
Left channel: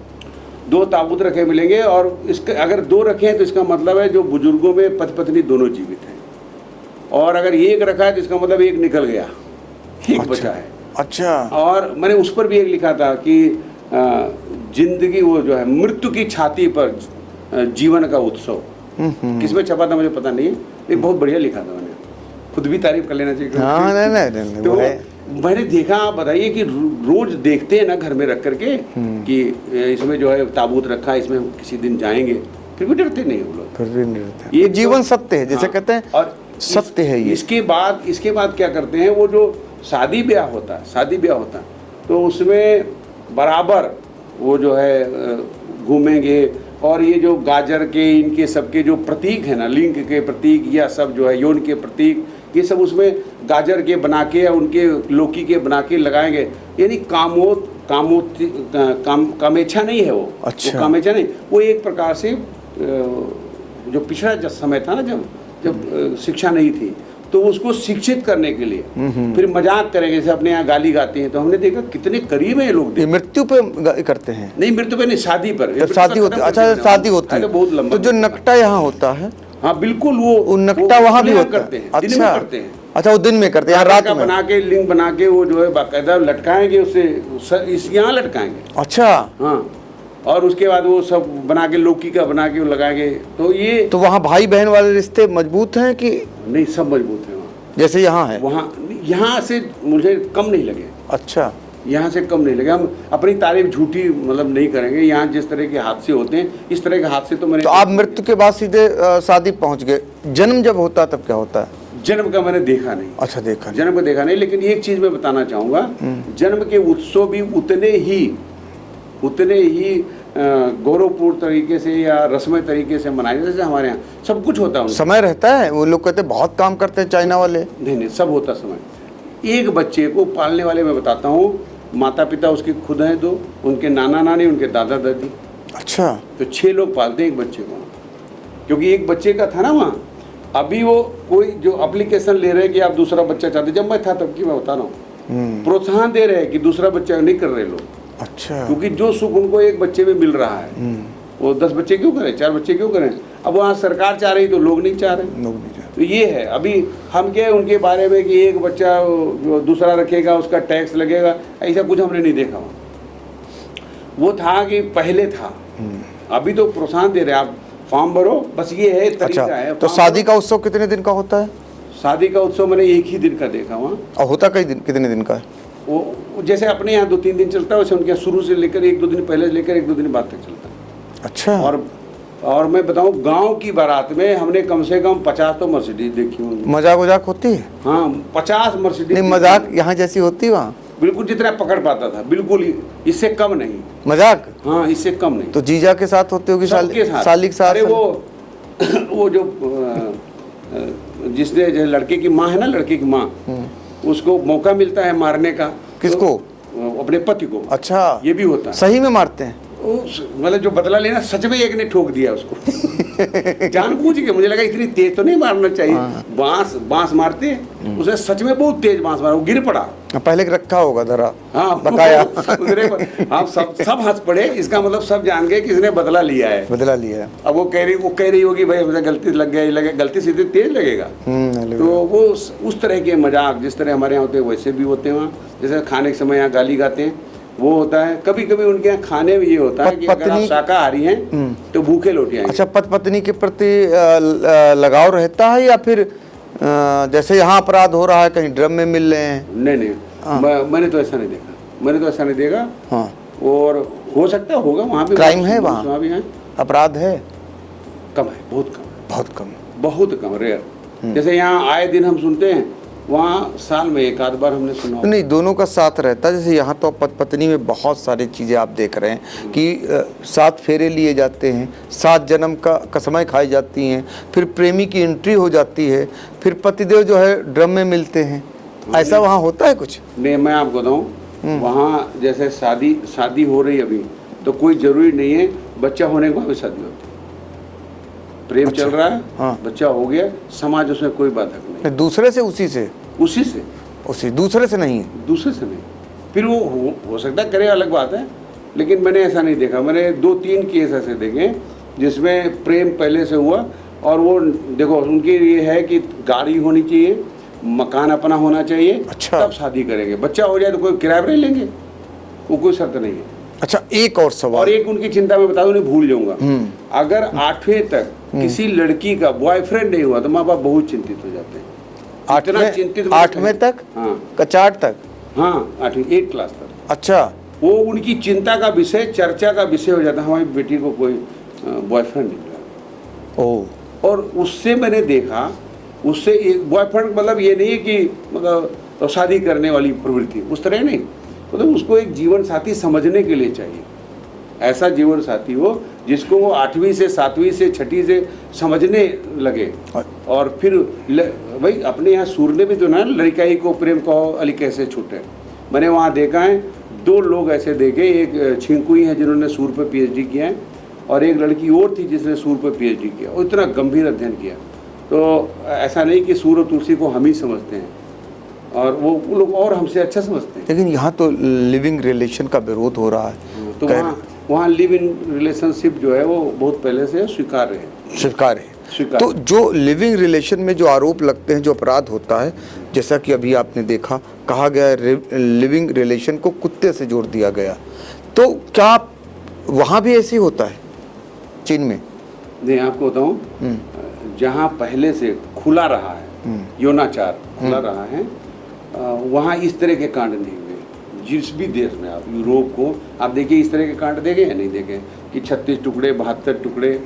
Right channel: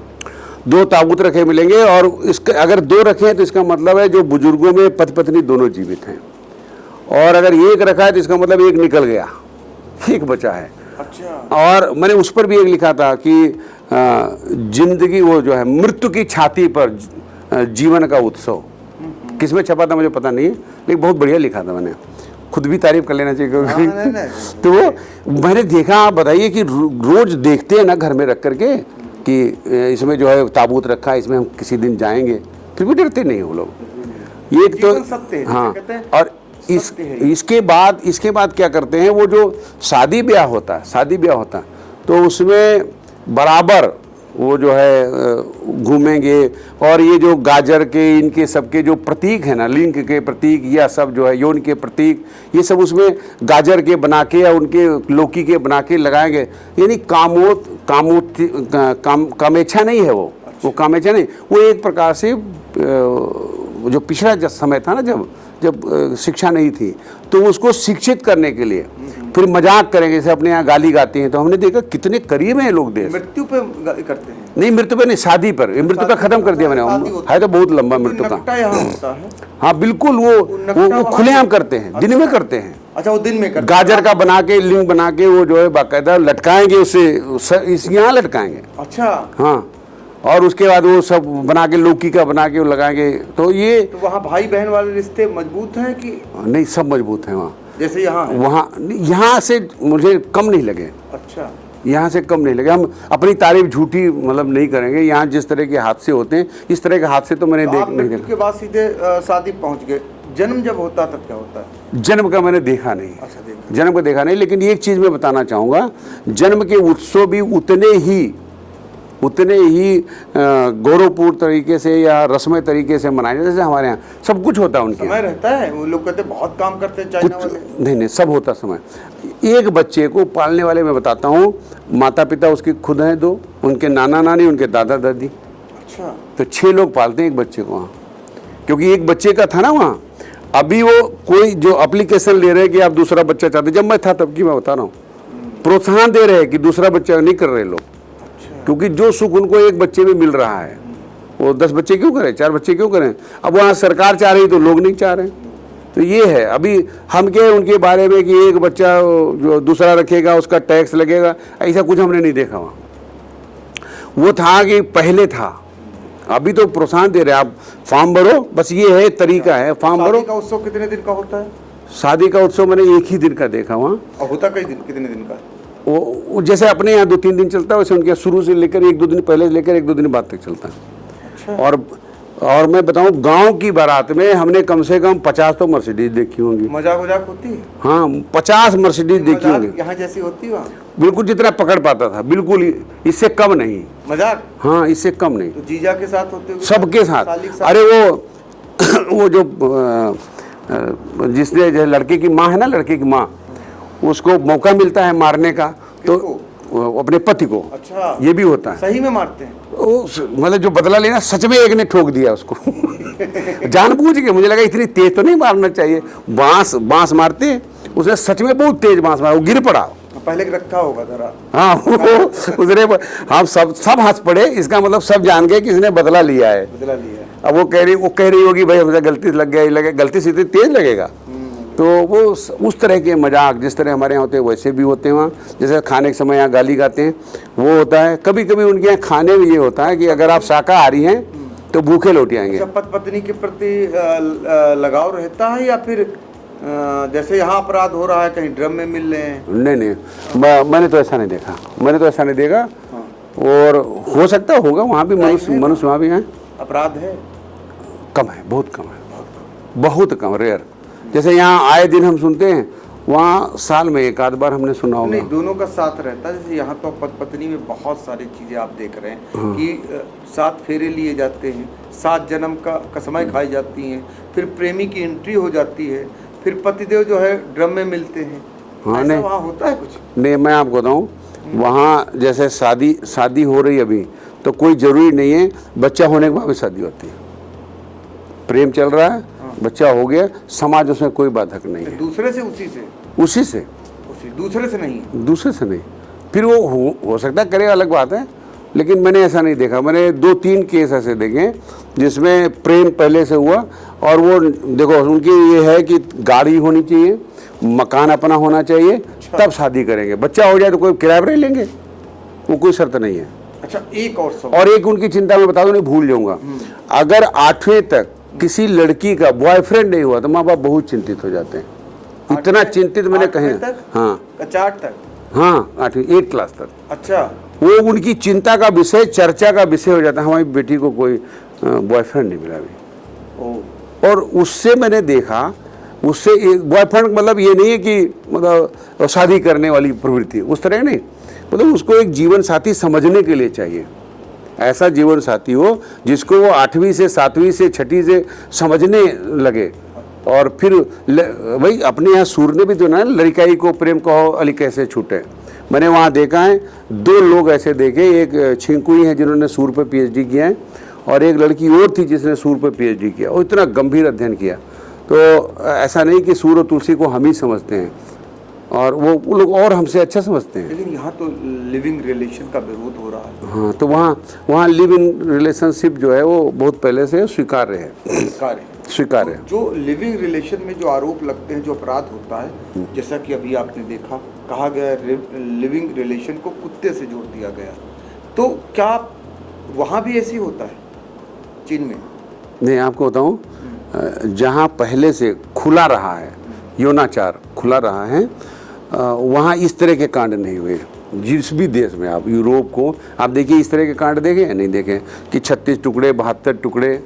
2 ताबूत रखे मिलेंगे, और इसका अगर 2 रखे हैं तो इसका मतलब है जो बुजुर्गों में पति पत्नी दोनों जीवित हैं, और अगर एक रखा है तो इसका मतलब एक निकल गया, एक बचा है। अच्छा। और मैंने उस पर भी एक लिखा था कि जिंदगी वो जो है मृत्यु की छाती पर जीवन का उत्सव, किसमें छपा था मुझे पता नहीं है, लेकिन बहुत बढ़िया लिखा था मैंने, खुद भी तारीफ कर लेना चाहिए। हाँ, नहीं, तो मैंने देखा, आप बताइए कि रोज देखते हैं ना घर में रख करके कि इसमें जो है ताबूत रखा है, इसमें हम किसी दिन जाएंगे, फिर भी डरते नहीं वो लोग। फिर भी नहीं रहता। ये जीवन सत्य है, जैसे कहते हैं, और सत्य है ये। इसके बाद क्या करते हैं, वो जो शादी ब्याह होता है तो उसमें बराबर वो जो है घूमेंगे, और ये जो गाजर के इनके सबके जो प्रतीक है ना, लिंग के प्रतीक या सब जो है यौन के प्रतीक, ये सब उसमें गाजर के बना के या उनके लौकी के बना के लगाएंगे। यानी कामेच्छा नहीं है वो। अच्छा। वो कामेच्छा नहीं, वो एक प्रकार से जो पिछड़ा समय था ना, जब शिक्षा नहीं थी, तो उसको शिक्षित करने के लिए फिर मजाक करेंगे, जैसे अपने यहाँ गाली गाते हैं, तो हमने देखा कितने करीब हैं लोग। मृत्यु पे करते हैं? नहीं, मृत्यु पे नहीं, शादी पर। मृत्यु शादी का खत्म कर दिया मैंने। शादी होती है तो बहुत लंबा तो जो मृत्यु का। नकटा यहाँ होता है, हाँ बिल्कुल, वो नकटा वहाँ खुलेआम भी करते हैं, दिन अच्छा। में करते हैं। अच्छा, वो दिन में करते हैं। गाजर का बना के लिंग बना के वो जो है बाकायदा लटकाएंगे, उससे यहाँ लटकाएंगे। अच्छा। हाँ, और उसके बाद वो सब बना के लौकी का बना के वो लगाएंगे। तो ये तो वहाँ भाई बहन वाले रिश्ते मजबूत हैं कि नहीं, सब मजबूत है वहाँ। जैसे यहाँ है? वहाँ यहाँ से मुझे कम नहीं लगे, अच्छा। यहाँ से कम नहीं लगे। हम अपनी तारीफ झूठी मतलब नहीं करेंगे। यहाँ जिस तरह के हादसे होते हैं, इस तरह के हादसे तो मैंने तो आप मृत्यु के बाद सीधे शादी पहुंच गए। जन्म जब होता है तब क्या होता है? जन्म का मैंने देखा नहीं। अच्छा, देखा। जन्म को देखा नहीं, लेकिन एक चीज मैं बताना चाहूंगा, जन्म के उत्सव भी उतने ही गौरवपूर्ण तरीके से या रस्मय तरीके से मनाए, जैसे हमारे यहाँ सब कुछ होता है। उनके समय रहता है, वो लोग कहते हैं बहुत काम करते हैं चाइना वाले। नहीं, सब होता समय। एक बच्चे को पालने वाले मैं बताता हूँ, माता पिता उसके खुद हैं 2, उनके नाना नानी, उनके दादा दादी। अच्छा। तो 6 लोग पालते हैं एक बच्चे को वहाँ, क्योंकि एक बच्चे का था ना वहाँ। अभी वो कोई जो एप्लीकेशन ले रहे हैं कि आप दूसरा बच्चा चाहते, जब मैं था तब की मैं बता रहा हूँ, प्रोत्साहन दे रहे हैं कि दूसरा बच्चा नहीं कर रहे लोग। अच्छा। क्योंकि जो सुख उनको एक बच्चे में मिल रहा है, वो 10 बच्चे क्यों करें, 4 बच्चे क्यों करें। अब वहाँ सरकार चाह रही तो लोग नहीं चाह रहे। तो ये है, अभी हम क्या उनके बारे में कि एक बच्चा जो दूसरा रखेगा उसका टैक्स लगेगा, ऐसा कुछ हमने नहीं देखा वहाँ। वो था कि पहले था, अभी तो प्रोत्साहन दे रहे हैं, आप फॉर्म भरो, बस ये है तरीका है। तो शादी का उत्सव कितने दिन का होता है? शादी का उत्सव मैंने एक ही दिन का देखा वहाँ। और होता कितने दिन का है? वो जैसे अपने यहाँ 2-3 दिन चलता है, वैसे उनके शुरू से लेकर 1-2 दिन पहले से लेकर 1-2 दिन बाद तक चलता है। अच्छा। और मैं बताऊं, गांव की बारात में हमने कम से कम 50 तो मर्सिडीज देखी होंगी। मजाक वजाक होती है? हाँ, 50 मर्सिडीज। मजाक यहाँ जैसी होती है वहाँ? बिल्कुल जितना पकड़ पाता था, बिल्कुल इससे कम नहीं। मजाक? हाँ, इससे कम नहीं। तो जीजा के साथ होती होगी? सबके साथ। साली के साथ? अरे वो जो जिसने जो लड़के की माँ है ना, लड़के की माँ, उसको मौका मिलता है मारने का। किसको? तो अपने पति को। अच्छा, ये भी होता है। सही में मारते हैं? मतलब जो बदला लेना, सच में एक ने ठोक दिया उसको जानबूझ के। मुझे लगा इतनी तेज तो नहीं मारना चाहिए। बांस मारते, उसने सच में बहुत तेज बांस मारा, वो गिर पड़ा। पहले रखा होगा धरा। हाँ, उसने हम सब हंस पड़े। इसका मतलब सब जान गए कि इसने बदला लिया है। बदला लिया है। अब वो कह रही होगी भाई मुझे गलती लग गई, गलती से तेज लगेगा। तो वो उस तरह के मजाक जिस तरह हमारे यहाँ होते हैं वैसे भी होते हैं वहाँ। जैसे खाने के समय यहाँ गाली गाते हैं, वो होता है। कभी कभी उनके यहाँ खाने में ये होता है कि अगर आप शाकाहारी हैं तो भूखे लौट आएंगे। अच्छा, पत्नी के प्रति लगाव रहता है या फिर जैसे यहाँ अपराध हो रहा है कहीं ड्रम में मिल रहे हैं? नहीं, मैंने तो ऐसा नहीं देखा। हाँ। और हो सकता होगा वहाँ भी क्राइम है, वहाँ भी है, अपराध है? कम है, बहुत कम है, बहुत कम, रेयर। जैसे यहाँ आए दिन हम सुनते हैं, वहाँ साल में 1 आध बार हमने सुना होगा। नहीं, दोनों का साथ रहता है। जैसे यहाँ तो पत्नी में बहुत सारी चीज़ें आप देख रहे हैं कि 7 फेरे लिए जाते हैं, 7 जन्म का कसमें खाई जाती हैं, फिर प्रेमी की एंट्री हो जाती है, फिर पतिदेव जो है ड्रम में मिलते हैं। ऐसा वहाँ होता है कुछ? नहीं, मैं आपको बताऊँ, वहाँ जैसे शादी हो रही अभी, तो कोई जरूरी नहीं है बच्चा होने के बाद भी शादी होती है। प्रेम चल रहा है, हाँ। बच्चा हो गया, समाज उसमें कोई बाधक नहीं है। दूसरे से उसी से उसी दूसरे से नहीं है। दूसरे से नहीं। फिर वो हो सकता है करे, अलग बात है, लेकिन मैंने ऐसा नहीं देखा। मैंने 2-3 केस ऐसे देखे जिसमें प्रेम पहले से हुआ, और वो देखो उनकी ये है कि गाड़ी होनी चाहिए, मकान अपना होना चाहिए, अच्छा। तब शादी करेंगे। बच्चा हो जाए तो कोई किराए पर लेंगे, वो कोई शर्त नहीं है। अच्छा, एक और सवाल, और एक उनकी चिंता मैं बता दूं, नहीं भूल जाऊंगा, अगर 8वीं तक किसी लड़की का बॉयफ्रेंड नहीं हुआ तो माँ बाप बहुत चिंतित हो जाते हैं। इतना चिंतित मैंने 8वें तक, हाँ, कचाट तक, हाँ 8वीं 8 क्लास तक। अच्छा, वो उनकी चिंता का विषय, चर्चा का विषय हो जाता है, हमारी बेटी को कोई बॉयफ्रेंड नहीं मिला अभी। ओ, और उससे मैंने देखा, उससे बॉयफ्रेंड मतलब ये नहीं है कि मतलब शादी करने वाली प्रवृत्ति, उस तरह नहीं, मतलब उसको एक जीवन साथी समझने के लिए चाहिए। ऐसा जीवन साथी हो जिसको वो 8वीं से 7वीं से 6ठी से समझने लगे। और फिर भाई अपने यहाँ सूर ने भी तो ना, लड़काई को प्रेम कहो अली कैसे छूटे। मैंने वहाँ देखा है 2 लोग ऐसे देखे, एक छिंकुई हैं जिन्होंने सूर पे PhD किया है, और एक लड़की और थी जिसने सूर पे PhD किया, और इतना गंभीर अध्ययन किया। तो ऐसा नहीं कि सूर और तुलसी को हम ही समझते हैं, और वो लोग और हमसे अच्छा समझते हैं। लेकिन यहाँ तो लिविंग रिलेशन का विरोध हो रहा है। हाँ, तो वहाँ लिव इन रिलेशनशिप जो है वो बहुत पहले से स्वीकार्य है। स्वीकार्य। तो जो लिविंग रिलेशन में जो आरोप लगते हैं, जो अपराध होता है, जैसा कि अभी आपने देखा, कहा गया लिविंग रिलेशन को कुत्ते से जोड़ दिया गया, तो क्या वहाँ भी ऐसे ही होता है चीन में? नहीं, आपको बताऊं, जहाँ पहले से खुला रहा है, यौनाचार खुला रहा है, वहाँ इस तरह के कांड नहीं हुए। जिस भी देश में आप यूरोप को आप देखिए, इस तरह के कांड देखे या नहीं देखे कि 36 टुकड़े 72 टुकड़े,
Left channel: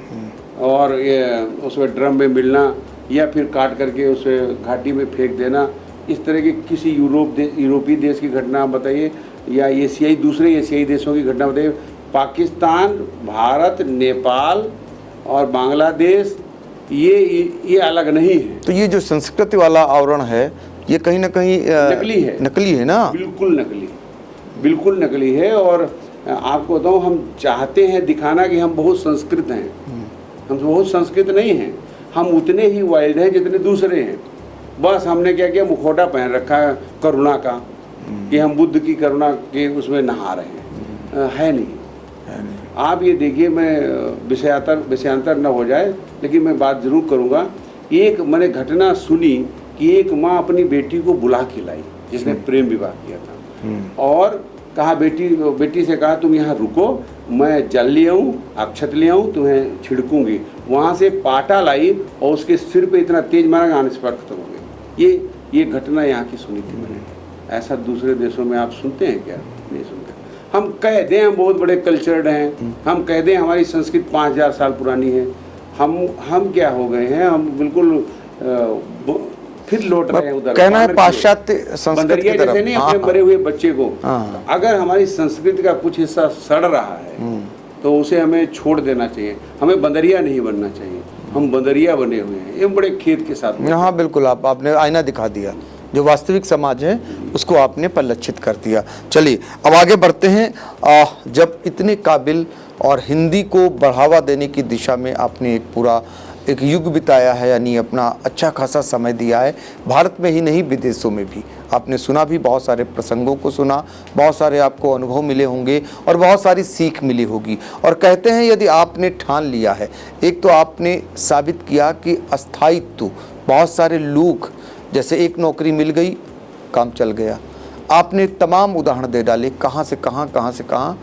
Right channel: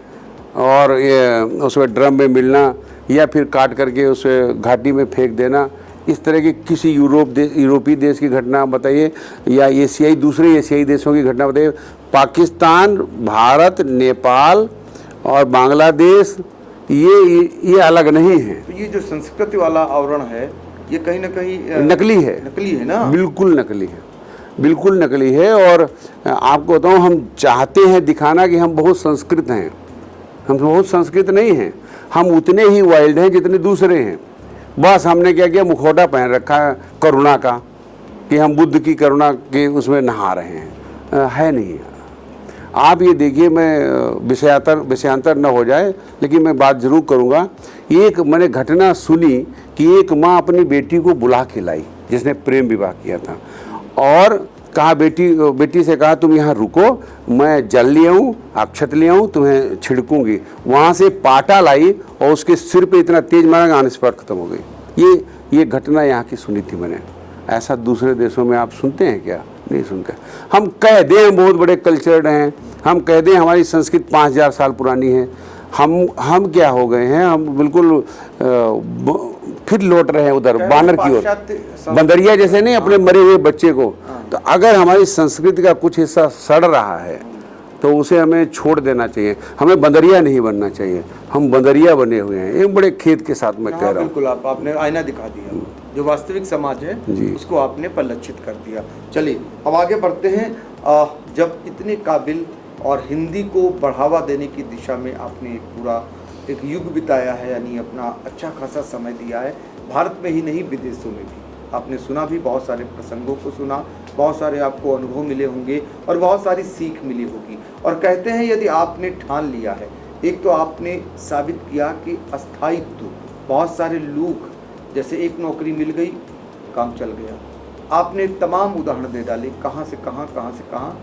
और ये उसमें ड्रम में मिलना, या फिर काट करके उसे घाटी में फेंक देना। इस तरह के किसी यूरोपीय देश की घटना बताइए, या दूसरे एशियाई देशों की घटना बताइए। पाकिस्तान, भारत, नेपाल और बांग्लादेश ये अलग नहीं है। तो ये जो संस्कृति वाला आवरण है, ये कहीं ना कहीं नकली है ना? बिल्कुल नकली है, बिल्कुल नकली है। और आपको बताऊं, हम चाहते हैं दिखाना कि हम बहुत संस्कृत हैं, हम बहुत संस्कृत नहीं हैं। हम उतने ही वाइल्ड हैं जितने दूसरे हैं। बस हमने क्या किया, मुखौटा पहन रखा है करुणा का, कि हम बुद्ध की करुणा के उसमें नहा रहे हैं। है नहीं। आप ये देखिए, मैं विषयांतर न हो जाए, लेकिन मैं बात जरूर करूँगा। एक मैंने घटना सुनी कि एक माँ अपनी बेटी को बुला के लाई जिसने प्रेम विवाह किया था, और कहा बेटी से कहा, तुम यहाँ रुको, मैं जल ले आऊँ, अक्षत ले आऊँ, तुम्हें छिड़कूंगी। वहाँ से पाटा लाई और उसके सिर पे इतना तेज मारा, अनस्पर्ट खत्म हो गई। ये घटना यहाँ की सुनी थी मैंने। ऐसा दूसरे देशों में आप सुनते हैं क्या? नहीं सुनते। हम कह दें हम बहुत बड़े कल्चर्ड हैं, हम कह दें हमारी संस्कृति 5000 साल पुरानी है, हम क्या हो गए हैं, हम बिल्कुल फिर लौट रहे हैं उधर पाश्चात्य बंदरिया जैसे नहीं, अपने मरे हुए बच्चे को। तो अगर हमारी संस्कृति का कुछ हिस्सा सड़ रहा है तो उसे हमें छोड़ देना चाहिए। हमें बंदरिया नहीं बनना चाहिए, हम बंदरिया बने हुए हैं। ये बड़े खेद के साथ में। हाँ बिल्कुल, आपने आईना दिखा दिया, जो वास्तविक समाज है उसको आपने परिलक्षित कर दिया। चलिए अब आगे बढ़ते हैं। जब इतने काबिल और हिंदी को बढ़ावा देने की दिशा में आपने एक युग बिताया है, यानी अपना अच्छा खासा समय दिया है, भारत में ही नहीं विदेशों में भी आपने सुना भी, बहुत सारे प्रसंगों को सुना, बहुत सारे आपको अनुभव मिले होंगे और बहुत सारी सीख मिली होगी। और कहते हैं यदि आपने ठान लिया है, एक तो आपने साबित किया कि अस्थायित्व, बहुत सारे लोग, जैसे एक नौकरी मिल गई काम चल गया, आपने तमाम उदाहरण दे डाले, कहाँ से कहाँ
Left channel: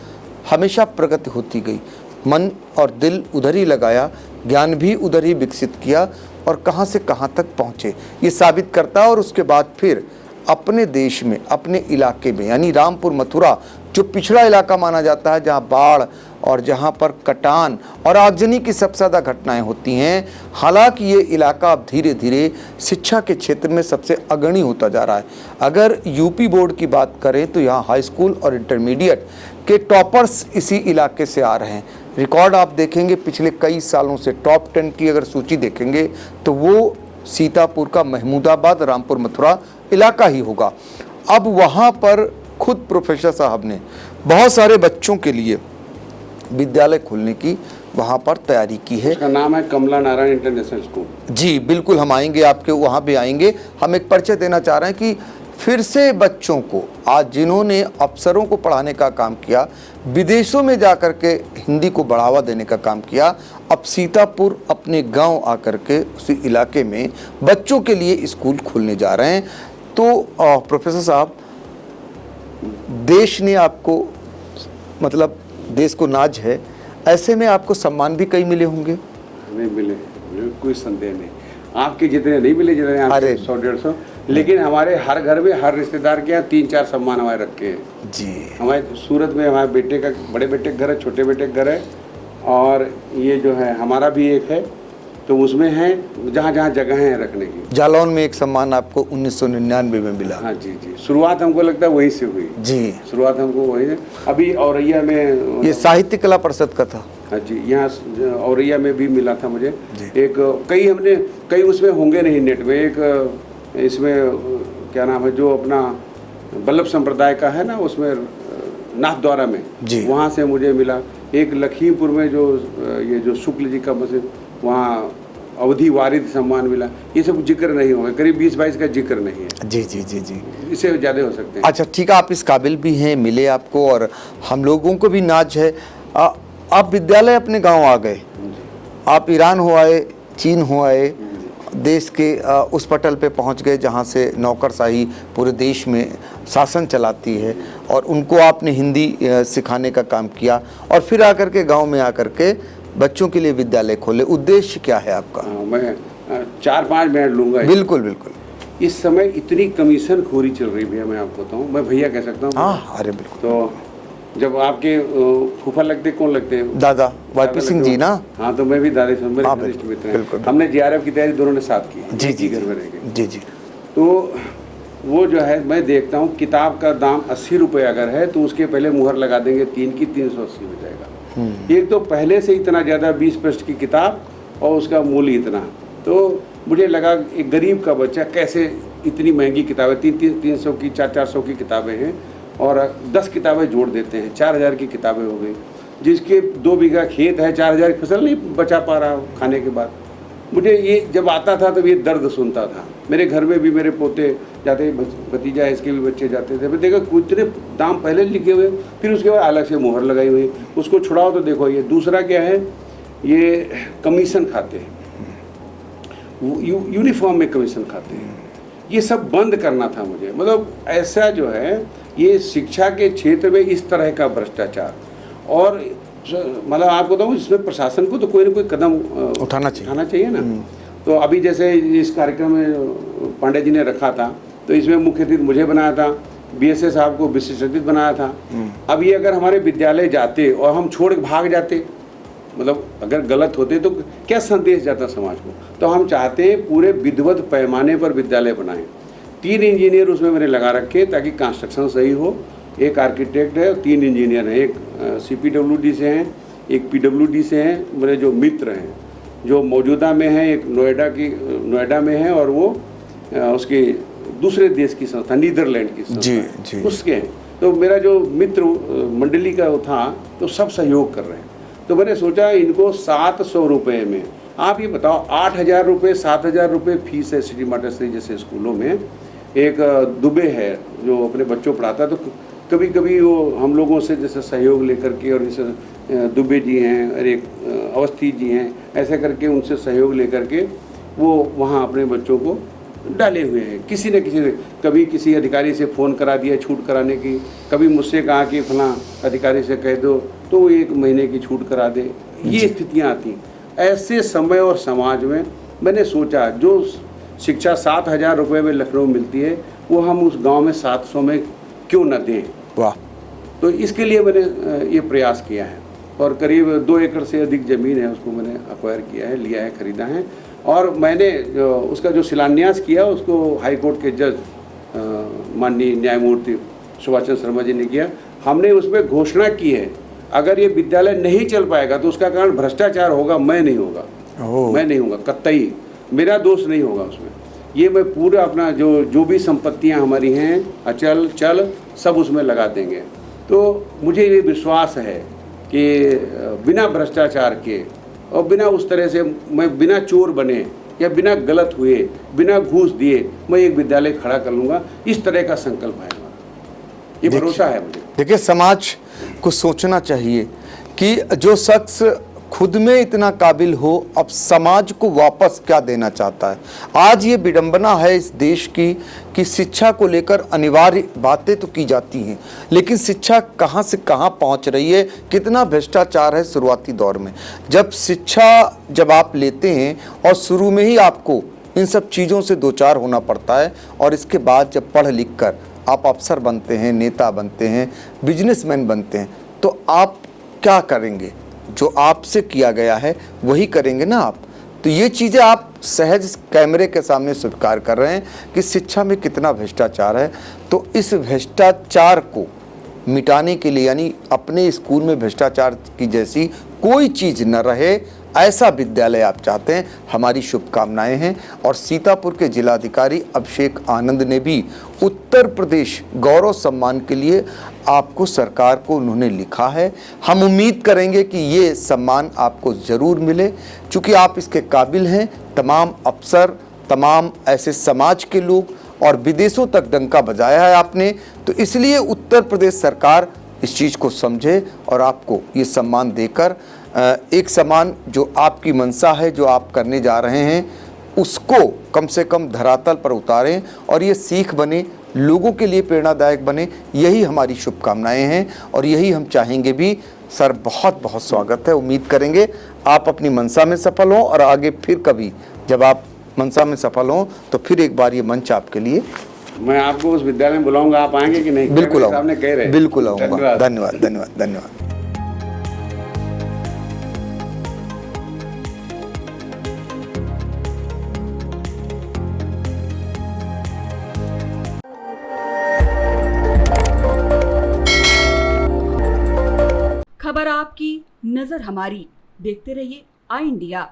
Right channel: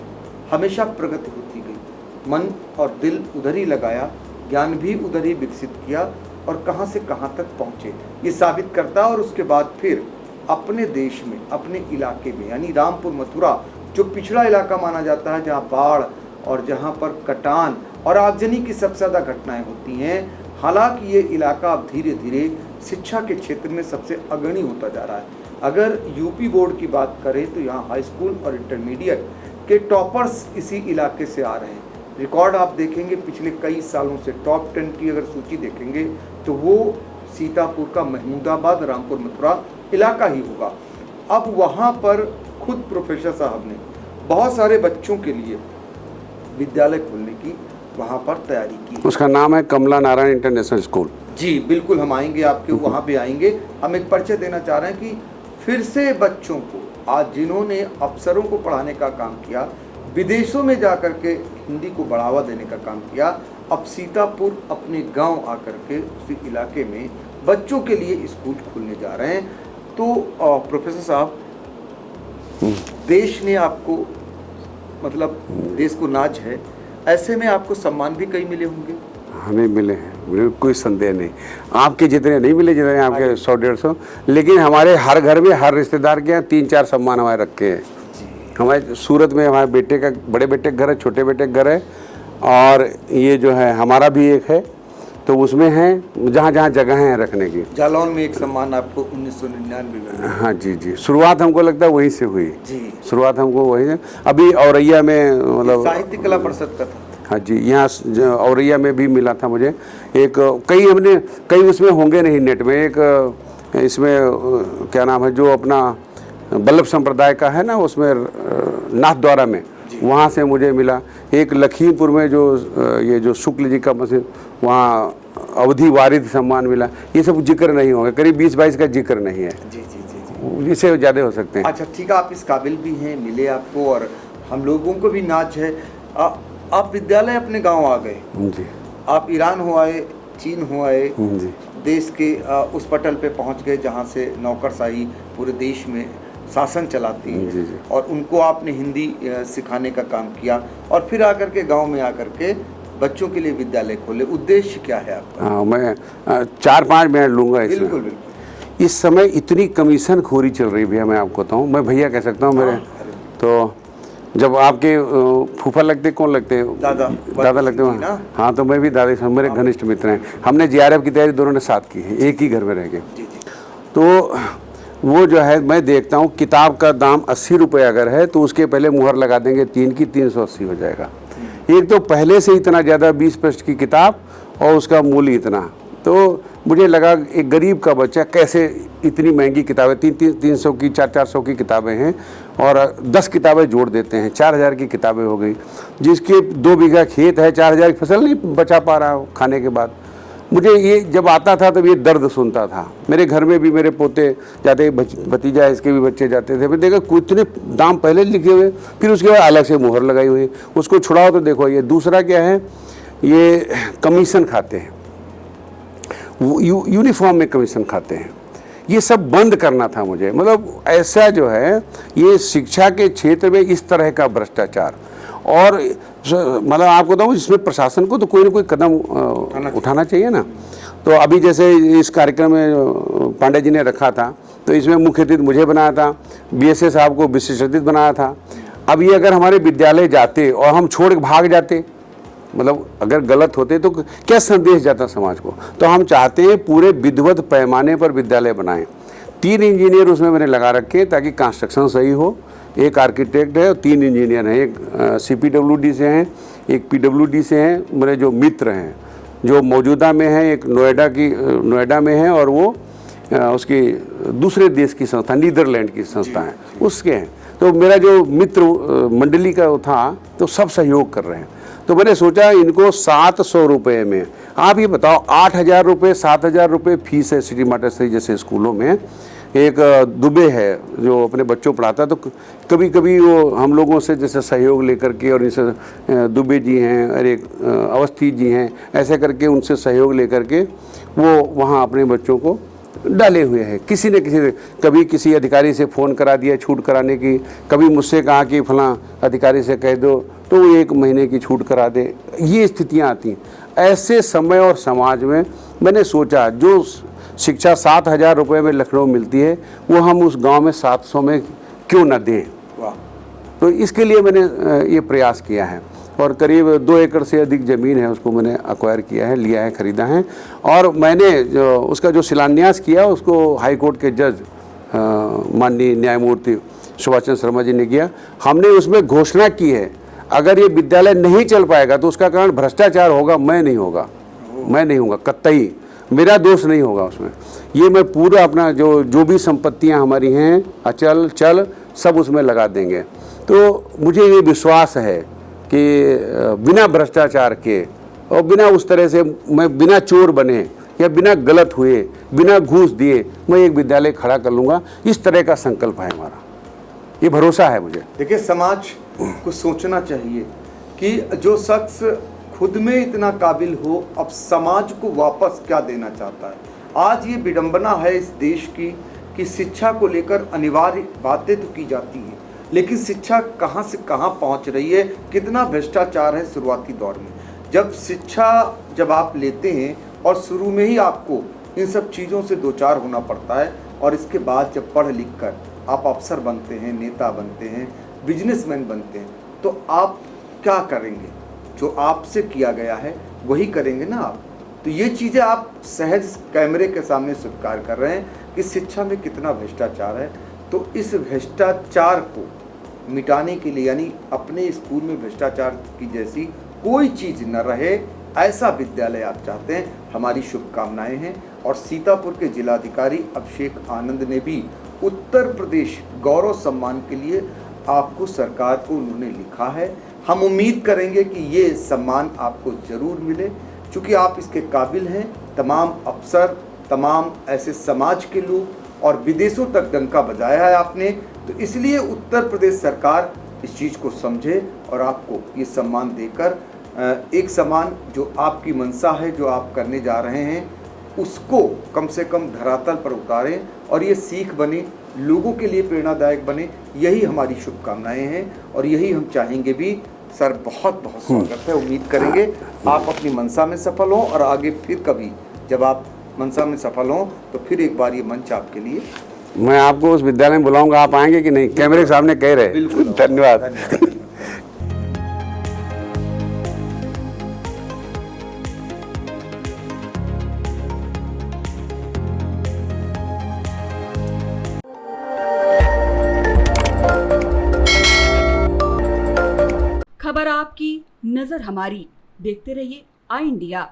हमेशा प्रगति होती गई, मन और दिल उधर ही लगाया, ज्ञान भी उधर ही विकसित किया और कहाँ से कहाँ तक पहुँचे, ये साबित करता है। और उसके बाद फिर अपने देश में, अपने इलाके में, यानी रामपुर मथुरा जो पिछड़ा इलाका माना जाता है, जहाँ बाढ़ और जहाँ पर कटान और आगजनी की सबसे ज़्यादा घटनाएं होती हैं, हालांकि ये इलाका अब धीरे धीरे शिक्षा के क्षेत्र में सबसे अग्रणी होता जा रहा है। अगर यूपी बोर्ड की बात करें तो यहाँ हाई स्कूल और इंटरमीडिएट के टॉपर्स इसी इलाके से आ रहे हैं। रिकॉर्ड आप देखेंगे पिछले कई सालों से, टॉप 10 की अगर सूची देखेंगे तो वो सीतापुर का महमूदाबाद, रामपुर मथुरा इलाका ही होगा। अब वहाँ पर खुद प्रोफेसर साहब ने बहुत सारे बच्चों के लिए विद्यालय खोलने की वहाँ पर तैयारी की है। उसका नाम है कमला नारायण इंटरनेशनल स्कूल। जी बिल्कुल, हम आएंगे आपके वहाँ पे आएंगे। हम एक परिचय देना चाह रहे हैं कि फिर से बच्चों को, आज जिन्होंने अफसरों को पढ़ाने का काम किया, विदेशों में जाकर के हिंदी को बढ़ावा देने का काम किया, अब सीतापुर अपने गांव आकर के उसी इलाके में बच्चों के लिए स्कूल खोलने जा रहे हैं। तो प्रोफेसर साहब, देश ने आपको, मतलब देश को नाज है, ऐसे में आपको सम्मान भी कई मिले होंगे। हमें मिले हैं, मुझे कोई संदेह नहीं। आपके जितने नहीं मिले, जितने आपके अरे। 100-150, लेकिन हमारे हर घर में, हर रिश्तेदार के यहाँ 3-4 सम्मान हमारे रखे हैं। जी, हमारे सूरत में हमारे बेटे का, बड़े बेटे का घर है, छोटे बेटे का घर है, और ये जो है हमारा भी एक है, तो उसमें है जहाँ जहाँ जगह है रखने की। जालौन में एक सम्मान आपको 1999 में मिला। हाँ जी जी, शुरुआत हमको लगता है वहीं से हुई। जी, शुरुआत हमको वहीं से, अभी औरैया में ये मतलब, साहित्य कला परिषद का था। हाँ जी, यहाँ औरैया में भी मिला था मुझे एक। कई उसमें होंगे नहीं नेट में, एक इसमें क्या नाम है, जो अपना बल्लभ संप्रदाय का है ना, उसमें नाथद्वारा में, वहाँ से मुझे मिला। एक लखीमपुर में जो ये जो शुक्ल जी का मसीह, वहाँ अवधि वारिद सम्मान मिला। ये सब जिक्र नहीं होगा, करीब 20-22 का जिक्र नहीं है। जी जी जी जी, इससे ज़्यादा हो सकते हैं। अच्छा ठीक है, आप इस काबिल भी हैं, मिले आपको, और हम लोगों को भी नाज है। आप विद्यालय अपने गांव आ गए, जी, आप ईरान हो आए, चीन हो आए, जी, देश के उस पटल पे पहुंच गए जहां से नौकरशाही पूरे देश में शासन चलाती है, और उनको आपने हिंदी सिखाने का काम किया, और फिर आकर के गांव में आकर के बच्चों के लिए विद्यालय खोले। उद्देश्य क्या है आपका? मैं 4-5 मिनट लूँगा। बिल्कुल बिल्कुल। इस समय इतनी कमीशन खोरी चल रही है भैया, मैं आपको बताऊँ, मैं भैया कह सकता हूँ। अरे बिल्कुल। तो जब आपके फूफा लगते, कौन लगते हैं? दादा दादा सिंह लगते जी ना। हाँ, तो मैं भी दादा से, मेरे घनिष्ठ मित्र हैं। हमने JRF की तैयारी दोनों ने साथ की है, एक ही घर में रह के। जी जी। तो वो जो है, मैं देखता हूँ किताब का दाम 80 रुपये अगर है, तो उसके पहले मुहर लगा देंगे 3 की, 380 हो जाएगा। एक तो पहले से इतना ज़्यादा 20 पृष्ठ की किताब, और उसका मूल्य इतना। तो मुझे लगा एक गरीब का बच्चा कैसे इतनी महंगी किताबें, 300 की, 400 की किताबें हैं, और 10 किताबें जोड़ देते हैं, 4000 की किताबें हो गई। जिसके 2 बीघा खेत है, 4000 की फसल नहीं बचा पा रहा खाने के बाद। मुझे ये जब आता था तो ये दर्द सुनता था। मेरे घर में भी मेरे पोते जाते, भतीजा इसके भी बच्चे जाते थे, मैं देखा कितने दाम पहले लिखे हुए, फिर उसके बाद अलग से मुहर लगाई हुई, उसको छुड़ाओ तो देखो। ये दूसरा क्या है, ये कमीशन खाते हैं, यूनिफॉर्म में कमीशन खाते हैं। ये सब बंद करना था मुझे, मतलब ऐसा जो है, ये शिक्षा के क्षेत्र में इस तरह का भ्रष्टाचार, और मतलब आपको बताऊँ, इसमें प्रशासन को तो कोई ना कोई कदम उठाना चाहिए ना। तो अभी जैसे इस कार्यक्रम में पांडे जी ने रखा था, तो इसमें मुख्य अतिथि मुझे बनाया था, BSA साहब को विशिष्ट अतिथि बनाया था। अब ये अगर हमारे विद्यालय जाते और हम छोड़ के भाग जाते, मतलब अगर गलत होते, तो क्या संदेश जाता समाज को। तो हम चाहते हैं पूरे विधिवत पैमाने पर विद्यालय बनाएं। 3 इंजीनियर उसमें मैंने लगा रखे, ताकि कंस्ट्रक्शन सही हो। एक आर्किटेक्ट है और 3 इंजीनियर हैं, एक CPWD से हैं, एक PWD से हैं, मेरे जो मित्र हैं, जो मौजूदा में है, एक नोएडा में है, और वो उसकी दूसरे देश की संस्था, नीदरलैंड की संस्था है, उसके हैं। तो मेरा जो मित्र मंडली का था, तो सब सहयोग कर रहे हैं। तो मैंने सोचा इनको 700 रुपये में, आप ये बताओ, 8000 रुपये, 7000 रुपये फीस है सिटी मास्टर जैसे स्कूलों में। एक दुबे है जो अपने बच्चों पढ़ाता, तो कभी कभी वो हम लोगों से जैसे सहयोग लेकर के, और जैसे दुबे जी हैं और एक अवस्थी जी हैं, ऐसे करके उनसे सहयोग लेकर के वो वहाँ अपने बच्चों को डाले हुए हैं। किसी न किसी, कभी किसी अधिकारी से फ़ोन करा दिया छूट कराने की, कभी मुझसे कहा कि फलां अधिकारी से कह दो तो वो 1 महीने की छूट करा दे। ये स्थितियाँ आती। ऐसे समय और समाज में मैंने सोचा, जो शिक्षा 7000 रुपये में लखनऊ मिलती है, वो हम उस गांव में 700 में क्यों न दें। वाह। तो इसके लिए मैंने ये प्रयास किया है, और करीब 2 एकड़ से अधिक ज़मीन है, उसको मैंने एक्वायर किया है, लिया है, ख़रीदा है। और मैंने उसका जो शिलान्यास किया, उसको हाई कोर्ट के जज माननीय न्यायमूर्ति सुभाष चंद्र शर्मा जी ने किया। हमने उसमें घोषणा की है, अगर ये विद्यालय नहीं चल पाएगा तो उसका कारण भ्रष्टाचार होगा, मैं नहीं होगा, कतई मेरा दोष नहीं होगा उसमें। ये मैं पूरा अपना जो भी संपत्तियां हमारी हैं, अचल चल, सब उसमें लगा देंगे। तो मुझे ये विश्वास है कि बिना भ्रष्टाचार के और बिना उस तरह से मैं बिना चोर बने या बिना गलत हुए, बिना घूस दिए मैं एक विद्यालय खड़ा कर लूँगा, इस तरह का संकल्प है हमारा, ये भरोसा है मुझे। देखिए, समाज को सोचना चाहिए कि जो शख्स खुद में इतना काबिल हो, अब समाज को वापस क्या देना चाहता है। आज ये विडंबना है इस देश की कि शिक्षा को लेकर अनिवार्य बातें तो की जाती हैं, लेकिन शिक्षा कहाँ से कहाँ पहुँच रही है, कितना भ्रष्टाचार है शुरुआती दौर में। जब आप लेते हैं और शुरू में ही आपको इन सब चीज़ों से दो चार होना पड़ता है, और इसके बाद जब पढ़ लिख कर आप अफसर बनते हैं, नेता बनते हैं, बिजनेसमैन बनते हैं, तो आप क्या करेंगे? जो आपसे किया गया है वही करेंगे ना आप। तो ये चीज़ें आप सहज कैमरे के सामने स्वीकार कर रहे हैं कि शिक्षा में कितना भ्रष्टाचार है। तो इस भ्रष्टाचार को मिटाने के लिए, यानी अपने स्कूल में भ्रष्टाचार की जैसी कोई चीज़ न रहे, ऐसा विद्यालय आप चाहते हैं, हमारी शुभकामनाएं हैं। और सीतापुर के जिलाधिकारी अभिषेक आनंद ने भी उत्तर प्रदेश गौरव सम्मान के लिए आपको, सरकार को उन्होंने लिखा है। हम उम्मीद करेंगे कि ये सम्मान आपको ज़रूर मिले, क्योंकि आप इसके काबिल हैं। तमाम अफसर, तमाम ऐसे समाज के लोग, और विदेशों तक डंका बजाया है आपने, तो इसलिए उत्तर प्रदेश सरकार इस चीज़ को समझे और आपको ये सम्मान देकर एक सम्मान जो आपकी मंशा है, जो आप करने जा रहे हैं, उसको कम से कम धरातल पर उतारें और ये सीख बने, लोगों के लिए प्रेरणादायक बने। यही हमारी शुभकामनाएं हैं और यही हम चाहेंगे भी। सर, बहुत बहुत स्वागत है। उम्मीद करेंगे आप अपनी मंशा में सफल हों, और आगे फिर कभी जब आप मंशा में सफल हों तो फिर एक बार ये मंच आपके लिए। मैं आपको उस विद्यालय में बुलाऊंगा, आप आएंगे कि नहीं? कैमरे सामने कह रहे हैं। बिल्कुल, धन्यवाद धन्यवाद धन्यवाद धन्यवाद। खबर आपकी, नजर हमारी। देखते रहिए आई इंडिया।